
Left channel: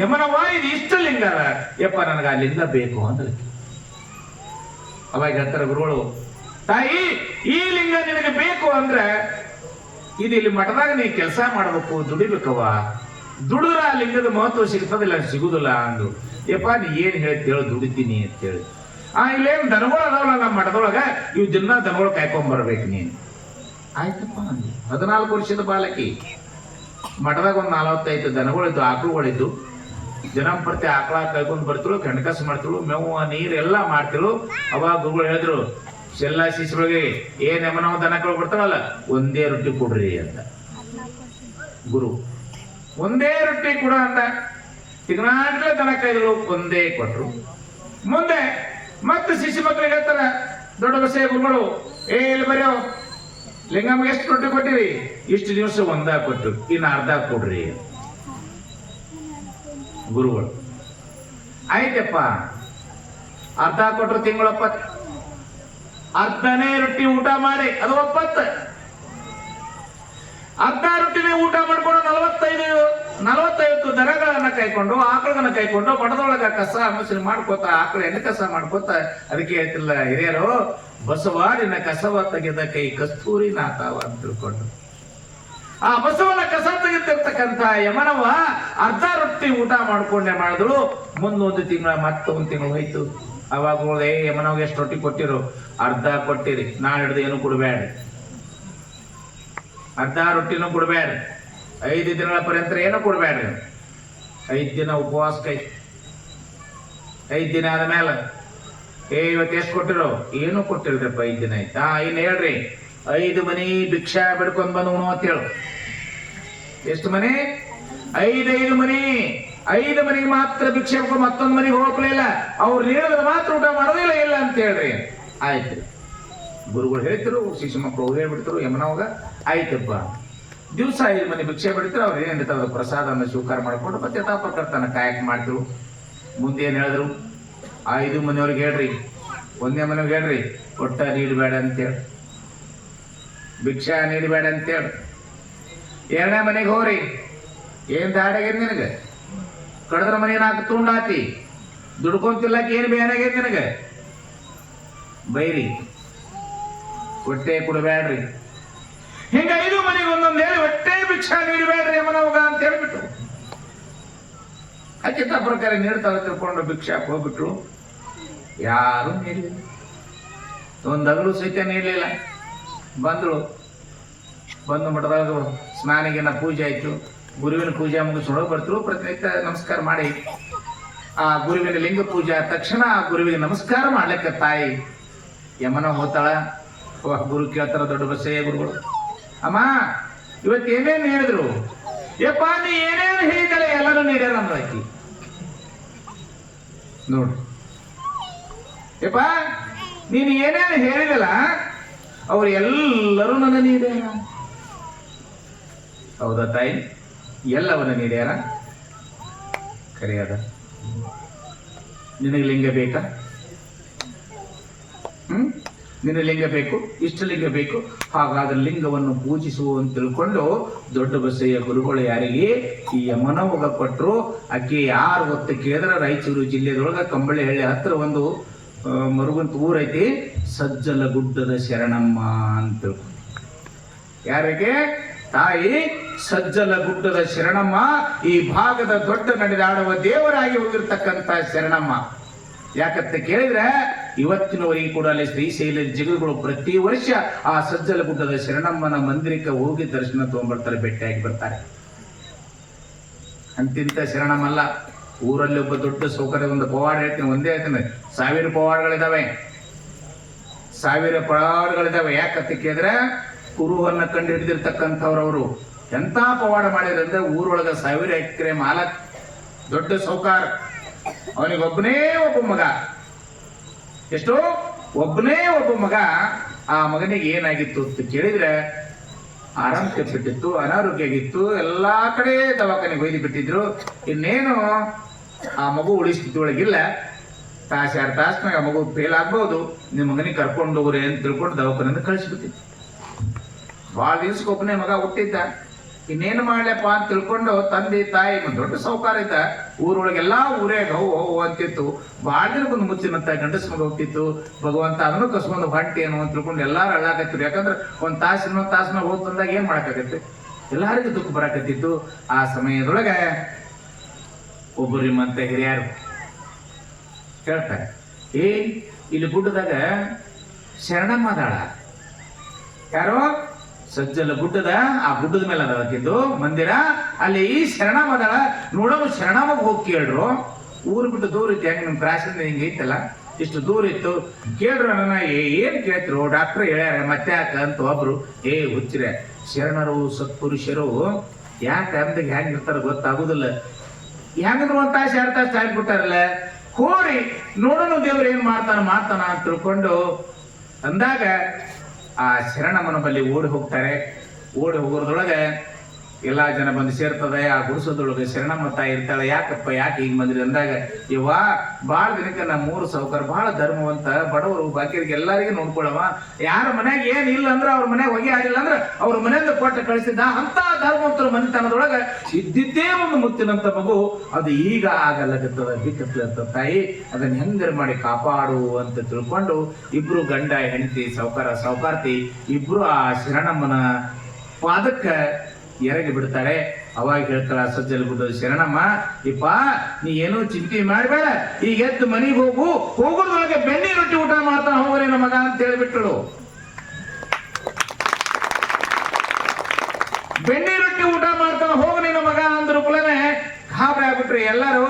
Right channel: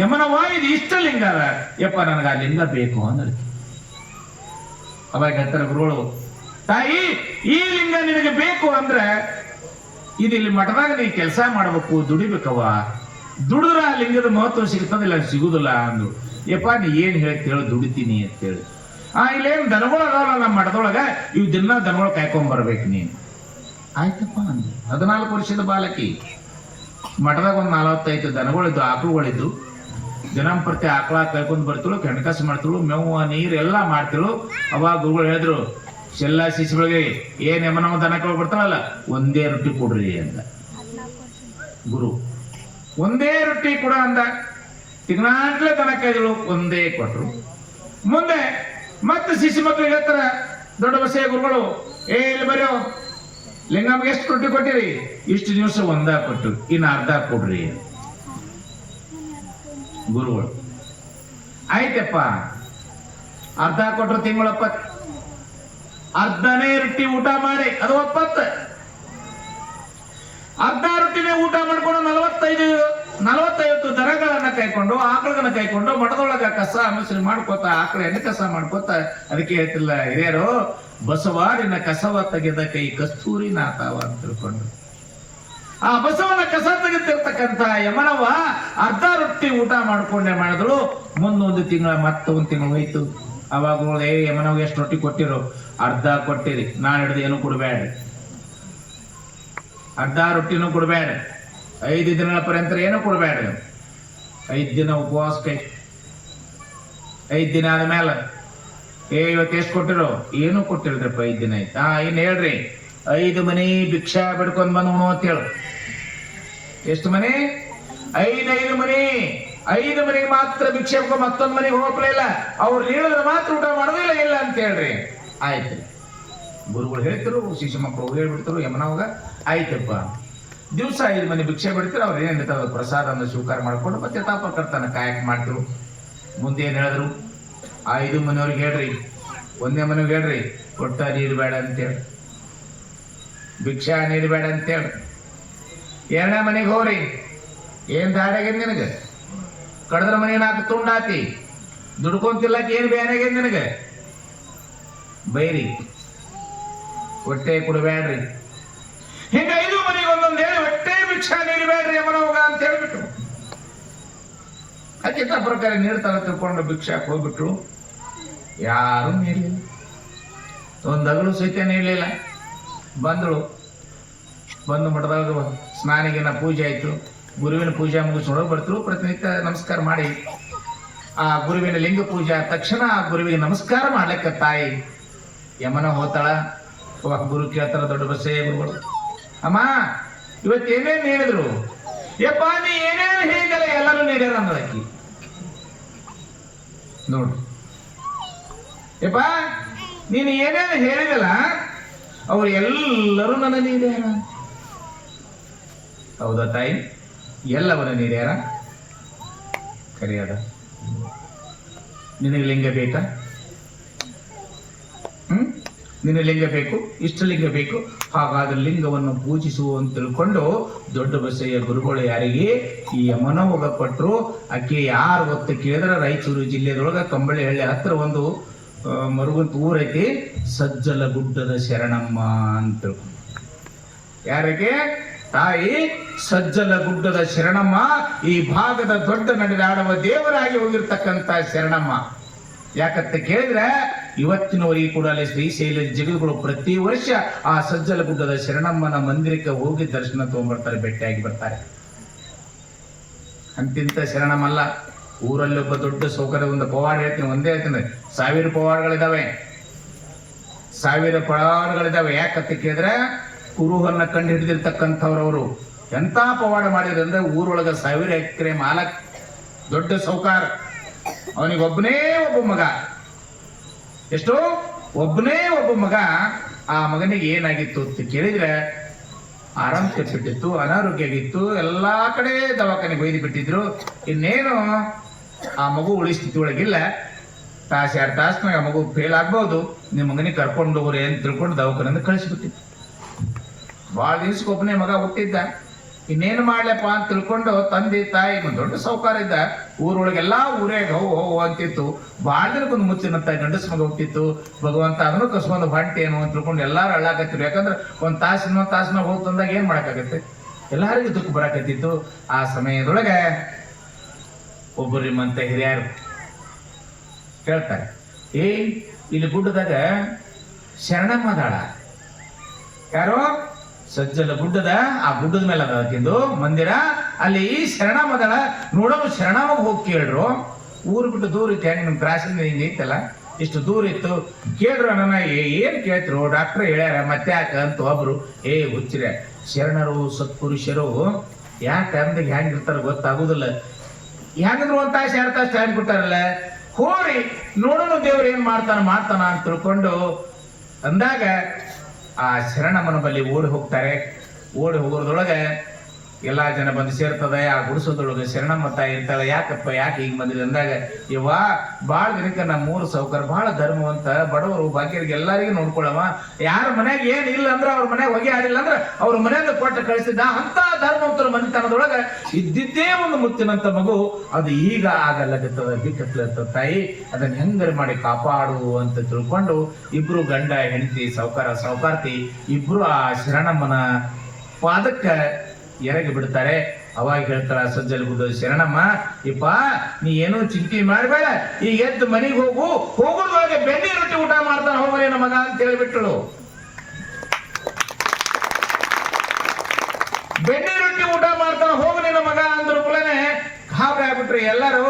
ಯಮನವ್ವ ಇದು ಇಷ್ಟ ಲಿಂಗದ. ಯಪ್ಪ, ನನಗೆ ಆ ಲಿಂಗ ಬೇಕು ಅಂದ್ರೆ. ಅವಾಗ ಹೇಳ್ತಾರೆ ಗುರುಗಳು, ತಾಯಿ ಈ ಲಿಂಗ ನಿನಗೆ ಬೇಕು ಅಂದ್ರೆ ಇದು ಇಲ್ಲಿ ಮಠದಾಗ ನೀ ಕೆಲಸ ಮಾಡ್ಬೇಕು, ದುಡಿಬೇಕವ್ವ. ದುಡಿದ್ರ ಆ ಲಿಂಗದ ಮಹತ್ವ ಸಿಗ್ತದಿಲ್ಲ, ಸಿಗುದಿಲ್ಲ ಅಂದು. ಯಪ್ಪ, ನೀ ಏನ್ ಹೇಳ್ತೇಳು, ದುಡಿತೀನಿ ಅಂತ ಹೇಳಿ. ಇಲ್ಲೇನು ದನಗಳು ಅದಾವಲ್ಲ ನಮ್ಮ ಮಠದೊಳಗ, ಇವ್ ದಿನ ದನಗಳು ಕಾಯ್ಕೊಂಡ್ ಬರ್ಬೇಕು ನೀನು. ಆಯ್ತಪ್ಪ ಅಂದು. 14 ವರ್ಷದ ಬಾಲಕಿ. ಮಠದಾಗ ಒಂದು 45 ದನಗಳಿದ್ದು, ಆಕಳುಗಳಿದ್ದು. ದಿನಂಪ್ರತಿ ಆಕಳ ಕೈಕೊಂಡ್ ಬರ್ತಿಳು, ಕೆಣಕಸ್ ಮಾಡ್ತಿಳು, ಮೇವು ನೀರು ಎಲ್ಲಾ ಮಾಡ್ತಿಳು. ಅವಾಗ ಗುರುಗಳು ಹೇಳಿದ್ರು, ಶೆಲ್ಲ ಶಿಶುಗಳಿಗೆ ಏನ್ ಯಮನವ ದನಗಳು ಬರ್ತಾವಲ್ಲ, ಒಂದೇ ರೊಟ್ಟಿ ಕೊಡ್ರಿ ಅಂತ. ಗುರು ಒಂದೇ ರೊಟ್ಟಿ ಕೊಡ ಅಂದ. ತಿಂಗಳಾಂಟ್ಲೆ ದನ ಕೈಗಳು ಒಂದೇ ಕೊಟ್ರು. ಮುಂದೆ ಮತ್ತೆ ಶಿಶು ಮಕ್ಳಿಗೆ ಹೇಳ್ತಾರ ದೊಡ್ಡ ಬಸಯ್ಯ ಗುರುಗಳು, ಇಲ್ಲಿ ಬರೋ ಲಿಂಗಮ್ಮಗೆ ಎಷ್ಟು ರೊಟ್ಟಿ ಕೊಟ್ಟಿರಿ? ಇಷ್ಟು ದಿವಸ ಒಂದ ಕೊಟ್ಟು, ಇನ್ನು ಅರ್ಧ ಕೊಡ್ರಿ. ಗುರುಗಳು ಆಯ್ತಪ್ಪ, ಅರ್ಧ ಕೊಟ್ಟರು ತಿಂಗಳು 70. ಅರ್ಧನೇ ರೊಟ್ಟಿ ಊಟ ಮಾಡಿ ಅದು 70. ಅರ್ಧ ರೊಟ್ಟಿನೇ ಊಟ ಮಾಡ್ಕೊಂಡು 45 ದನಗಳನ್ನ ಕೈಕೊಂಡು, ಆಕಳನ್ನ ಕೈಕೊಂಡು ಮಠದೊಳಗ ಕಸ ಮನುಷ್ಯನ್ ಮಾಡ್ಕೋತ, ಆಕಳ ಎಣ್ಣೆ ಕಸ ಮಾಡ್ಕೋತ. ಅದಕ್ಕೆ ಹೇಳ್ತಿಲ್ಲ ಹಿರಿಯರು, ಬಸವ ನಿನ್ನ ಕಸವ ತೆಗೆದ ಕೈ ಕಸ್ತೂರಿ ನಾತಾವ ಅಂತ ತಿಳ್ಕೊಂಡು. ಆ ಬಸವನ ಕಸ ತೆಗೆದಿರ್ತಕ್ಕಂಥ ಯಮನವ ಅರ್ಧ ರೊಟ್ಟಿ ಊಟ ಮಾಡ್ಕೊಂಡೆ ಮಾಡಿದ್ರು. ಮುಂದೊಂದು ತಿಂಗಳ ಮತ್ತೊಂದು ತಿಂಗಳು ಹೋಯ್ತು. ಅವಾಗ ಯಮನವ್ಗೆ ಎಷ್ಟು ರೊಟ್ಟಿ ಕೊಟ್ಟಿರು? ಅರ್ಧ ಕೊಟ್ಟಿರಿ. ನಾಳೆ ಹಿಡ್ದು ಏನು ಕೊಡ್ಬೇಡ, ಅರ್ಧ ರೊಟ್ಟಿನೂ ಕೊಡ್ಬೇಡ. 5 ದಿನಗಳ ಪರ್ಯಂತ ಏನು ಕೊಡ್ಬೇಡ. 5 ದಿನ ಉಪವಾಸ ಕೈ. 5 ದಿನ ಆದ್ಮೇಲೆ ಇವತ್ತು ಎಷ್ಟು ಕೊಟ್ಟಿರೋ? ಏನು ಕೊಟ್ಟಿಲ್ರಿಪ್ಪ, 5 ದಿನ ಆಯ್ತಾ. ಇನ್ನು ಹೇಳ್ರಿ, 5 ಮನೆ ಭಿಕ್ಷಾ ಬಿಡ್ಕೊಂಡ್ ಬಂದು ಉಣೋ ಅಂತ ಹೇಳು. ಎಷ್ಟು ಮನೆ? 5 ಮನೆ. 5 ಮನೆಗೆ ಮಾತ್ರ ಭಿಕ್ಷೆ ಬಿಡ್ಕೊಂಡು ಮತ್ತೊಂದು ಮನೆಗೆ ಹೋಗ್ಲಿಲ್ಲ. ಅವ್ರು ಹೇಳಿದ್ರೆ ಮಾತ್ರ ಊಟ ಮಾಡೋದಿಲ್ಲ, ಇಲ್ಲ ಅಂತ ಹೇಳ್ರಿ. ಆಯ್ತು, ಗುರುಗಳು ಹೇಳ್ತಿರು, ಶಿಶು ಮಕ್ಕಳು ಹೇಳ್ಬಿಡ್ತರು ಯಮನವಾಗ. ಆಯ್ತಪ್ಪ, ದಿವಸ 5 ಮನೆ ಭಿಕ್ಷೆ ಬಿಡ್ತಾರೆ. ಅವ್ರು ಏನಿರ್ತಾವ ಪ್ರಸಾದವನ್ನು ಸ್ವೀಕಾರ ಮಾಡ್ಕೊಂಡು ಮತ್ತೆ ತಾಪಕರ್ತನ ಕಾಯಕ ಮಾಡ್ತಿರು. ಮುಂದೆ ಏನ್ ಹೇಳಿದ್ರು? 5 ಮನೆಯವ್ರಿಗೆ ಹೇಳ್ರಿ, 1ನೇ ಮನೆಗೆ ಹೇಳ್ರಿ, ಒಟ್ಟ ನೀರು ಬೇಡ ಅಂತೇಳಿ, ಭಿಕ್ಷಾ ನೀರು ಬೇಡ ಅಂತೇಳಿ. 2ನೇ ಮನೆಗೆ ಹೋಗ್ರಿ, ಏನ್ ದಾಡಾಗೈತಿ ನಿನಗೆ? ಕಡದ್ರ ಮನೆ 4 ತುಂಡಾತಿ, ದುಡ್ಕೊಂತಿಲ್ಲಕ್ಕೆ ಏನ್ ಬೇನಾಗೈತಿ ನಿನಗೆ? ಬೈರಿ, ಹೊಟ್ಟೆ ಕೊಡಬೇಡ್ರಿ. ಹಿಂಗ 5 ಮನೆಗೆ ಒಂದೊಂದು ಹೇಳಿ ಹೊಟ್ಟೆ ಭಿಕ್ಷಾ ನೀರು ಬೇಡ್ರಿ ಯಮನವಾಗ ಅಂತ ಹೇಳ್ಬಿಟ್ಟು ಅತ್ಯಂತ ಪ್ರಕಾರ ನೀಡ್ತಾರೆ ತಿಳ್ಕೊಂಡು ಭಿಕ್ಷಾ ಹೋಗ್ಬಿಟ್ರು. ಯಾರು ನೀಡಲಿಲ್ಲ, ಒಂದು ಅಗಲು ಸಹಿತ ನೀಡಲಿಲ್ಲ. ಬಂದ್ರು, ಬಂದು ಮಠದಾಗ ಸ್ನಾನಿಗಿನ ಪೂಜೆ ಆಯ್ತು. ಗುರುವಿನ ಪೂಜೆ ಮುಗಿಸ್ಕೊಂಡು ಬರ್ತರು. ಪ್ರತಿನಿತ್ಯ ನಮಸ್ಕಾರ ಮಾಡಿ ಆ ಗುರುವಿನ ಲಿಂಗ ಪೂಜೆ ಆದ ತಕ್ಷಣ ಆ ಗುರುವಿಗೆ ನಮಸ್ಕಾರ ಮಾಡ್ಲಿಕ್ಕೆ ತಾಯಿ ಯಮನ ಹೋತಾಳ. ಗುರು ಕೇಳ್ತಾರ ದೊಡ್ಡ ಬಸ್ಸೇ ಗುರುಗಳು, ಅಮ್ಮ ಇವತ್ತೇನೇನ್ ಹೇಳಿದ್ರು? ಯಪ್ಪ ನೀ ಏನೇನು ಹೇಳಿದಲ್ಲ ಎಲ್ಲರೂ ನೀಡ್ಯಾರ ಅಂದ್ರಾಕಿ. ನೋಡು ಯಪ್ಪ ನೀನು ಏನೇನು ಹೇಳಿದಲ್ಲ ಅವ್ರು ಎಲ್ಲರೂ ನನ್ನ ನೀಡ್ಯಾರ. ಹೌದಾ ತಾಯಿ? ಎಲ್ಲವನ್ನ ನೀಡ್ಯಾರ. ಕರೆಯದ ನಿನಗೆ ಲಿಂಗ ಬೇಕಾ? ನಿನ್ನ ಲಿಂಗ ಬೇಕು, ಇಷ್ಟ ಲಿಂಗ ಬೇಕು, ಹಾಗಾದ್ರೆ ಲಿಂಗವನ್ನು ಪೂಜಿಸುವ ಅಂತ ತಿಳ್ಕೊಂಡು ದೊಡ್ಡ ಬಸಯ್ಯ ಗುರುಗಳು ಯಾರಿಗೆ ಈ ಯಮನ ಹೋಗ ಕೊಟ್ಟರು. ಆಕೆ ಯಾರು ಗೊತ್ತ ಕೇಳಿದ್ರೆ ರಾಯಚೂರು ಜಿಲ್ಲೆದೊಳಗ ಕಂಬಳಿಹಳ್ಳಿ ಹತ್ರ ಒಂದು ಮರುಗಂತ ಊರೈತಿ, ಸಜ್ಜಲ ಗುಡ್ಡದ ಶರಣಮ್ಮ ಅಂತ. ಯಾರಿಗೆ? ತಾಯಿ ಸಜ್ಜಲ ಗುಡ್ಡದ ಶರಣಮ್ಮ. ಈ ಭಾಗದ ದೊಡ್ಡ ನಡೆದಾಡುವ ದೇವರಾಗಿ ಹೋಗಿರ್ತಕ್ಕಂಥ ಶರಣಮ್ಮ. ಯಾಕಂತ ಕೇಳಿದ್ರೆ ಇವತ್ತಿನವರೆಗೆ ಕೂಡ ಅಲ್ಲಿ ಶ್ರೀಶೈಲ ಜಿಗರುಗಳು ಪ್ರತಿ ವರ್ಷ ಆ ಸಜ್ಜಲ ಗುಡ್ಡದ ಶರಣಮ್ಮನ ಮಂದಿರಕ್ಕೆ ಹೋಗಿ ದರ್ಶನ ತಗೊಂಡ್ಬರ್ತಾರೆ, ಭೇಟಿಯಾಗಿ ಬರ್ತಾರೆ. ಅಂತಿಂತ ಶರಣಮಲ್ಲ, ಊರಲ್ಲಿ ಒಬ್ಬ ದೊಡ್ಡ ಸೌಕರ್ಯ ಒಂದು ಪವಾಡ ಹೇಳ್ತೀನಿ, ಒಂದೇ ಹೇಳ್ತೀನಿ, 1000 ಪವಾಡಗಳಿದಾವೆ, 1000 ಪವಾಡಗಳಿದಾವೆ. ಯಾಕಂತ ಕೇಳಿದ್ರೆ ಕುರುಹನ್ನ ಕಂಡು ಹಿಡಿದಿರ್ತಕ್ಕಂಥವ್ರವರು ಎಂತ ಪವಾಡ ಮಾಡಿದ್ರೆ ಅಂದ್ರೆ ಊರೊಳಗ 1000 ಎಕರೆ ಮಾಲಕ್, ದೊಡ್ಡ ಸೌಕಾರ, ಅವನಿಗೊಬ್ಬನೇ ಒಬ್ಬ ಮಗ. ಎಷ್ಟು? ಒಬ್ಬನೇ ಒಬ್ಬ ಮಗ. ಆ ಮಗನಿಗೆ ಏನಾಗಿತ್ತು ಅಂತ ಕೇಳಿದ್ರೆ ಆರಾಮ್ ಕೆಟ್ಟಿತ್ತು, ಅನಾರೋಗ್ಯ ಆಗಿತ್ತು, ಎಲ್ಲಾ ಕಡೆ ದವಾಖಾನೆಗೆ ಒಯ್ದು ಬಿಟ್ಟಿದ್ರು. ಇನ್ನೇನು ಆ ಮಗು ಉಳಿಸ್ಥಿತಿ ಒಳಗಿಲ್ಲ. ತಾಸು 2 ತಾಸ್ನಾಗ ಆ ಮಗು ಫೇಲ್ ಆಗ್ಬಹುದು, ನಿಮ್ಮ ಮಗನಿಗೆ ಕರ್ಕೊಂಡು ಹೋಗ್ರಿ ಅಂತ ತಿಳ್ಕೊಂಡು ದವಾಖಾನೆಯಿಂದ ಕಳಿಸ್ಬಿಟ್ಟಿತ್ತು. ಭಾಳ ದಿವ್ಸಕ್ಕೊಬ್ಬನೇ ಮಗ ಹುಟ್ಟಿದ್ದ. ಇನ್ನೇನು ಮಾಡ್ಲಪ್ಪ ಅಂತ ತಿಳ್ಕೊಂಡು ತಂದೆ ತಾಯಿ ದೊಡ್ಡ ಸೌಕಾರ ಇದ್ದ, ಊರೊಳಗೆಲ್ಲಾ ಊರೇ ಹೋ ಅಂತಿತ್ತು. ಭಾಳ ದಿನಕ್ಕೊಂದು ಮುಚ್ಚಿನಂತ ಗಂಡಸ ಮಗ ಹುಟ್ಟಿತ್ತು. ಭಗವಂತ ಅದನ್ನು ಕಸ್ಕೊಂಡು ಹೊಟ್ಟೆ ಏನು ಅಂತ ತಿಳ್ಕೊಂಡು ಎಲ್ಲಾರು ಅಳ್ಳಾಕತ್ತಿರು. ಯಾಕಂದ್ರೆ ಒಂದು ತಾಸಿನ ಹೋಗಿ ತಂದಾಗ ಏನ್ ಮಾಡಕ್ಕಾಗತ್ತೆ, ಎಲ್ಲರಿಗೂ ದುಃಖ ಬರಾಕತ್ತಿತ್ತು. ಆ ಸಮಯದೊಳಗೆ ಒಬ್ಬರು ನಿಮ್ಮಂತ ಹಿರಿಯರು ಹೇಳ್ತಾರೆ, ಇಲ್ಲಿ ಗುಡ್ಡದಾಗ ಶರಣಮ್ಮ ಅದಾಳ. ಯಾರೋ ಸಜ್ಜಲ ಗುಡ್ಡದ ಆ ಗುಡ್ಡದ ಮೇಲೆ ಅದಾಕಿದ್ದು ಮಂದಿರ, ಅಲ್ಲಿ ಶರಣಮ್ಮ ಅದಾಳ, ನೋಡೋದು ಶರಣಮ್ಮ ಹೋಗಿ ಕೇಳ್ರು. ಊರು ಬಿಟ್ಟು ದೂರ ಇತ್ತು, ನಿಮ್ ಕ್ರಾಸಿಂದ ಹಿಂಗೆ ಇತ್ತಲ್ಲ, ಇಷ್ಟು ದೂರ ಇತ್ತು. ಕೇಳ್ರು ನನ್ನ, ಏನ್ ಕೇಳ್ತಿರು? ಡಾಕ್ಟರ್ ಹೇಳ್ಯಾರ ಮತ್ತೆ ಯಾಕ ಅಂತ ಒಬ್ರು, ಹುಚ್ಚಿರೆ ಶರಣರು ಸತ್ಪುರುಷರು ಯಾಕ ಅಂತ ಹೆಂಗಿರ್ತಾರ ಗೊತ್ತಾಗುದಿಲ್ಲ, ಹೆಂಗದ್ರು ಅಂತ 2 ತಾಸು ಟೈಮ್ ಕೊಟ್ಟಾರಲ್ಲ, ಹೋರಿ ನೋಡೋಣ ದೇವ್ರು ಏನ್ ಮಾಡ್ತಾನ ಅಂತ ತಿಳ್ಕೊಂಡು ಅಂದಾಗ ಆ ಶರಣಮ್ಮನ ಬಳಿ ಓಡಿ ಹೋಗ್ತಾರೆ. ಓಡಿ ಹೋಗೋದ್ರೊಳಗೆ ಎಲ್ಲಾ ಜನ ಬಂದು ಸೇರ್ತದೆ. ಆ ಗುಡಿಸೋದ್ರೊಳಗೆ ಶರಣಮ್ಮ ತಾಯಿ ಇರ್ತಾಳೆ. ಯಾಕಪ್ಪ ಯಾಕೆ ಹಿಂಗ್ ಬಂದಿದೆ ಅಂದಾಗ, ಇವ ಬಾಳ ದಿನಕ್ಕೆ ನಮ್ಮ ಊರು ಸೌಕರ್ ಬಹಳ ಧರ್ಮವಂತ, ಬಡವರು ಬಾಕಿಯರಿಗೆ ಎಲ್ಲರಿಗೂ ನೋಡ್ಕೊಳ್ಳವ, ಯಾರ ಮನ್ಯಾಗ ಏನಿಲ್ಲ ಅಂದ್ರೆ ಅವ್ರ ಮನ್ಯಾಗ ಹೊಗೆ ಆಗಿಲ್ಲ ಅಂದ್ರೆ ಅವ್ರ ಮನೆಯಿಂದ ಕೊಟ್ಟು ಕಳಿಸಿದ್ದ ಅಂತ ಧರ್ಮವಂತರ ಮನೆತನದೊಳಗೆ ಇದ್ದಿದ್ದೇ ಒಂದು ಮುತ್ತಿನಂತ ಮಗು. ಅದು ಈಗ ಆಗಲ್ಲಗತ್ತದ, ಬಿಕ್ಕತ್ತದ. ತಾಯಿ ಅದನ್ನ ಹೆಂಗರ ಮಾಡಿ ಕಾಪಾಡು ಅಂತ ತಿಳ್ಕೊಂಡು ಇಬ್ರು ಗಂಡ ಹೆಂಡತಿ, ಸೌಕಾರ್ತಿ ಇಬ್ರು ಆ ಶರಣಮ್ಮನ ಪಾದಕ್ಕ ಎರಗಿ ಬಿಡ್ತಾರೆ. ಅವಾಗ ಹೇಳ್ತಾಳ ಸಜ್ಜಲ ಗುಡ್ಡದ ಶರಣಮ್ಮ, ಇಪ್ಪ ನೀ ಏನೋ ಚಿಂತೆ ಮಾಡಬೇಡ, ಈಗ ಎದ್ದು ಮನೆಗೆ ಹೋಗೋದ್ರೊಳಗೆ ಬೆಣ್ಣೆ ರೊಟ್ಟಿ ಊಟ ಮಾಡ್ತಾನ ಹೋಗ್ರೆ ನಮಗ ಅಂತ ಹೇಳ್ಬಿಟ್ಟಳು. ಬೆಣ್ಣೆ ರೊಟ್ಟಿ ಊಟ ಮಾಡ್ತಾನ ಹೋಗ್ರಿ ನಮಗ ಅಂದ್ರ ಕುಲನೆ ಗಾಬರಿ ಆಗ್ಬಿಟ್ರಿ ಎಲ್ಲರೂ.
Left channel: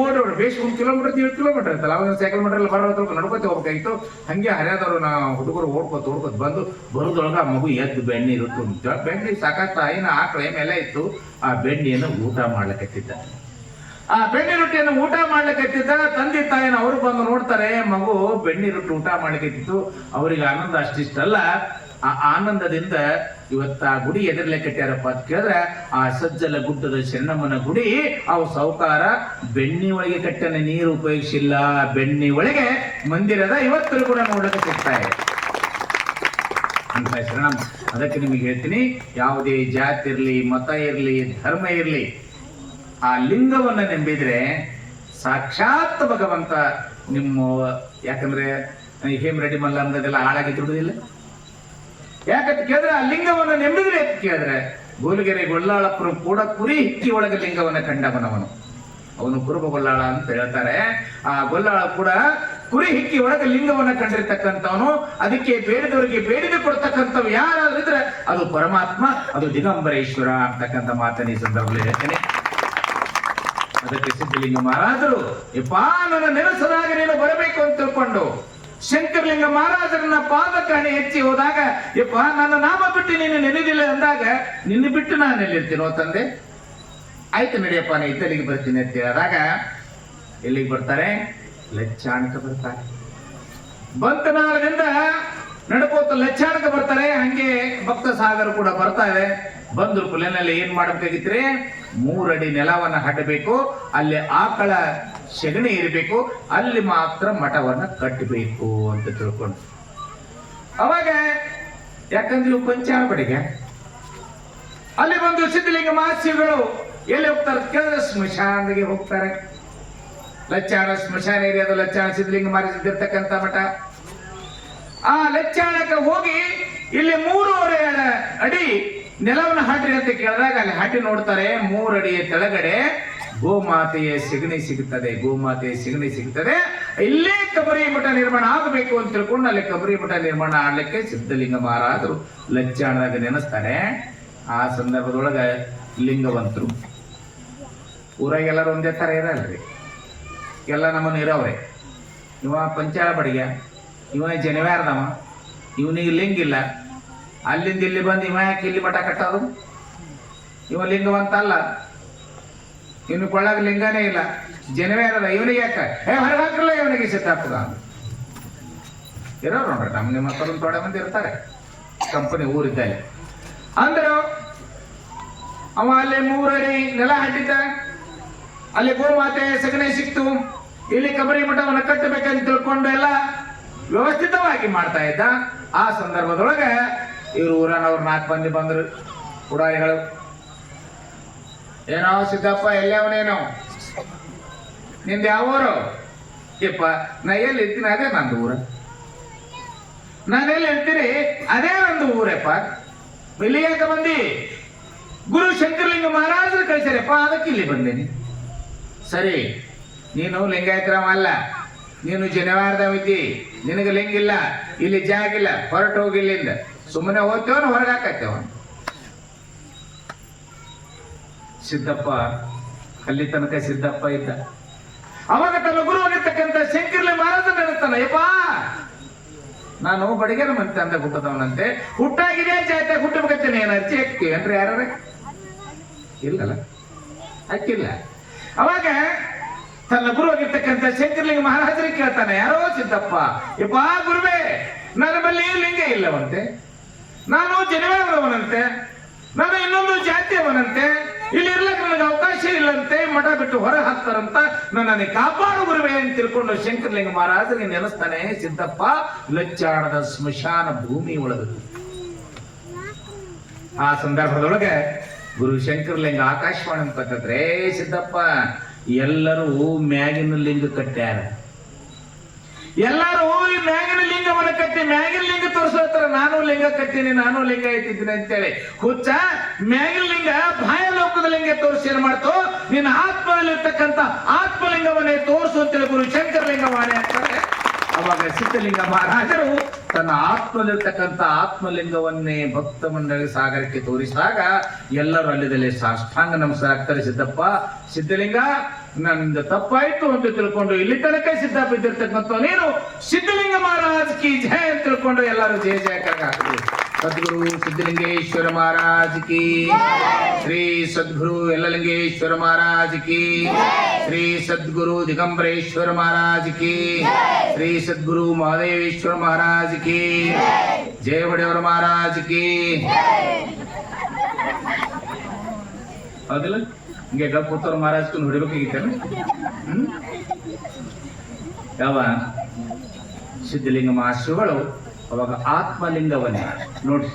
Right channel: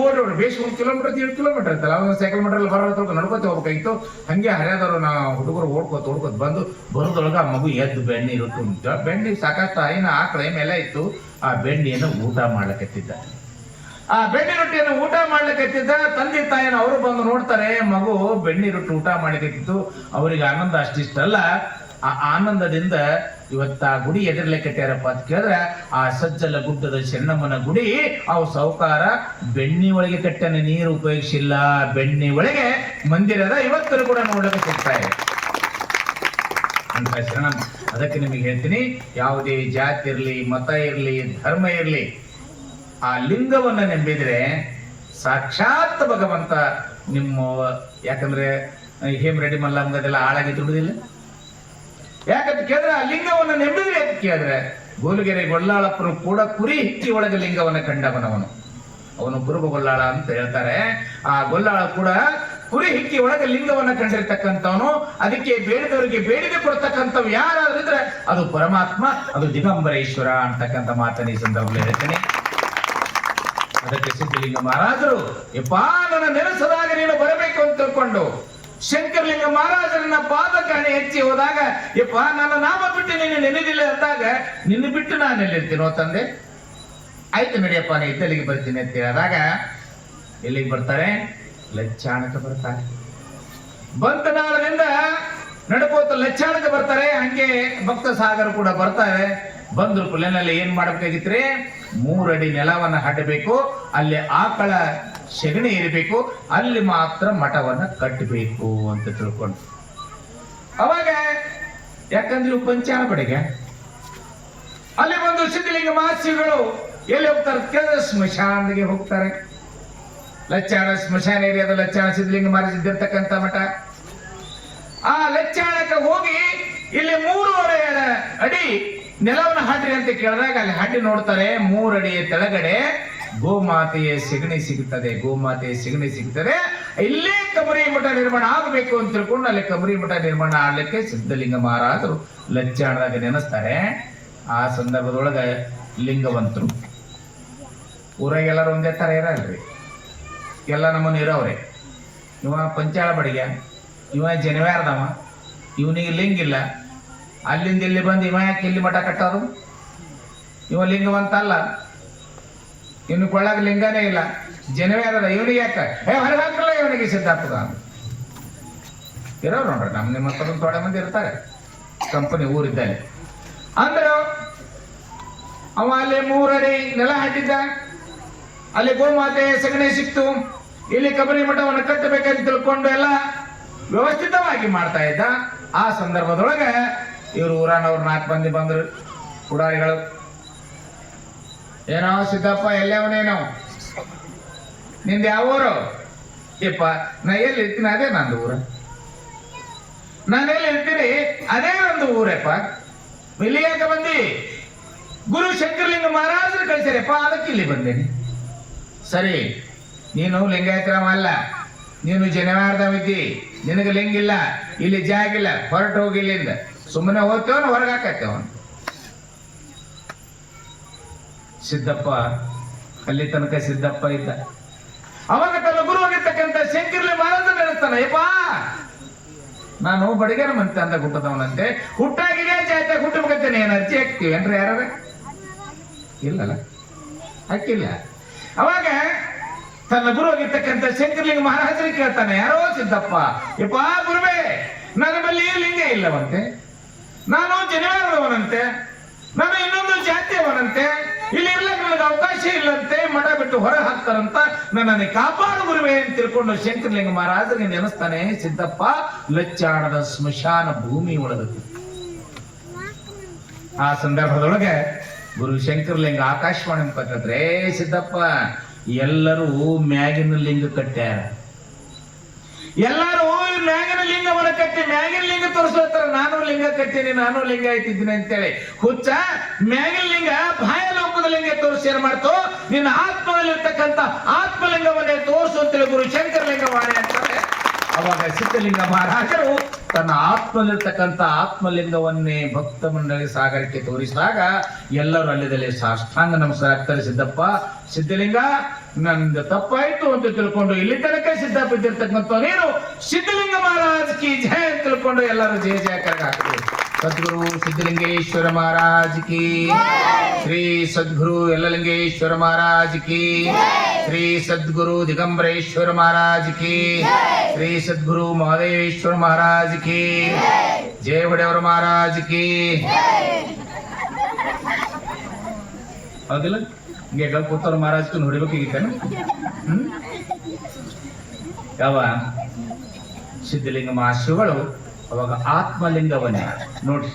ಓಡೋಡು ಬೇಸ್ 1 ಕಿಲೋಮೀಟರ್ 1.5 ಕಿಲೋಮೀಟರ್ ಇರ್ತಲ್ಲ, ಅವಾಗ ಸೈಕಲ್ ಮೀಟರ್ ಬರೋದ್ರ ನಡ್ಕೊತಿ ಹೋಗ್ಬೇಕಾಗಿತ್ತು. ಹಂಗೆ ಹರಿಯಾದವ್ರು ನಾವು ಹುಡುಗರು ಓಡ್ಕೊತ ಬಂದು ಬರೋದ್ರೊಳಗ ಆ ಮಗು ಎದ್ದು ಬೆಣ್ಣೆ ರೊಟ್ಟಿ ಉಂಟ. ಬೆಣ್ಣೆ ಸಾಕಷ್ಟು ಆಯಿನ ಆಕಳ ಏನೆಲ್ಲ ಇತ್ತು, ಆ ಬೆಣ್ಣೆಯನ್ನು ಊಟ ಮಾಡ್ಲಿಕ್ಕತ್ತಿದ್ದ. ಆ ಬೆಣ್ಣೆ ರೊಟ್ಟಿಯನ್ನು ಊಟ ಮಾಡ್ಲಿಕ್ಕತ್ತಿದ್ದ. ತಂದೆ ತಾಯಿನ ಅವರು ಬಂದು ನೋಡ್ತಾರೆ, ಮಗು ಬೆಣ್ಣೆ ರೊಟ್ಟಿ ಊಟ ಮಾಡ್ಲಿಕ್ಕತ್ತಿತ್ತು. ಅವರಿಗೆ ಆನಂದ ಅಷ್ಟಿಷ್ಟಲ್ಲ. ಆ ಆನಂದದಿಂದ ಇವತ್ತ ಆ ಗುಡಿ ಎದರ್ಲೆ ಕಟ್ಟ್ಯಾರಪ್ಪ ಅಂತ ಕೇಳಿದ್ರೆ ಆ ಸಜ್ಜಲ ಗುಡ್ಡದ ಶರಣಮ್ಮನ ಗುಡಿ. ಅವು ಸೌಕಾರ ಬೆಣ್ಣಿ ಒಳಗೆ ಕಟ್ಟನೆ, ನೀರು ಉಪಯೋಗಿಸಿಲ್ಲ. ಬೆಣ್ಣಿ ಒಳಗೆ ಮಂದಿರದ ಇವತ್ತೂ ಕೂಡ ನೋಡಕ್ಕೆ ಸಿಗ್ತಾರೆ ಅಂತ ಶರಣಮ್ಮ. ಅದಕ್ಕೆ ನಿಮಗೆ ಹೇಳ್ತೀನಿ, ಯಾವುದೇ ಜಾತಿ ಇರ್ಲಿ, ಮತ ಇರ್ಲಿ, ಧರ್ಮ ಇರ್ಲಿ, ಆ ಲಿಂಗವನ್ನ ನಂಬಿದ್ರೆ ಸಾಕ್ಷಾತ್ ಭಗವಂತ ನಿಮ್ಮ. ಯಾಕಂದ್ರೆ ಹೇಮರೆಡ್ಡಿ ಮಲ್ಲಂಗದೆಲ್ಲ ಹಾಳಾಗಿ ದುಡುದಿಲ್ಲ. ಯಾಕಂತ ಕೇಳಿದ್ರೆ ಆ ಲಿಂಗವನ್ನು ನಂಬಿದ್ರೆ ಅಂತ ಕೇಳಿದ್ರೆ ಗೋಲುಗೆರೆ ಗೊಲ್ಲಾಳಪ್ಪರು ಕೂಡ ಕುರಿ ಹಿಕ್ಕಿ ಒಳಗೆ ಲಿಂಗವನ್ನ ಕಂಡವನವನು. ಅವನು ಕುರುಬ ಗೊಲ್ಲಾಳ ಅಂತ ಹೇಳ್ತಾರೆ. ಆ ಗೊಲ್ಲಾಳ ಕೂಡ ಕುರಿ ಹಿಕ್ಕಿ ಒಳಗೆ ಲಿಂಗವನ್ನ ಕಂಡಿರ್ತಕ್ಕಂಥವನು. ಅದಕ್ಕೆ ಬೇಡಿದವರಿಗೆ ಬೇಡಿದೆ ಕೊಡ್ತಕ್ಕಂಥವು ಯಾರಾದ್ರೂ ಇದ್ರೆ ಅದು ಪರಮಾತ್ಮ, ಅದು ದಿಗಂಬರೇಶ್ವರ ಅಂತಕ್ಕಂಥ ಮಾತನ್ನ ಈ ಸಂದರ್ಭದಲ್ಲಿ ಹೇಳ್ತೇನೆ. ಅದಕ್ಕೆ ಸಿದ್ಧಲಿಂಗ ಮಹಾರಾಜರು ಯಪ್ಪ ನನ್ನ ನೆನೆಸದಾಗ ನೀನು ಬರಬೇಕು ಅಂತ ತಿಳ್ಕೊಂಡು ಶಂಕರಲಿಂಗ ಮಹಾರಾಜರನ್ನ ಪಾದಕಾಣಿ ಹೆಚ್ಚಿ ಹೋದಾಗ ಯಪ್ಪ ನನ್ನ ನಾಮ ಬಿಟ್ಟು ನೀನು ನೆನೆದಿಲ್ಲ ಅಂದಾಗ ನಿನ್ನ ಬಿಟ್ಟು ನಾನು ಎಲ್ಲಿರ್ತೀನೋ ತಂದೆ. ಆಯ್ತು ನಡಿಯಪ್ಪ ನೀ ಇದ್ದಲ್ಲಿಗೆ ಬರ್ತೀನಿ ಅಂತ ಹೇಳಿದಾಗ ಎಲ್ಲಿಗೆ ಬರ್ತಾರೆ? ಲಚ್ಚಾಣಕ್ಕೆ ಬರ್ತಾರೆ. ಬಂತನಾಳದಿಂದ ನಡ್ಕೋತ ಲಚ್ಚಾಣಕ್ಕೆ ಬರ್ತಾರೆ. ಹಂಗೆ ಭಕ್ತ ಸಾಗರ ಕೂಡ ಬರ್ತಾರೆ. ಬಂದ್ರು ಪುಲೆನಲ್ಲಿ ಏನ್ ಮಾಡಬೇಕಾಗಿತ್ರಿ? 3 ಅಡಿ ನೆಲವನ್ನ ಹಡ್ಡಬೇಕು, ಅಲ್ಲಿ ಆಕಳ ಸೆಗಣಿ ಇರಬೇಕು, ಅಲ್ಲಿ ಮಾತ್ರ ಮಠವನ್ನ ಕಟ್ಟಬೇಕು ಅಂತ ತಿಳ್ಕೊಂಡು ಅವಾಗ ಯಾಕಂದ್ರೆ ಇವು ಪಂಚಾಣ ಬಡಿಗೆ ಅಲ್ಲಿ ಬಂದು ಸಿದ್ಧಲಿಂಗ ಮಹಾಶ್ರೀಗಳು ಎಲ್ಲಿ ಹೋಗ್ತಾರೆ ಕೇಳಿದ್ರೆ ಸ್ಮಶಾನಿಗೆ ಹೋಗ್ತಾರೆ. ಲಚ್ಚಾಣ ಸ್ಮಶಾನ ಏರಿಯಾದ ಲಚ್ಚಾಣ ಸಿದ್ಧಲಿಂಗ ಮಹಾರಾಜ್ ಇದ್ದಿರ್ತಕ್ಕಂಥ ಮಠ. ಆ ಲಚ್ಚಾಣಕ್ಕೆ ಹೋಗಿ ಇಲ್ಲಿ 3.5 ಅಡಿ ನೆಲವನ್ನು ಹಾಡ್ರಿ ಅಂತ ಕೇಳಿದಾಗ ಅಲ್ಲಿ ಹಾಟಿ ನೋಡ್ತಾರೆ. 3 ಅಡಿಯ ಕೆಳಗಡೆ ಗೋಮಾತೆಯ ಸೆಗಣಿ ಸಿಗುತ್ತದೆ. ಗೋಮಾತೆಯ ಸೆಗಣಿ ಸಿಗುತ್ತದೆ. ಇಲ್ಲೇ ಕಬರಿ ಮಠ ನಿರ್ಮಾಣ ಆಗಬೇಕು ಅಂತ ತಿಳ್ಕೊಂಡು ಅಲ್ಲಿ ಕಬರಿ ಮಠ ನಿರ್ಮಾಣ ಆಗ್ಲಿಕ್ಕೆ ಸಿದ್ಧಲಿಂಗ ಮಹಾರಾಜರು ಲಚ್ಚಾಣದಾಗ ನೆನೆಸ್ತಾರೆ. ಆ ಸಂದರ್ಭದೊಳಗ ಲಿಂಗವಂತರು ಊರಾಗೆಲ್ಲರೂ ಒಂದೇ ತರ ಇರಲ್ರಿ, ಎಲ್ಲ ನಮ್ಮನ್ನು ಇರೋವ್ರೆ. ಇವ ಪಂಚಾಳ ಬಡಿಗೆ, ಇವ ಜನವ್ಯಾರದವ, ಇವನಿಗೆ ಲಿಂಗ ಇಲ್ಲ. ಅಲ್ಲಿಂದ ಇಲ್ಲಿ ಬಂದು ಇವ ಯಾಕೆ ಇಲ್ಲಿ ಮಠ ಕಟ್ಟೋದು? ಇವ ಲಿಂಗವಂತ ಅಲ್ಲ, ಇವನು ಕೊಳ್ಳಾಗ ಲಿಂಗನೇ ಇಲ್ಲ, ಜನವ್ಯಾರದ. ಇವನಿಗೆ ಯಾಕ ಹೊರಗೆ ಹಾಕಲ್ಲ, ಇವನಿಗೆ ಸಿದ್ಧಾರ್ಥದ ಇರೋರು ನೋಡ್ರಿ. ನಮ್ಮ ನಿಮ್ಮ ಮಕ್ಕಳು ತೊಡೆ ಮಂದಿ ಇರ್ತಾರೆ ಕಂಪನಿ ಊರಿದ್ದಾರೆ ಅಂದ್ರು. ಅವ ಅಲ್ಲಿ 3 ಅಡಿ ನೆಲ ಹಾಕಿದ್ದ, ಅಲ್ಲಿ ಗೋಮಾತೆ ಸಗಣಿ ಸಿಕ್ತು, ಇಲ್ಲಿ ಕಬರಿ ಮಠವನ್ನು ಕಟ್ಟಬೇಕಂತ ತಿಳ್ಕೊಂಡು ಎಲ್ಲ ವ್ಯವಸ್ಥಿತವಾಗಿ ಮಾಡ್ತಾ ಇದ್ದ. ಆ ಸಂದರ್ಭದೊಳಗೆ ಇವರು ಊರನವ್ರು 4 ಮಂದಿ ಬಂದ್ರು ಪುಡಾರಿಗಳು. ಏನೋ ಸಿದ್ದಪ್ಪ ಎಲ್ಲವನೇನೋ, ನಿಂದ ಯಾವ ಊರು? ಯಪ್ಪ ನಾ ಎಲ್ಲಿ ಇರ್ತೀನಿ ಅದೇ ನಂದು ಊರ. ನಾನೆಲ್ಲಿ ಇರ್ತೀನಿ ಅದೇ ಒಂದು ಊರಪ್ಪ. ಇಲ್ಲಿ ಯಾಕೆ ಬಂದಿ? ಗುರು ಶಂಕರಲಿಂಗ ಮಹಾರಾಜರು ಕಳಿಸ್ಯಾರಪ್ಪ, ಅದಕ್ಕೆ ಇಲ್ಲಿ ಬಂದೇನೆ. ಸರಿ, ನೀನು ಲಿಂಗಾಯತರಾಮ ಅಲ್ಲ, ನೀನು ಜನವಾರದವಿದ್ದಿ, ನಿನಗೆ ಲಿಂಗಿಲ್ಲ, ಇಲ್ಲಿ ಜಾಗಿಲ್ಲ, ಹೊರಟು ಹೋಗಿ ಇಲ್ಲಿಂದ. ಸುಮ್ಮನೆ ಹೋಗ್ತೇವನು ಹೊರಗೆ ಹಾಕತ್ತೇವನು. ಸಿದ್ದಪ್ಪ ಅಲ್ಲಿ ತನಕ ಸಿದ್ದಪ್ಪ ಇದ್ದ. ಅವಾಗ ತನ್ನ ಗುರು ಆಗಿರ್ತಕ್ಕಂಥ ಶಂಕರಲಿಂಗ ಮಹಾರಾಜ ನೆನೆಸ್ತಾನೆ, ಯಪ್ಪ ನಾನು ಬಡಿಗರ ಮಂತೆ ಅಂತ ಹುಟ್ಟದವನಂತೆ, ಹುಟ್ಟಾಗಿದೆ ಜಾತಿ ಹುಟ್ಟಬೇಕಂತೇನೆ. ಏನು ಅರ್ಜಿ ಹಾಕ್ತೀವಿ ಅಂದ್ರೆ ಯಾರ? ಇಲ್ಲಲ್ಲ, ಹಾಕಿಲ್ಲ. ಅವಾಗ ತನ್ನ ಗುರು ಆಗಿರ್ತಕ್ಕಂಥ ಶಂಕರಲಿಂಗ ಮಹಾರಾಜರಿಗೆ ಕೇಳ್ತಾನೆ, ಯಾರೋ ಸಿದ್ದಪ್ಪ, ಯಪ್ಪ ಗುರುವೇ ನನ್ನ ಬಳಿ ಲಿಂಗ ಇಲ್ಲವಂತೆ, ನಾನು ಜನವಾರದವನಂತೆ, ನಾನು ಇನ್ನೊಂದು ಜಾತಿಯವನಂತೆ, ಇಲ್ಲಿ ಇರ್ಲಕ್ಕೆ ನನಗೆ ಅವಕಾಶ ಇಲ್ಲಂತೆ, ಮಠ ಬಿಟ್ಟು ಹೊರ ಹಾಕ್ತಾರಂತ, ನನ್ನನ್ನು ಕಾಪಾಡು ಗುರುವೇ ಅಂತ ತಿಳ್ಕೊಂಡು ಶಂಕರಲಿಂಗ ಮಹಾರಾಜರಿಗೆ ನೆನೆಸ್ತಾನೆ. ಸಿದ್ದಪ್ಪ ಲಚ್ಚಾಣದ ಸ್ಮಶಾನ ಭೂಮಿ ಒಳಗೆ. ಆ ಸಂದರ್ಭದೊಳಗೆ ಗುರು ಶಂಕರಲಿಂಗ ಆಕಾಶವಾಣಿ ಅಂತಂದ್ರೆ, ಸಿದ್ದಪ್ಪ ಎಲ್ಲರೂ ಮ್ಯಾಗಿನ ಲಿಂಗ ಕಟ್ಟ್ಯಾರ, ಎಲ್ಲರೂ ಈ ಮ್ಯಾಗಿನ ಲಿಂಗವನ್ನು ಕಟ್ಟಿ ಮ್ಯಾಗಿನ ಲಿಂಗ ತೋರಿಸ್ತಾರ. ನಾನು ಲಿಂಗ ಕಟ್ತೀನಿ, ನಾನು ಲಿಂಗ ಐತಿದ್ದೀನಿ ಅಂತೇಳಿ ಹುಚ್ಚ. ಮ್ಯಾಗಿನ ಲಿಂಗ ಬಾಯ ಲೋಕದ ಲಿಂಗ ತೋರಿಸಿ ಏನ್ ಮಾಡ್ತು? ನಿನ್ನ ಆತ್ಮದಲ್ಲಿರ್ತಕ್ಕಂಥ ಆತ್ಮಲಿಂಗವನ್ನೇ ತೋರಿಸು ಅಂತೇಳಿ ಗುರು ಶಂಕರಲಿಂಗವಾಣಿ ಅಂತಾರೆ. ಅವಾಗ ಸಿದ್ಧಲಿಂಗ ಮಹಾರಾಜರು ತನ್ನ ಆತ್ಮದಲ್ಲಿರ್ತಕ್ಕಂಥ ಆತ್ಮಲಿಂಗವನ್ನೇ ಭಕ್ತ ಮಂಡಳಿ ಸಾಗರಕ್ಕೆ ತೋರಿಸಿದಾಗ ಎಲ್ಲರೂ ಅಲ್ಲಿದಲ್ಲಿ ಸಾಷ್ಟಾಂಗ ನಮಸ್ಕಾರ ಆಗ್ತಾರೆ. ಸಿದ್ದಪ್ಪ, ಸಿದ್ಧಲಿಂಗ ನನ್ನಿಂದ ತಪ್ಪಾಯ್ತು ಅಂತ ತಿಳ್ಕೊಂಡು ಇಲ್ಲಿ ತನಕ ಸಿದ್ದಪ್ಪ ಇದ್ದಿರ್ತಕ್ಕಂಥ ನೀನು ಸಿದ್ಧಲಿಂಗ ಮಹಾರಾಜ್ ಕಿ ಜಯ ಅಂತ ತಿಳ್ಕೊಂಡು ಎಲ್ಲರೂ ಜಯ ಜಯಕಾರ ಹಾಕ್ತಾರೆ. ಸದ್ಗುರು ಸಿದ್ಧಲಿಂಗೇಶ್ವರ ಮಹಾರಾಜ್ ಕಿ, ಶ್ರೀ ಸದ್ಗುರು ಯಲ್ಲಲಿಂಗೇಶ್ವರ ಮಹಾರಾಜ್ ಕಿ, ಶ್ರೀ ಸದ್ಗುರು ದಿಗಂಬರೇಶ್ವರ ಮಹಾರಾಜ್ ಕಿ, ಶ್ರೀ ಸದ್ಗುರು ಮಹದೇಶ್ವರ ಮಹಾರಾಜ್ ಕಿ, ಜಯ ಬಡೆಯವರ ಮಹಾರಾಜ್ ಕಿ. ಹೌದಿಲ್ಲ? ಹಿಂಗೆ ಗಲ್ಪುತ್ತವ್ರ ಮಹಾರಾಜ್ ಹೊಡಿಬೇಕಾಗಿತ್ತೇನೆ. ಯಾವ ಸಿದ್ಧಲಿಂಗ ಮಹಾಶ್ರೀಗಳು ಅವಾಗ ಆತ್ಮಲಿಂಗವನ್ನೇ ನೋಡಿ,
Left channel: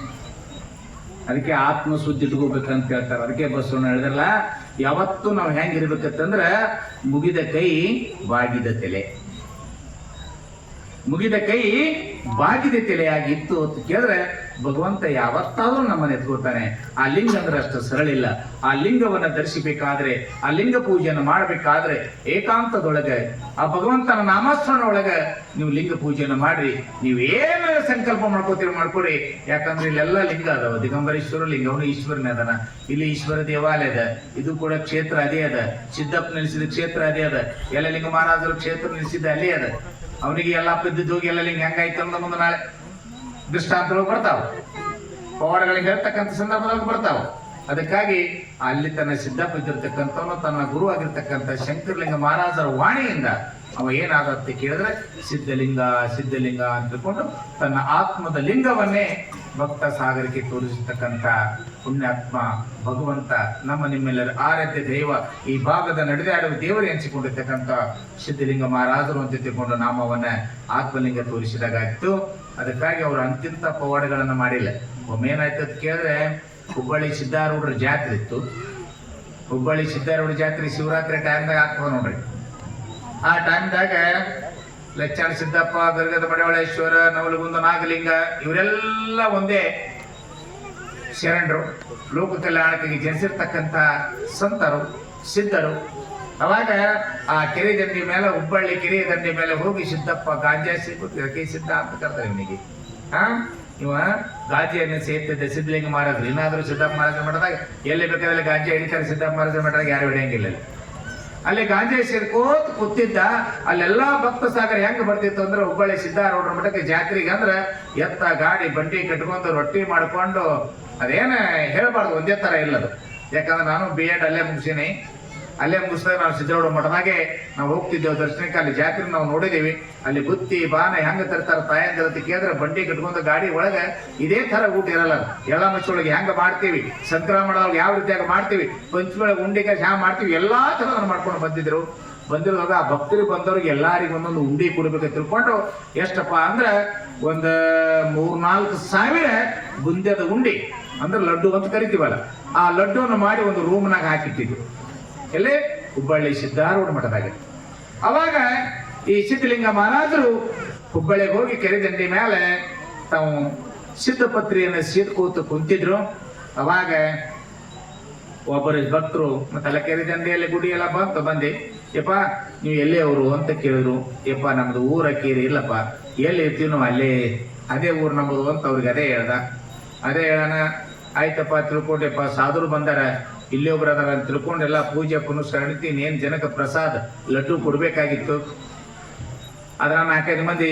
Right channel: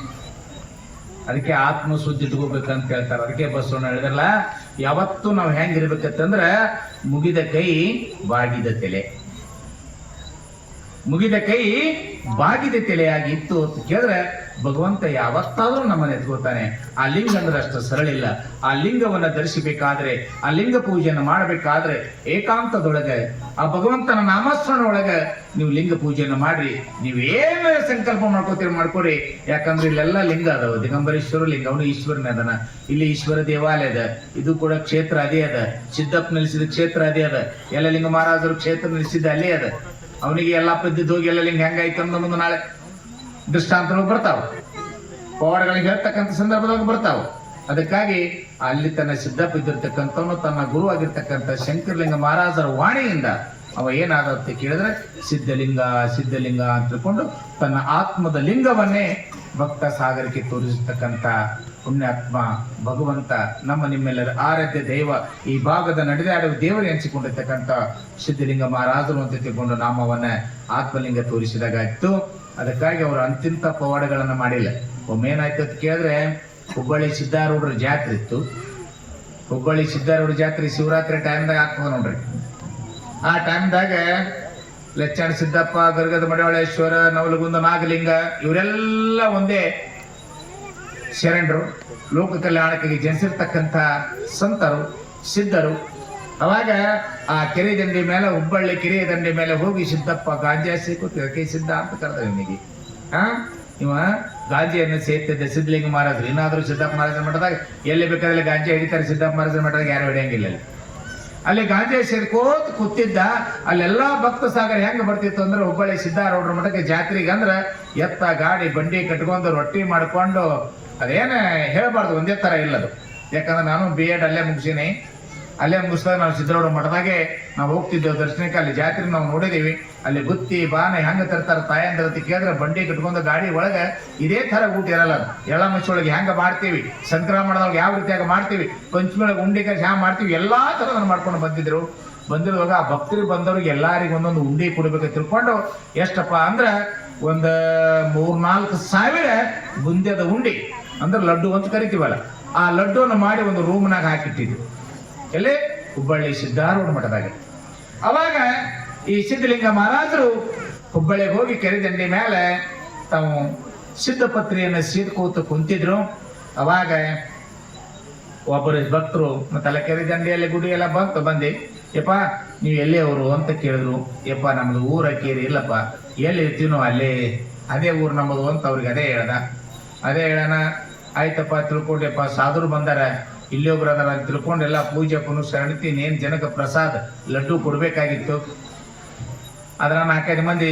ಅದಕ್ಕೆ ಆತ್ಮ ಶುದ್ಧಿ ಇಟ್ಕೋಬೇಕಂತ ಹೇಳ್ತಾರೆ. ಅದಕ್ಕೆ ಬಸವಣ್ಣ ಹೇಳಿದ್ರಲ್ಲ, ಯಾವತ್ತು ನಾವು ಹೆಂಗಿರ್ಬೇಕಂತಂದ್ರ ಮುಗಿದ ಕೈ ಬಾಗಿದ ತಲೆ, ಮುಗಿದ ಕೈ ಬಾಗಿದ ತಲೆಯಾಗಿ ಇತ್ತು ಅಂತ ಕೇಳಿದ್ರೆ ಭಗವಂತ ಯಾವತ್ತಾದ್ರೂ ನಮ್ಮನ್ನ ಎತ್ಕೋತಾನೆ. ಆ ಲಿಂಗ ಅಂದ್ರೆ ಅಷ್ಟು ಸರಳಿಲ್ಲ. ಆ ಲಿಂಗವನ್ನ ಧರಿಸಬೇಕಾದ್ರೆ, ಆ ಲಿಂಗ ಪೂಜೆಯನ್ನು ಮಾಡಬೇಕಾದ್ರೆ ಏಕಾಂತದೊಳಗೆ ಆ ಭಗವಂತನ ನಾಮಸ್ಮರಣ ಒಳಗೆ ನೀವು ಲಿಂಗ ಪೂಜೆಯನ್ನು ಮಾಡ್ರಿ. ನೀವು ಏನು ಸಂಕಲ್ಪ ಮಾಡ್ಕೋತೀರಿ ಮಾಡ್ಕೊಡಿ. ಯಾಕಂದ್ರೆ ಇಲ್ಲೆಲ್ಲ ಲಿಂಗ ಅದಾವ. ದಿಗಂಬರೇಶ್ವರ ಲಿಂಗ, ಅವನು ಈಶ್ವರನ ಅದನ. ಇಲ್ಲಿ ಈಶ್ವರ ದೇವಾಲಯ ಅದ. ಇದು ಕೂಡ ಕ್ಷೇತ್ರ ಅದೇ ಅದ. ಸಿದ್ದಪ್ಪ ನಿಲ್ಲಿಸಿದ ಕ್ಷೇತ್ರ ಅದೇ ಅದ. ಎಲ್ಲ ಲಿಂಗ ಮಹಾರಾಜರು ಕ್ಷೇತ್ರ ನಿಲ್ಲಿಸಿದ ಅಲ್ಲೇ ಅದ. ಅವನಿಗೆ ಎಲ್ಲ ಇದ್ದಿದ್ದು ಹೋಗಿ ಎಲ್ಲ ಲಿಂಗ ಹೆಂಗಾಯ್ತು ಅನ್ನೋ ಮುಂದೆ ನಾಳೆ ದೃಷ್ಟಾಂತಗಳು ಬರ್ತಾವ, ಪವಾಡಗಳಿಗೆ ಹೇಳ್ತಕ್ಕಂಥ ಸಂದರ್ಭದಾಗ ಬರ್ತಾವ. ಅದಕ್ಕಾಗಿ ಅಲ್ಲಿ ತನ್ನ ಸಿದ್ದಪ್ಪ ಇದ್ದಿರ್ತಕ್ಕಂಥವನು ತನ್ನ ಗುರು ಆಗಿರ್ತಕ್ಕಂಥ ಶಂಕರಲಿಂಗ ಮಹಾರಾಜರ ವಾಣಿಯಿಂದ ಅವ ಏನಾಗುತ್ತೆ ಕೇಳಿದ್ರೆ ಸಿದ್ಧಲಿಂಗ ಸಿದ್ಧಲಿಂಗ ಅಂತ ತಿಳ್ಕೊಂಡು ತನ್ನ ಆತ್ಮದ ಲಿಂಗವನ್ನೇ ಭಕ್ತ ಸಾಗರಕ್ಕೆ ತೋರಿಸತಕ್ಕಂಥ ಪುಣ್ಯಾತ್ಮ ಭಗವಂತ ನಮ್ಮ ನಿಮ್ಮೆಲ್ಲರ ಆರಾಧ್ಯ ದೈವ, ಈ ಭಾಗದ ನಡೆದಾಡುವ ದೇವರು ಎನಿಸಿಕೊಂಡಿರ್ತಕ್ಕಂಥ ಸಿದ್ಧಲಿಂಗ ಮಹಾರಾಜರು ಅಂತ ತಿಳ್ಕೊಂಡು ನಾಮವನ್ನ ಆತ್ಮಲಿಂಗ ತೋರಿಸಿದಾಗಾಯ್ತು. ಅದಕ್ಕಾಗಿ ಅವರು ಅಂತಿಂತ ಪವಾಡಗಳನ್ನ ಮಾಡಿಲ್ಲ. ಒಮ್ಮೆ ಏನಾಯ್ತು ಅಂತ ಕೇಳಿದ್ರೆ, ಹುಬ್ಬಳ್ಳಿ ಸಿದ್ದಾರೂಢರ ಜಾತ್ರೆ ಇತ್ತು. ಹುಬ್ಬಳ್ಳಿ ಸಿದ್ದಾರೂಢ ಜಾತ್ರೆ ಶಿವರಾತ್ರಿ ಟೈಮ್ದಾಗ ಆಗ್ತದ ನೋಡ್ರಿ. ಆ ಟೈಮ್ದಾಗ ಲಚ್ಚಣ ಸಿದ್ದಪ್ಪ, ಗರ್ಗದ ಮಡಿವಾಳೇಶ್ವರ, ನವಲಗುಂದ ನಾಗಲಿಂಗ ಇವರೆಲ್ಲ ಒಂದೇ ಶರಣರು, ಲೋಕ ಕಲ್ಯಾಣಕ್ಕೆ ಜನಿಸಿರ್ತಕ್ಕಂಥ ಸಂತರು, ಸಿದ್ಧರು. ಅವಾಗ ಆ ಕೆರೆ ದಂಡಿ ಮೇಲೆ, ಹುಬ್ಬಳ್ಳಿ ಕೆರೆ ದಂಡಿ ಮೇಲೆ ಹೋಗಿ ಸಿದ್ದಪ್ಪ ಗಾಂಜಾ ಸಿಕ್ಕ ಸಿದ್ಧ ಅಂತ ಕರ್ತಾರೆ ಇವನಿಗೆ. ಇವ ಗಾಂಜಿಯನ್ನು ಸೇರ್ತಿದ್ದೆ ಸಿದ್ಧಲಿಂಗ ಮಹಾರಾಜರು. ಇನ್ನಾದ್ರೂ ಸಿದ್ದಪ್ಪ ಮಹಾರಾಜರ ಮಠದಾಗ ಎಲ್ಲಿ ಬೇಕಾದ್ರೆ ಗಾಂಜಿ ಹಿಡಿತಾರೆ. ಸಿದ್ದಪ್ಪ ಮಹಾರಾಜರ ಮಠದಾಗ ಯಾರು ಹಿಡಿಯಂಗಿಲ್ಲ. ಅಲ್ಲಿ ಗಾಂಜಾ ಸೇರ್ಕೋತ್ ಕೂತಿದ್ದ. ಅಲ್ಲೆಲ್ಲಾ ಭಕ್ತ ಸಾಗರ ಹೆಂಗ್ ಬರ್ತಿತ್ತು ಅಂದ್ರೆ, ಹುಬ್ಬಳ್ಳಿ ಸಿದ್ದಾರೂಢರ ಮಠಕ್ಕೆ ಜಾತ್ರೆಗೆ ಅಂದ್ರ ಎತ್ತ ಗಾಡಿ ಬಂಡಿ ಕಟ್ಕೊಂಡು ರೊಟ್ಟಿ ಮಾಡ್ಕೊಂಡು, ಅದೇನ ಹೇಳ್ಬಾರ್ದು, ಒಂದೇ ತರ ಇಲ್ಲದು. ಯಾಕಂದ್ರೆ ನಾನು B.Ed ಅಲ್ಲೇ ಮುಗಿಸೀನಿ. ಅಲ್ಲೇ ಮುಗಿಸಿದಾಗ ನಾವು ಸಿದ್ದರೂಢ ಮಠದಾಗೆ ನಾವು ಹೋಗ್ತಿದ್ದೇವೆ ದರ್ಶನಕ್ಕೆ. ಅಲ್ಲಿ ಜಾತ್ರೆ ನಾವು ನೋಡಿದೀವಿ. ಅಲ್ಲಿ ಬುತ್ತಿ ಬಾನ ಹೆಂಗ ತರ್ತಾರೆ ತಾಯಂದ್ರ ಕೇಳಿದ್ರೆ ಬಂಡಿ ಕಟ್ಕೊಂಡು ಗಾಡಿ ಒಳಗೆ ಇದೇ ತರ ಊಟ ಇರಲ್ಲ. ಎಳ್ಳ ಮಚ್ಚೊಳಗೆ ಹೆಂಗ ಮಾಡ್ತೀವಿ, ಸಂಕ್ರಮಣದೊಳಗೆ ಯಾವ ರೀತಿಯಾಗಿ ಮಾಡ್ತೀವಿ, ಪಂಚಮಿ ಒಳಗೆ ಉಂಡಿಗೆ ಹ್ಯಾಂಗ ಮಾಡ್ತೀವಿ, ಎಲ್ಲಾ ತರ ಮಾಡ್ಕೊಂಡು ಬಂದಿರುವಾಗ ಆ ಭಕ್ತರು ಬಂದವ್ರಿಗೆ ಎಲ್ಲಾರಿಗೂ ಒಂದೊಂದು ಉಂಡಿ ಕೊಡ್ಬೇಕು ತಿಳ್ಕೊಂಡು, ಎಷ್ಟಪ್ಪ ಅಂದ್ರೆ ಒಂದು 3-4 ಸಾವಿರ ಬುಂದ್ಯದ ಉಂಡಿ ಅಂದ್ರೆ ಲಡ್ಡು ಅಂತ ಕರಿತೀವಲ್ಲ, ಆ ಲಡ್ಡುವನ್ನು ಮಾಡಿ ಒಂದು ರೂಮ್ನಾಗ ಹಾಕಿಟ್ಟಿದ್ವಿ. ಎಲ್ಲೇ ಹುಬ್ಬಳ್ಳಿ ಸಿದ್ದಾರೂಢ ಮಠದಾಗ. ಅವಾಗ ಈ ಸಿದ್ಧಲಿಂಗ ಮಹಾರಾಜರು ಹುಬ್ಬಳ್ಳಿಗೆ ಹೋಗಿ ಕೆರೆ ದಂಡಿ ಮೇಲೆ ತಾವು ಸಿದ್ಧಪತ್ರಿಯನ್ನು ಸೀಟ್ಕೋತ ಕುಂತಿದ್ರು. ಅವಾಗ ಒಬ್ಬರು ಭಕ್ತರು ಮತ್ತೆಲ್ಲ ಕೆರೆ ದಂಡಿಯಲ್ಲಿ ಗುಡಿ ಎಲ್ಲ ಬಂದು ಯಪ್ಪ ನೀವು ಎಲ್ಲಿ ಅವರು ಅಂತ ಕೇಳಿದ್ರು. ಯಪ್ಪ ನಮ್ದು ಊರ ಕೇರಿ ಇಲ್ಲಪ್ಪ, ಎಲ್ಲಿ ಇರ್ತೀನೋ ಅಲ್ಲೇ ಅದೇ ಊರು ನಮ್ಮದು ಅಂತ ಅವ್ರಿಗೆ ಅದೇ ಹೇಳೋಣ. ಆಯ್ತಪ್ಪ ತಿಳ್ಕೊಂಡೆಪ್ಪ, ಸಾಧುರು ಬಂದಾರ, ಇಲ್ಲಿ ಒಬ್ರು ಅದರ ಅಂತ ತಿಳ್ಕೊಂಡು ಎಲ್ಲ ಪೂಜೆ ಪುನಸ್ಕರಣಿ ಏನ್ ಜನಕ್ಕೆ ಪ್ರಸಾದ ಲಡ್ಡು ಕೊಡ್ಬೇಕಾಗಿತ್ತು. ಅದ್ರ 4-5 ಮಂದಿ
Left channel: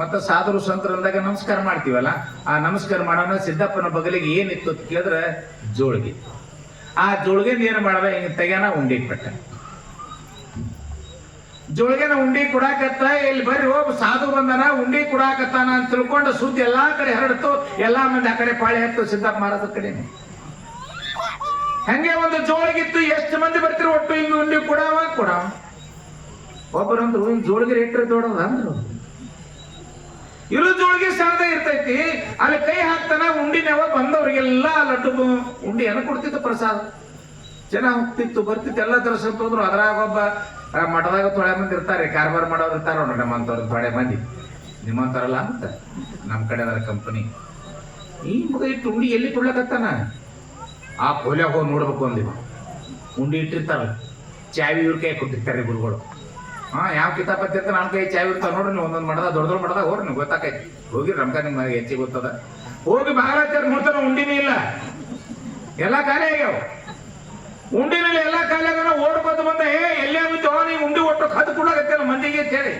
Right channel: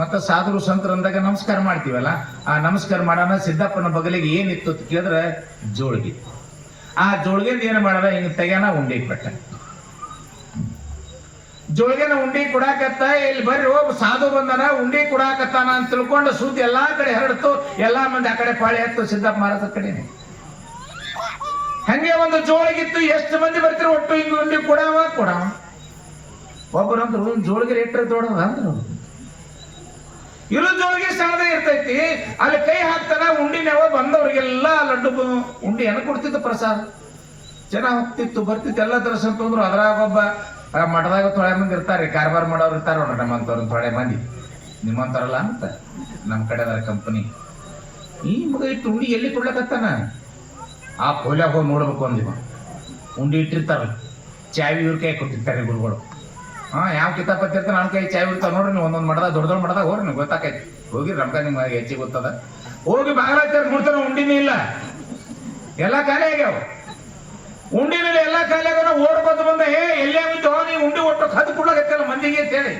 ಮತ್ತೆ ಸಾಧುರು ಸಂತರು ಅಂದಾಗ ನಮಸ್ಕಾರ ಮಾಡ್ತೀವಲ್ಲ, ಆ ನಮಸ್ಕಾರ ಮಾಡೋಣ. ಸಿದ್ದಪ್ಪನ ಬಗಲಿಗೆ ಏನಿತ್ತು ಅಂತ ಕೇಳಿದ್ರೆ ಜೋಳಿಗೆ. ಆ ಜೋಳಿಗೆಂದ ಏನು ಮಾಡದ, ಹಿಂಗ್ ತೆಗ್ಯಾನ ಉಂಡಿ ಪಟ್ಟ. ಜೋಳಿಗೆನ ಉಂಡಿ ಕೊಡಾಕತ್ತ, ಇಲ್ಲಿ ಬರ್ರಿ ಹೋಗ್ ಸಾಧು ಬಂದನ ಉಂಡಿ ಕೊಡಾಕತ್ತಾನ ಅಂತ ತಿಳ್ಕೊಂಡು ಸುದ್ದಿ ಎಲ್ಲಾ ಕಡೆ ಹರಡ್ತು. ಎಲ್ಲಾ ಮಂದಿ ಆ ಕಡೆ ಪಾಳಿ ಹತ್ತು ಸಿದ್ದಪ್ಪ ಮಹಾರಾಜ ಕಡೆನೆ. ಹಂಗೆ ಒಂದು ಜೋಳಿಗಿತ್ತು. ಎಷ್ಟು ಮಂದಿ ಬರ್ತಿರೋ ಒಟ್ಟು ಹಿಂಗ ಉಂಡಿ ಕೊಡವ. ಒಬ್ಬರಂದ್ರು ಜೋಳಿಗೆ ರೇಟ್ರೆ ದೊಡ್ಡದ ಅಂದ್ರು. ಇರು ಜೋಳಿಗೆ ಸ್ಥಾನದಾಗ ಇರ್ತೈತಿ. ಅಲ್ಲಿ ಕೈ ಹಾಕ್ತಾನ, ಉಂಡಿನವ ಬಂದವ್ರಿಗೆಲ್ಲ ಲಡ್ಡು ಉಂಡಿಯನ್ನು ಕೊಡ್ತಿತ್ತು ಪ್ರಸಾದ. ಜನ ಹೋಗ್ತಿತ್ತು ಬರ್ತಿತ್ತು, ಎಲ್ಲ ತರ ಸಂತಂದ್ರು. ಅದ್ರಾಗ ಒಬ್ಬ ಮಠದಾಗ ತೊಳೆ ಮಂದಿ ಇರ್ತಾರೆ, ಕಾರ್ಬಾರ್ ಮಾಡೋರು ಇರ್ತಾರ ನೋಡ್ರಿ, ನಮ್ಮಂತವ್ರು ತೊಳೆ ಮಂದಿ. ನಿಮ್ಮಂತಾರಲ್ಲ ಅಂತ ನಮ್ ಕಡೆ ಅದ ಕಂಪನಿ. ಈ ಮಗ ಇಟ್ಟು ಉಂಡಿ ಎಲ್ಲಿ ಕೊಡ್ಲಕತ್ತಾನ? ಆ ಪೋಲ್ಯಾಗ ಹೋಗಿ ನೋಡ್ಬೇಕು ಅಂದಿವ. ಉಂಡಿ ಇಟ್ಟಿರ್ತಾರ, ಚಾವಿ ಇವ್ರ ಕೈ ಕೊಟ್ಟಿರ್ತಾರೆ ಗುರುಗಳು. ಯಾವ ಕಿತಾಪತಿ ಇರ್ತಾರ ನನ್ನ ಕೈ ಚಾವಿ ಇರ್ತಾವ ನೋಡ್ರಿ. ನೀವು ಒಂದೊಂದು ಮಠದಾಗ ದೊಡ್ಡ ಮಠದಾಗ ಹೋಗ್ರಿ, ನೀವು ಗೊತ್ತಾಕೈತಿ. ಹೋಗಿ ರಮ್ಕ ನಿಮ್ಗೆ ಹೆಚ್ಚಿಗೆ ಗೊತ್ತದ. ಹೋಗಿ ಬಾಗಲಾಚಾರ ನೋಡ್ತಾರ, ಉಂಡಿನೇ ಇಲ್ಲ, ಎಲ್ಲ ಖಾಲಿ ಆಗ್ಯಾವ. ಉಂಡಿನಲ್ಲಿ ಎಲ್ಲ ಖಾಲಿ ಆಗ್ಯಾವ. ಓಡ್ ಬಂದ ಎಲ್ಲೇ ಬಿದ್ದು ನೀವು ಉಂಡಿ ಒಟ್ಟು ಕದ್ದು ಕೊಡಾಕತ್ತಲ್ಲ ಮಂದಿಗೆ ಅಂತ ಹೇಳಿ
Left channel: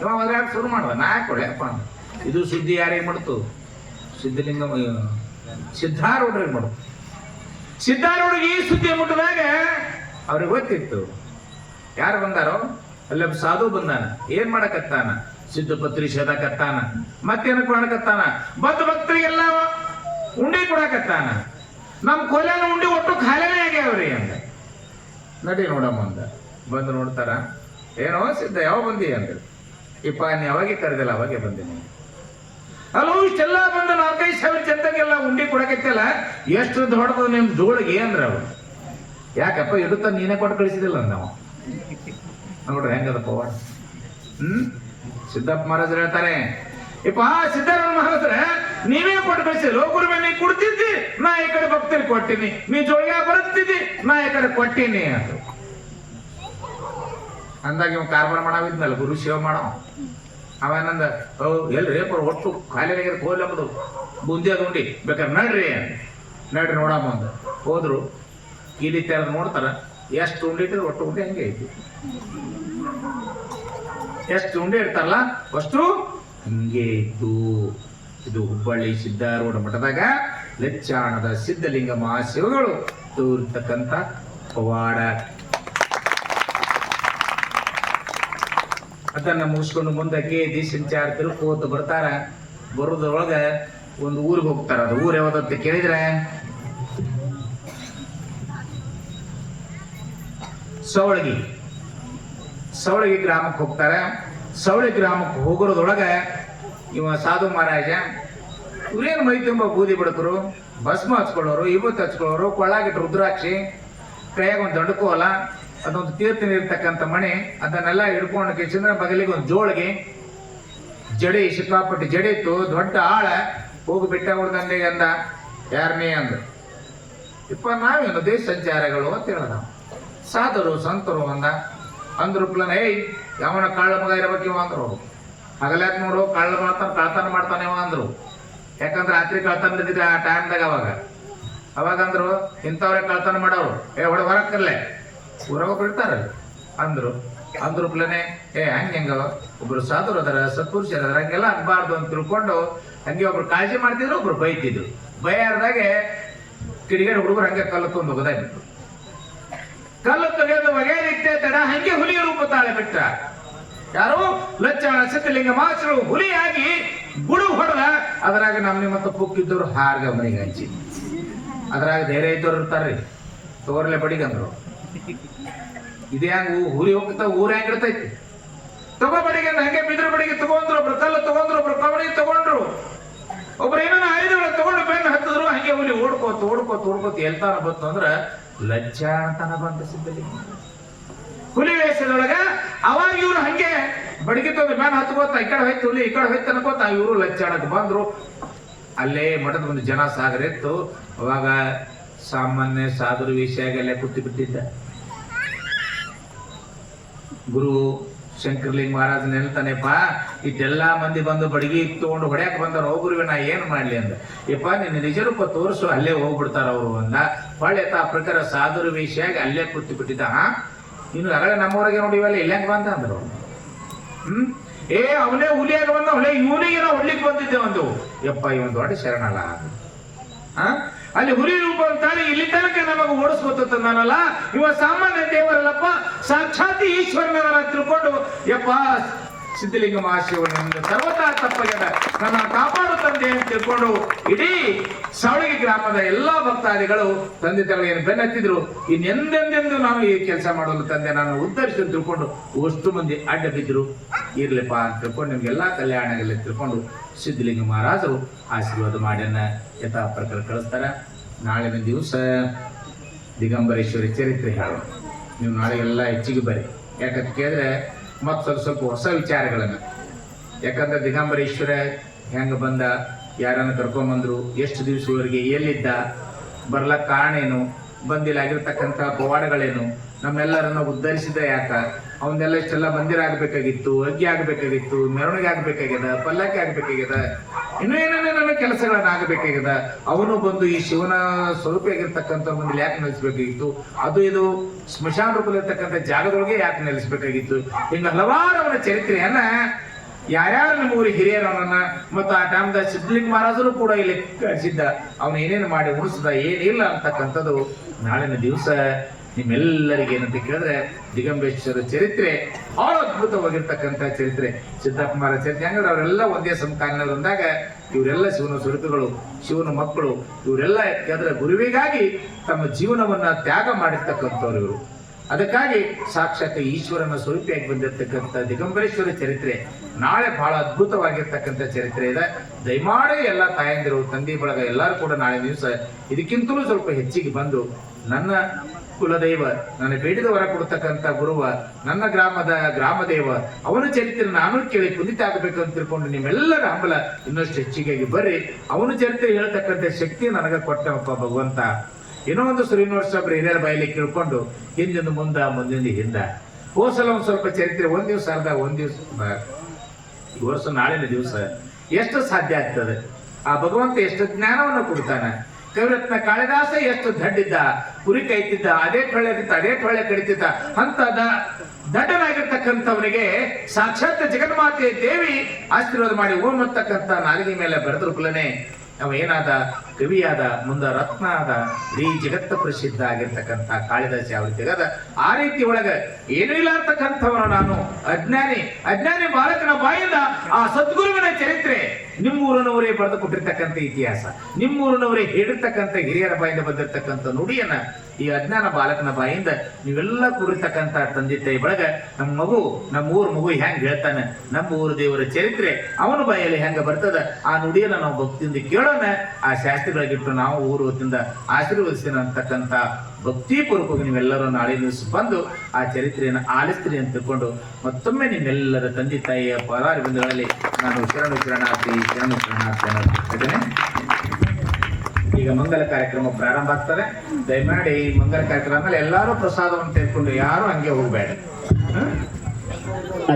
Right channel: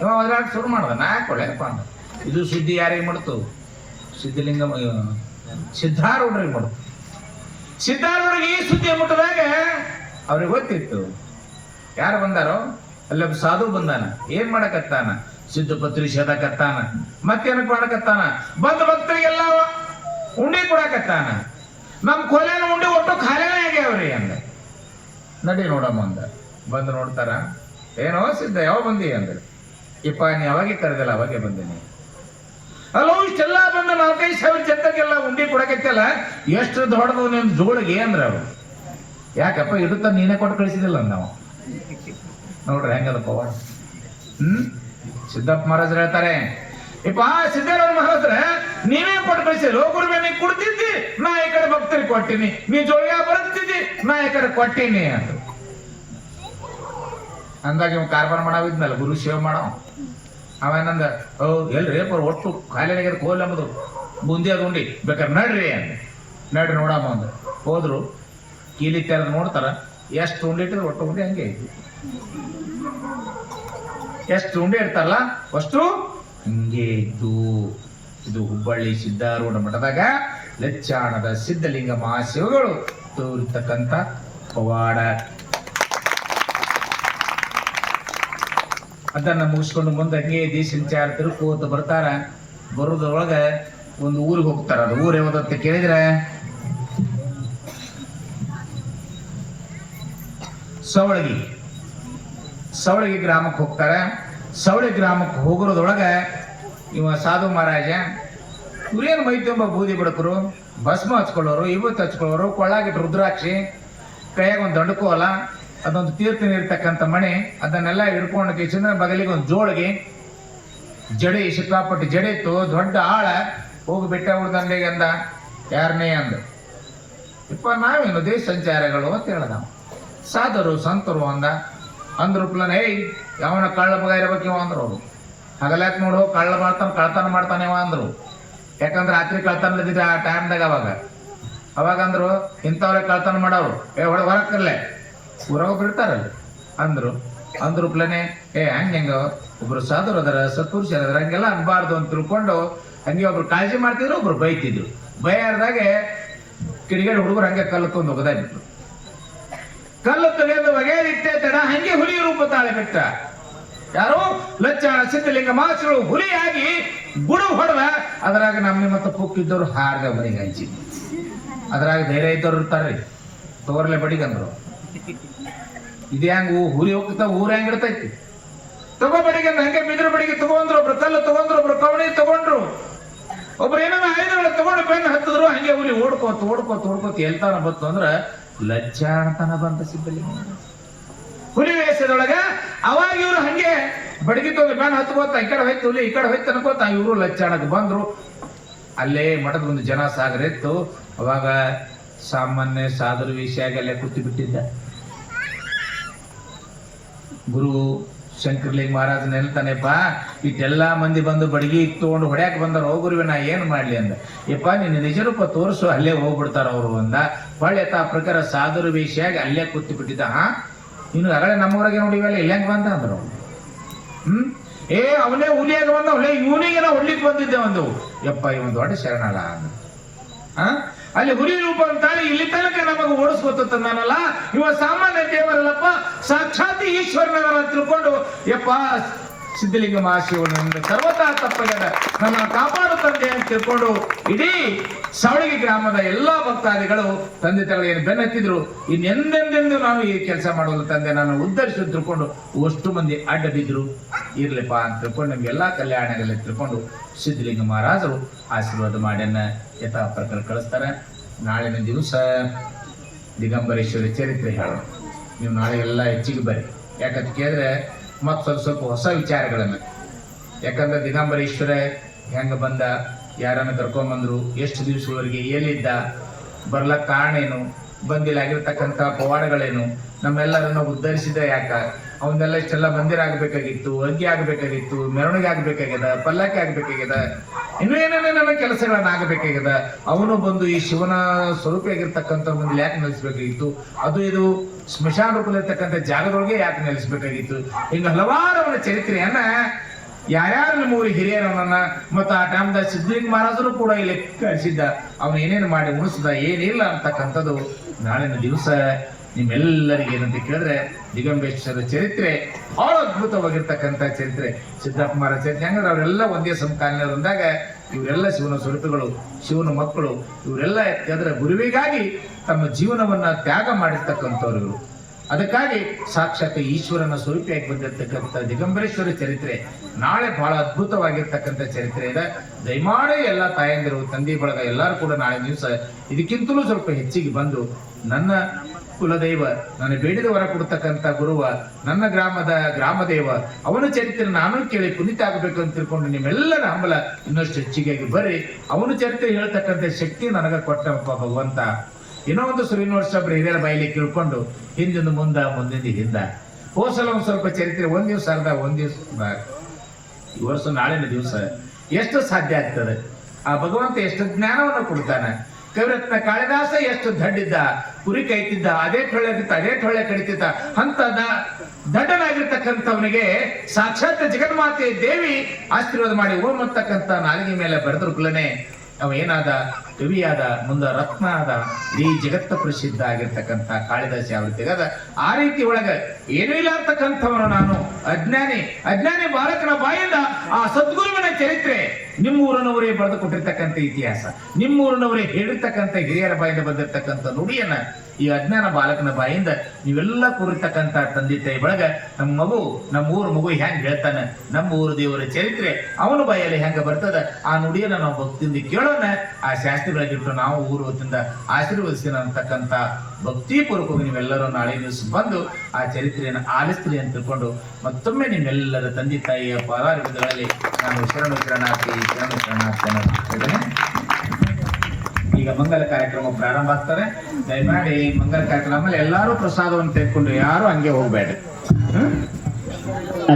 ಇವ ಅದ್ರಾಗ ಶುರು ಮಾಡುವ. ನಾ ಕೊಡಪ್ಪ ಇದು ಸುದ್ದಿ ಯಾರಿಗೆ ಮಾಡ್ತು? ಸಿದ್ಧಲಿಂಗ ಸಿದ್ಧಾರೂಢರಿಗೆ ಮಾಡ್ತು. ಸಿದ್ಧಾರೂಢರಿಗೆ ಈ ಸುದ್ದಿಯ ಮುಟ್ಟದಾಗ ಅವ್ರಿಗೆ ಗೊತ್ತಿತ್ತು ಯಾರು ಬಂದಾರೋ. ಅಲ್ಲೊಬ್ಬ ಸಾಧು ಬಂದಾನ, ಏನ್ ಮಾಡಕತ್ತಾನ? ಸಿದ್ಧಪತ್ರಿ ಸದಕತ್ತಾನ. ಮತ್ತೇನಕ್ ಮಾಡಕತ್ತಾನ? ಬಂದ ಭಕ್ತರಿಗೆಲ್ಲ ಉಂಡಿ ಕೊಡಕತ್ತಾನ. ನಮ್ ಕೊಲೆನ ಉಂಡಿ ಒಟ್ಟು ಖಾಲಿನೇ ಆಗ್ಯಾವ್ರಿ ಅಂದ. ನಡಿ ನೋಡಮ್ಮ ಅಂದ. ಬಂದು ನೋಡ್ತಾರ, ಏನೋ ಸಿದ್ಧ ಯಾವ ಬಂದಿ ಅಂದ. ಇಪ್ಪ ನೀ ಅವಾಗೆ ಕರೆದಿಲ್ಲ, ಅವಾಗೆ ಬಂದಿನಿ. ಅಲ್ಲೋ ಇಷ್ಟೆಲ್ಲ ಬಂದ 4-5 ಸಾವಿರ ಜನರಿಗೆಲ್ಲ ಉಂಡಿ ಕೊಡಕತ್ತಲ್ಲ, ಎಷ್ಟು ದೊಡ್ಡದು ನಿಮ್ ಜೋಳಿಗೆ ಅಂದ್ರೆ ಅವ್ರು. ಯಾಕಪ್ಪ ಇಡುತ್ತ ನೀನೇ ಕೊಟ್ಟು ಕಳಿಸಿದಿಲ್ಲ ನಾವು. ನೋಡ್ರಿ ಹೆಂಗದ ಪವಾಡ. ಸಿದ್ದಪ್ಪ ಮಹಾರಾಜರು ಹೇಳ್ತಾರೆ, ಇಪ್ಪ ಸಿದ್ದರಾಮ ಮಹಾರಾಜ್ರೆ ನೀವೇ ಕೊಟ್ಟು ಕಳಿಸಿದ್ರು ಗುರುವೆ ನೀ ಕೊಡ್ತಿದ್ದಿ, ನಾ ಈ ಕಡೆ ಭಕ್ತರಿಗೆ ಕೊಟ್ಟಿನಿ, ನೀ ಜೋಳಿಗೆ ಬರುತ್ತಿದ್ದಿ, ನಾ ಈ ಕಡೆ ಕೊಟ್ಟಿನಿ ಅಂತ ಅಂದಾಗ ಇವ್ ಕಾರ್ಬಾರ ಮಾಡಾವಿದ್ನಲ್ಲ ಗುರು ಸೇವೆ ಮಾಡೋ ಅವೇನಂದ ಓ ಎಲ್ರಿ ಒಟ್ಟು ಖಾಲಿ ಕೋಲ್ ಎಂಬುದು ಬುಂದಿ ಅದು ಉಂಡಿ ಬೇಕಾದ್ರೆ ನಡ್ರಿ ಅಂತ ನಡ್ರಿ ನೋಡಮ್ಮ ಅಂದ ಹೋದ್ರು ಕೀಲಿ ತೆರೆದು ನೋಡ್ತಾರ ಎಷ್ಟು ಉಂಡೆ ಇಟ್ಟಿದ್ರು ಒಟ್ಟು ಉಂಡೆ ಹಂಗೆ ಐತಿ, ಎಷ್ಟು ಉಂಡೆ ಇರ್ತಾರಲ್ಲ ಅಷ್ಟು ಹಿಂಗೆ ಇತ್ತು. ಇದು ಹುಬ್ಬಳ್ಳಿ ಸಿದ್ಧಾರೂಢ ಮಠದಾಗ ಲೆಚ್ಚಾಣದ ಸಿದ್ಧಲಿಂಗ ಮಹಾಶಿವಗಳು ತೋರ್ತಕ್ಕಂಥ ಪವಾಡ. ಅದನ್ನ ಮುಗಿಸ್ಕೊಂಡು ಮುಂದಕ್ಕೆ ಸಂಚಾರ ತಿರುಕೋತ ಬರ್ತಾರ. ಬರೋದ್ರೊಳಗ ಒಂದು ಊರಿಗೆ ಹೋಗ್ತಾರ. ಅದು ಊರು ಯಾವ್ದಂತ ಕೇಳಿದ್ರೆ ಸವಳಗಿ ಗ್ರಾಮಕ್ಕೆ ಹೋಗ್ತಾರೆ. ಸವಳಗಿ ಗ್ರಾಮಕ್ಕೆ ಹೋಗೋದ್ರೊಳಗ ಇವ ಸಾಧು ಮಹಾರಾಜ ಇವ್ರೇನು ಮೈ ತುಂಬ ಬೂದಿ ಬಿಡಕರು, ಭಸ್ಮ ಹಚ್ಕೊಳ್ಳೋರು, ಇವತ್ತು ಹಚ್ಕೊಳ್ಳೋರು, ಕೊಳ್ಳಾಗಿಟ್ಟು ರುದ್ರಾಕ್ಷಿ, ಕೈಯಾಗ ಒಂದು ದಂಡಕೋಲ, ಅದೊಂದು ತೀರ್ಥ ಇರ್ತಕ್ಕಂಥ ಮಣೆ, ಅದನ್ನೆಲ್ಲ ಹಿಡ್ಕೊಂಡು ಚಂದ್ರ ಬಗಲಿಗೆ ಒಂದು ಜೋಳಿಗೆ, ಜಡೆ ಸಿಕ್ಕಾಪಟ್ಟಿ ಜಡೆ ಇತ್ತು, ದೊಡ್ಡ ಆಳ ಹೋಗಿ ಬೆಟ್ಟ ಉಳ್ದಂಡೆಗೆ ಅಂದ. ಯಾರನೇ ಅಂದ ಇಪ್ಪ ನಾವೇನು ದೇಶ ಸಂಚಾರಗಳು ಅಂತ ಹೇಳ್ದ. ಸಾಧರು ಸಂತರು ಅಂದ್ರು ಏಯ್ ಯಾವನ ಕಳ್ಳ ಮಗ ಇರಬೇಕಿವ ಅಂದ್ರು. ಅವರು ಹಗಲ್ಯಾಕ ನೋಡು ಕಳ್ಳ ಕಳ್ತನ ಮಾಡ್ತಾನೆವ ಅಂದ್ರು. ಯಾಕಂದ್ರೆ ರಾತ್ರಿ ಕಳ್ತನ ಇದ್ದಿದ್ದ ಆ ಟೈಮ್ದಾಗ ಅವಾಗಂದ್ರು ಇಂಥವ್ರೆ ಕಳ್ತನ ಮಾಡೋರು ಹೊರಗೆ ತರಲೆ ಊರಾಗ ಬಿಡ್ತಾರ ಅಂದ್ರು ಪ್ಲೇನೆ ಹಂಗ ಒಬ್ರು ಸಾಧುರು ಅದರ ಸತ್ಪುರುಷರ ಅದರ ಹಂಗೆಲ್ಲ ಅನ್ಬಾರ್ದು ಅಂತ ತಿಳ್ಕೊಂಡು ಹಂಗೆ ಒಬ್ರು ಕಾಳಜಿ ಮಾಡ್ತಿದ್ರು, ಒಬ್ರು ಬೈತಿದ್ರು. ಬೈಯಾರ್ದಾಗೆ ಕಿಡಿಗೇಡಿ ಹುಡುಗರು ಹಂಗೆ ಕಲ್ಲು ತಂದು ಹೋಗದಾಗಿತ್ತು. ಕಲ್ಲು ತೆಗೆದು ಬಗೆಯಿಟ್ಟೆ ತಡ ಹಂಗೆ ಹುಲಿ ರೂಪ ತಾಳೆ ಬಿಟ್ಟ. ಯಾರು ಲಚ್ಚಾಣ ಸಿದ್ಧಲಿಂಗ ಮಾಸ್ರು ಹುಲಿಯಾಗಿ ಗುಡು ಹೊಡೆದ. ಅದ್ರಾಗ ನಮ್ಮ ಮತ್ತು ಪುಕ್ಕಿದ್ದವ್ರು ಹಾರ್ಗ ಮನೆಗೆ ಹಂಚಿ. ಅದ್ರಾಗ ಧೈರ್ಯ ಇದ್ದವ್ರು ಇರ್ತಾರ್ರಿ, ತೋರ್ಲೆ ಬಡಿಗಂದ್ರು. ಇದು ಹೆಂಗ ಹುಲಿ ಹೋಗ್ತಾ ಊರ ಹೆಂಗ್ ಇರ್ತೈತಿ, ತಗೋ ಬಡಿಗಂದ ಹಂಗೆ ಬಿದ್ರ ಬಡಿಗೆ ತಗೊಂಡ್ರು. ಒಬ್ರು ಕಲ್ಲು ತಗೊಂಡ್ರು, ಒಬ್ರು ಕವಣಿ ತಗೊಂಡ್ರು, ಒಬ್ರು ಏನೋ ಆಯುಧಗಳು ತಗೊಂಡು ಬೆನ್ನ ಹತ್ತಿದ್ರು. ಹಂಗೆ ಹುಲಿ ಓಡ್ಕೋತ ಎಲ್ತಾನ ಬಂತು ಅಂದ್ರ ಲಜ್ಜಾಣತನ ಬಂತ ಸಿದ್ಧಲಿಂಗ ಹುಲಿ ವೇಷದೊಳಗ. ಅವಾಗ ಇವ್ರು ಹಂಗೆ ಬಡಿಗೆ ತಗೊಂಡು ಬೆನ್ನ ಹತ್ಕೋತ ಈ ಕಡೆ ಹೋಯ್ತು ಹುಲಿ, ಈ ಕಡೆ ಹೋಯ್ತು ಅನ್ಕೋತ ಇವರು ಲಜ್ಜಾಣಕ್ಕೆ ಬಂದ್ರು. ಅಲ್ಲೇ ಮಠದ ಒಂದು ಜನ ಸಾಗರ ಇತ್ತು. ಅವಾಗ ಸಾಮಾನ್ಯ ಸಾಧುರು ವಿಷಯಾಗಿ ಅಲ್ಲೇ ಕೂತು ಬಿಟ್ಟಿದ್ದ. ಗುರು ಶಂಕರಲಿಂಗ ಮಹಾರಾಜ್ ನೆನ್ತಾನೆಪ್ಪ, ಇಷ್ಟೆಲ್ಲಾ ಮಂದಿ ಬಂದು ಬಡಗಿ ತಗೊಂಡು ಹೊಡ್ಯಾಕ್ ಬಂದವ್ರು. ಹೋಗುರುವೆ ನಾ ಏನ್ ಮಾಡ್ಲಿ ಅಂದ. ಯಪ್ಪ ನಿನ್ನ ನಿಜ ರೂಪ ತೋರಿಸು, ಅಲ್ಲೇ ಹೋಗ್ಬಿಡ್ತಾರ ಅವರು ಅಂದ. ಹೊಳ್ಳೆ ಆ ಪ್ರಕಾರ ಸಾಧುರು ವಿಷಯಾಗಿ ಅಲ್ಲೇ ಕೂತು ಬಿಟ್ಟಿದ್ದ. ಇನ್ನು ಅಗಳೆ ನಮ್ಮವರೆಗೆ ನೋಡಿವಲ್ಲ ಇಲ್ಲ ಹೆಂಗ್ ಬಂದ ಅಂದ್ರು. ಅವನೇ ಹುಲಿಯಾಗ ಬಂದ, ಇವನಿಗೆ ನಾವು ಹೊಡ್ಲಿಕ್ಕೆ ಬಂದಿದ್ದೆ ಒಂದು. ಯಪ್ಪ ಇವನ್ ದೊಡ್ಡ ಶರಣಲ್ಲ. ಅಲ್ಲಿ ಹುಲಿ ರೂಪ ಅಂತಾನೆ ಇಲ್ಲಿ ತನಕ ನಮಗೆ ಓಡಿಸ್ಕೊತ ನಾನಲ್ಲ, ಇವ ಸಾಮಾನ್ಯ ದೇವರಲ್ಲಪ್ಪ, ಸಾಕ್ಷಾತ್ ಈಶ್ವರನವರ ತಿಳ್ಕೊಂಡು ಯಪ್ಪ ಸಿದ್ಧಲಿಂಗ ಮಹಾಶಿವನು ಸರ್ವತಾ ತಪ್ಪಗೆದ ನನ್ನ ಕಾಪಾಡುತ್ತಂತೆ ಅಂತ ತಿಳ್ಕೊಂಡು ಇಡೀ ಸವಳಗಿ ಗ್ರಾಮದ ಎಲ್ಲಾ ಭಕ್ತಾದಿಗಳು ತಂದೆ ತಾಯಿಗೆ ಬೆನ್ನತ್ತಿದ್ರು. ಇನ್ನೆಂದೆಂದೆಂದು ನಾವು ಈ ಕೆಲಸ ಮಾಡೋದು ತಂದೆ ನಾನು ಉದ್ಧರಿಸಿ ತಿಳ್ಕೊಂಡು ಅಷ್ಟು ಮಂದಿ ಅಡ್ಡ ಬಿದ್ರು. ಇರ್ಲಿಪ್ಪ ಅಂತ ತಿಳ್ಕೊಂಡು ನಿಮ್ಗೆಲ್ಲಾ ಕಲ್ಯಾಣಗಳಲ್ಲಿ ತಿಳ್ಕೊಂಡು ಸಿದ್ಧಲಿಂಗ ಮಹಾರಾಜರು ಆಶೀರ್ವಾದ ಮಾಡ್ಯನ್ನ ಯಥಾ ಪ್ರಕಾರ ಕಳಿಸ್ತಾರ. ನಾಳಿನ ದಿವಸ ದಿಗಂಬರೇಶ್ವರಿ ಚರಿತ್ರೆ ಹೇಳೋಣ. ನೀವು ನಾಳೆ ಎಲ್ಲ ಹೆಚ್ಚಿಗೆ ಬರ್ರಿ. ಯಾಕಂತ ಕೇಳಿದ್ರೆ ಮತ್ತೊಂದು ಸ್ವಲ್ಪ ಹೊಸ ವಿಚಾರಗಳನ್ನು, ಯಾಕಂದ್ರೆ ದಿಗಂಬರೇಶ್ವರ ಹೆಂಗ ಬಂದ, ಯಾರನ್ನ ಕರ್ಕೊಂಬಂದ್ರು, ಎಷ್ಟು ದಿವಸವರೆಗೆ ಎಲ್ಲಿದ್ದ, ಬರ್ಲಕ್ಕ ಕಾರಣ ಏನು, ಬಂದಿಲ್ಲ ಆಗಿರ್ತಕ್ಕಂಥ ಪವಾಡಗಳೇನು, ನಮ್ಮೆಲ್ಲರನ್ನು ಉದ್ಧರಿಸಿದ ಯಾಕ, ಅವನ್ನೆಲ್ಲ ಇಷ್ಟೆಲ್ಲ ಮಂದಿರ ಆಗ್ಬೇಕಾಗಿತ್ತು, ಅಗ್ಗಿ ಆಗ್ಬೇಕಾಗಿತ್ತು, ಮೆರವಣಿಗೆ ಆಗ್ಬೇಕಾಗ್ಯದ, ಪಲ್ಲಕ್ಕಿ ಆಗ್ಬೇಕಾಗ್ಯದ, ಇನ್ನೂ ಏನೇನ ಕೆಲಸಗಳನ್ನ ಆಗಬೇಕಾಗ್ಯದ. ಅವನು ಬಂದು ಈ ಶಿವನ ಸ್ವರೂಪ ಆಗಿರ್ತಕ್ಕಂಥ ಮುಂದೆ ಯಾಕೆ ನೆಲೆಸ್ಬೇಕಾಗಿತ್ತು, ಅದು ಇದು ಸ್ಮಶಾನ ರೂಪದಲ್ಲಿರ್ತಕ್ಕಂಥ ಜಾಗದೊಳಗೆ ಯಾಕೆ ನೆಲೆಸ್ಬೇಕಾಗಿತ್ತು. ಹಿಂಗ ಹಲವಾರು ಅವನ ಚರಿತ್ರೆಯನ್ನ ಯಾರ್ಯಾರು ನಿಮ್ಮ ಊರಿಗೆ ಹಿರಿಯರವನ್ನ ಮತ್ತು ಆ ಟೈಮ್ದ ಸಿದ್ಧಲಿಂಗ ಮಹಾರಾಜರು ಕೂಡ ಇಲ್ಲಿ ಕಳಿಸಿದ್ದ. ಅವನು ಏನೇನು ಮಾಡಿ ಉಳಿಸಿದ ಏನಿಲ್ಲ ಅಂತಕ್ಕಂಥದ್ದು ನಾಳಿನ ದಿವಸ ನಿಮ್ಮೆಲ್ಲರಿಗೆ ಏನಂತ ಕೇಳಿದ್ರೆ ದಿಗಂಬೇಶ್ವರ ಚರಿತ್ರೆ ಬಹಳ ಅದ್ಭುತವಾಗಿರ್ತಕ್ಕಂಥ ಚರಿತ್ರೆ. ಸಿದ್ದಪ್ಪ ಮಹಾರಾಜ ಚರಿತ್ರೆ ಹೆಂಗಂದ್ರೆ ಅವರೆಲ್ಲ ಒಂದೇ ಸಮಕಾಲೀನರು ಅಂದಾಗ ಇವರೆಲ್ಲ ಶಿವನ ಸ್ವರೂಪಗಳು, ಶಿವನ ಮಕ್ಕಳು. ಇವರೆಲ್ಲ ಯಾಕಂದ್ರೆ ಗುರುವಿಗಾಗಿ ತಮ್ಮ ಜೀವನವನ್ನ ತ್ಯಾಗ ಮಾಡಿರ್ತಕ್ಕಂಥವ್ರು ಇವರು. ಅದಕ್ಕಾಗಿ ಸಾಕ್ಷಾತ್ ಈಶ್ವರನ ಸ್ವರೂಪಿಯಾಗಿ ಬಂದಿರತಕ್ಕಂಥ ದಿಗಂಬರೇಶ್ವರ ಚರಿತ್ರೆ ನಾಳೆ ಬಹಳ ಅದ್ಭುತವಾಗಿರ್ತಕ್ಕಂಥ ಚರಿತ್ರೆ ಇದೆ. ದಯಮಾಡಿ ಎಲ್ಲ ತಾಯಂದಿರು, ತಂದೆ ಬಳಗ ಎಲ್ಲರೂ ಕೂಡ ನಾಳೆ ದಿವಸ ಇದಕ್ಕಿಂತಲೂ ಸ್ವಲ್ಪ ಹೆಚ್ಚಿಗೆ ಬಂದು ನನ್ನ ಕುಲದೈವ, ನನ್ನ ಬೇಡಿದ ವರ ಕೊಡ್ತಕ್ಕಂಥ ಗುರುವ, ನನ್ನ ಗ್ರಾಮದ ಗ್ರಾಮದೇವ, ಅವನ ಚರಿತ್ರೆ ನಾನು ಕೇಳಿ ಪುನೀತ ಆಗಬೇಕು ಅಂತ ತಿಳ್ಕೊಂಡು ನಿಮ್ಮೆಲ್ಲರ ಹಂಬಲ ಇನ್ನಷ್ಟು ಹೆಚ್ಚಿಗೆ ಬರ್ರಿ. ಅವನ ಚರಿತ್ರೆ ಹೇಳ್ತಕ್ಕಂಥ ಶಕ್ತಿ ನನಗ ಕೊಟ್ಟಪ್ಪ ಭಗವಂತ. ಏನೋ ಒಂದು ಶ್ರೀನಿವಾಸ ಹಿರಿಯರ ಬಾಯಲ್ಲಿ ಕೇಳ್ಕೊಂಡು ಹಿಂದಿಂದ ಮುಂದಿಂದ ಹಿಂದ ಹೋಸಲ ಒಂದ್ ಸ್ವಲ್ಪ ಚರಿತ್ರೆ ಒಂದ್ ದಿವ್ಸ ಅರ್ಧ, ಒಂದ್ ದಿವ್ಸ ಈ ವರ್ಷ ನಾಳಿನ ದಿವಸ ಎಷ್ಟು ಸಾಧ್ಯ ಆಗ್ತದೆ. ಆ ಭಗವಂತ ಎಷ್ಟು ಜ್ಞಾನವನ್ನು ಕೊಡ್ತಾನೆ. ಕವಿರತ್ನ ಕಾಳಿದಾಸ ಎಷ್ಟು ದಡ್ಡಿದ್ದ, ಕುರಿ ಕೈತಿದ್ದ, ಅದೇ ಟೊಳ್ಳೆ ಕಡಿತಿದ್ದ. ಅಂತ ದಡ್ಡನಾಗಿರ್ತಕ್ಕಂಥವನಿಗೆ ಸಾಕ್ಷಾತ್ ಜಗನ್ಮಾತೆ ದೇವಿ ಆಶೀರ್ವಾದ ಮಾಡಿ ಓಂ ಅಂತಕ್ಕಂಥ ನಾಲಿಗೆ ಮೇಲೆ ಬೆಳೆದ್ರು ಕುಲನೆ ಅವ ಏನಾದ, ಕವಿಯಾದ, ಮುಂದ ರತ್ನ ಆದ, ಈ ಜಗತ್ತ ಪ್ರಸಿದ್ಧ ಆಗಿರ್ತಕ್ಕಂಥ ಕಾಳಿದಾಸ ಯಾವ ರೀತಿ ಅದ ಆ ರೀತಿ ಒಳಗ ಏನೂ ಇಲ್ಲ ಅಂತಕ್ಕಂಥವನು ನಾನು ಅಜ್ಞಾನಿ ಬಾಲಕನ ಬಾಯಿಂದ ಆ ಸದ್ಗುರುವಿನ ಚರಿತ್ರೆ ನಿಮ್ಮೂರಿನವರೇ ಬರೆದು ಕೊಟ್ಟಿರ್ತಕ್ಕಂಥ ಇತಿಹಾಸ, ನಿಮ್ಮೂರಿನವರೇ ಹೇಳಿರ್ತಕ್ಕಂಥ ಹಿರಿಯರ ಬಾಯಿಂದ ಬಂದಿರ್ತಕ್ಕಂಥ ನುಡಿಯನ್ನ ಈ ಅಜ್ಞಾನ ಬಾಲಕನ ಬಾಯಿಂದ ನೀವೆಲ್ಲ ಕೂರಿರ್ತಕ್ಕಂಥ ತಂದೆ ತಾಯಿ ಬಳಗ ನಮ್ಮ ಊರ ಮಗು ಹೆಂಗ್ ಹೇಳ್ತಾನೆ, ನಮ್ಮ ಊರು ದೇವರ ಚರಿತ್ರೆ ಅವನ ಬಾಯಲ್ಲಿ ಹೆಂಗ ಬರ್ತದ ಆ ನುಡಿಯನ್ನ ನಾವು ಭಕ್ತಿಯಿಂದ ಕೇಳೋಣ. ಆ ಶಾಸ್ತ್ರಿಗಳಿಗಿಟ್ಟು ನಾವು ಊರು ಹೊತ್ತಿಂದ ಆಶೀರ್ವದಿಸ್ತೀನಿ ಅಂತಕ್ಕಂಥ ಭಕ್ತಿಪೂರ್ವಕವಾಗಿ ನೀವೆಲ್ಲರೂ ನಾಳೆ ದಿವಸ ಬಂದು ಆ ಚರಿತ್ರೆಯನ್ನು ಆಲಿಸ್ತೀರಿ ಅಂತ ತಿಳ್ಕೊಂಡು ಮತ್ತೊಮ್ಮೆ ನಿಮ್ಮೆಲ್ಲರ ತಂದೆ ತಾಯಿಯ ಪದಾರ್ಧಗಳಲ್ಲಿ ನಾನು ಶರಣಾರ್ಥಿ. ಈಗ ಮಂಗಲ ಕಾರ್ಯಕ್ರಮ ಪ್ರಾರಂಭ ಆಗ್ತದೆ. ದಯಮಾಡಿ ಮಂಗಲ ಕಾರ್ಯಕ್ರಮ ಎಲ್ಲರೂ ಪ್ರಸಾದವನ್ನು ತೆಗೆದುಕೊಂಡು ಯಾರು ಹಂಗೆ ಹೋಗ್ಬೇಡ.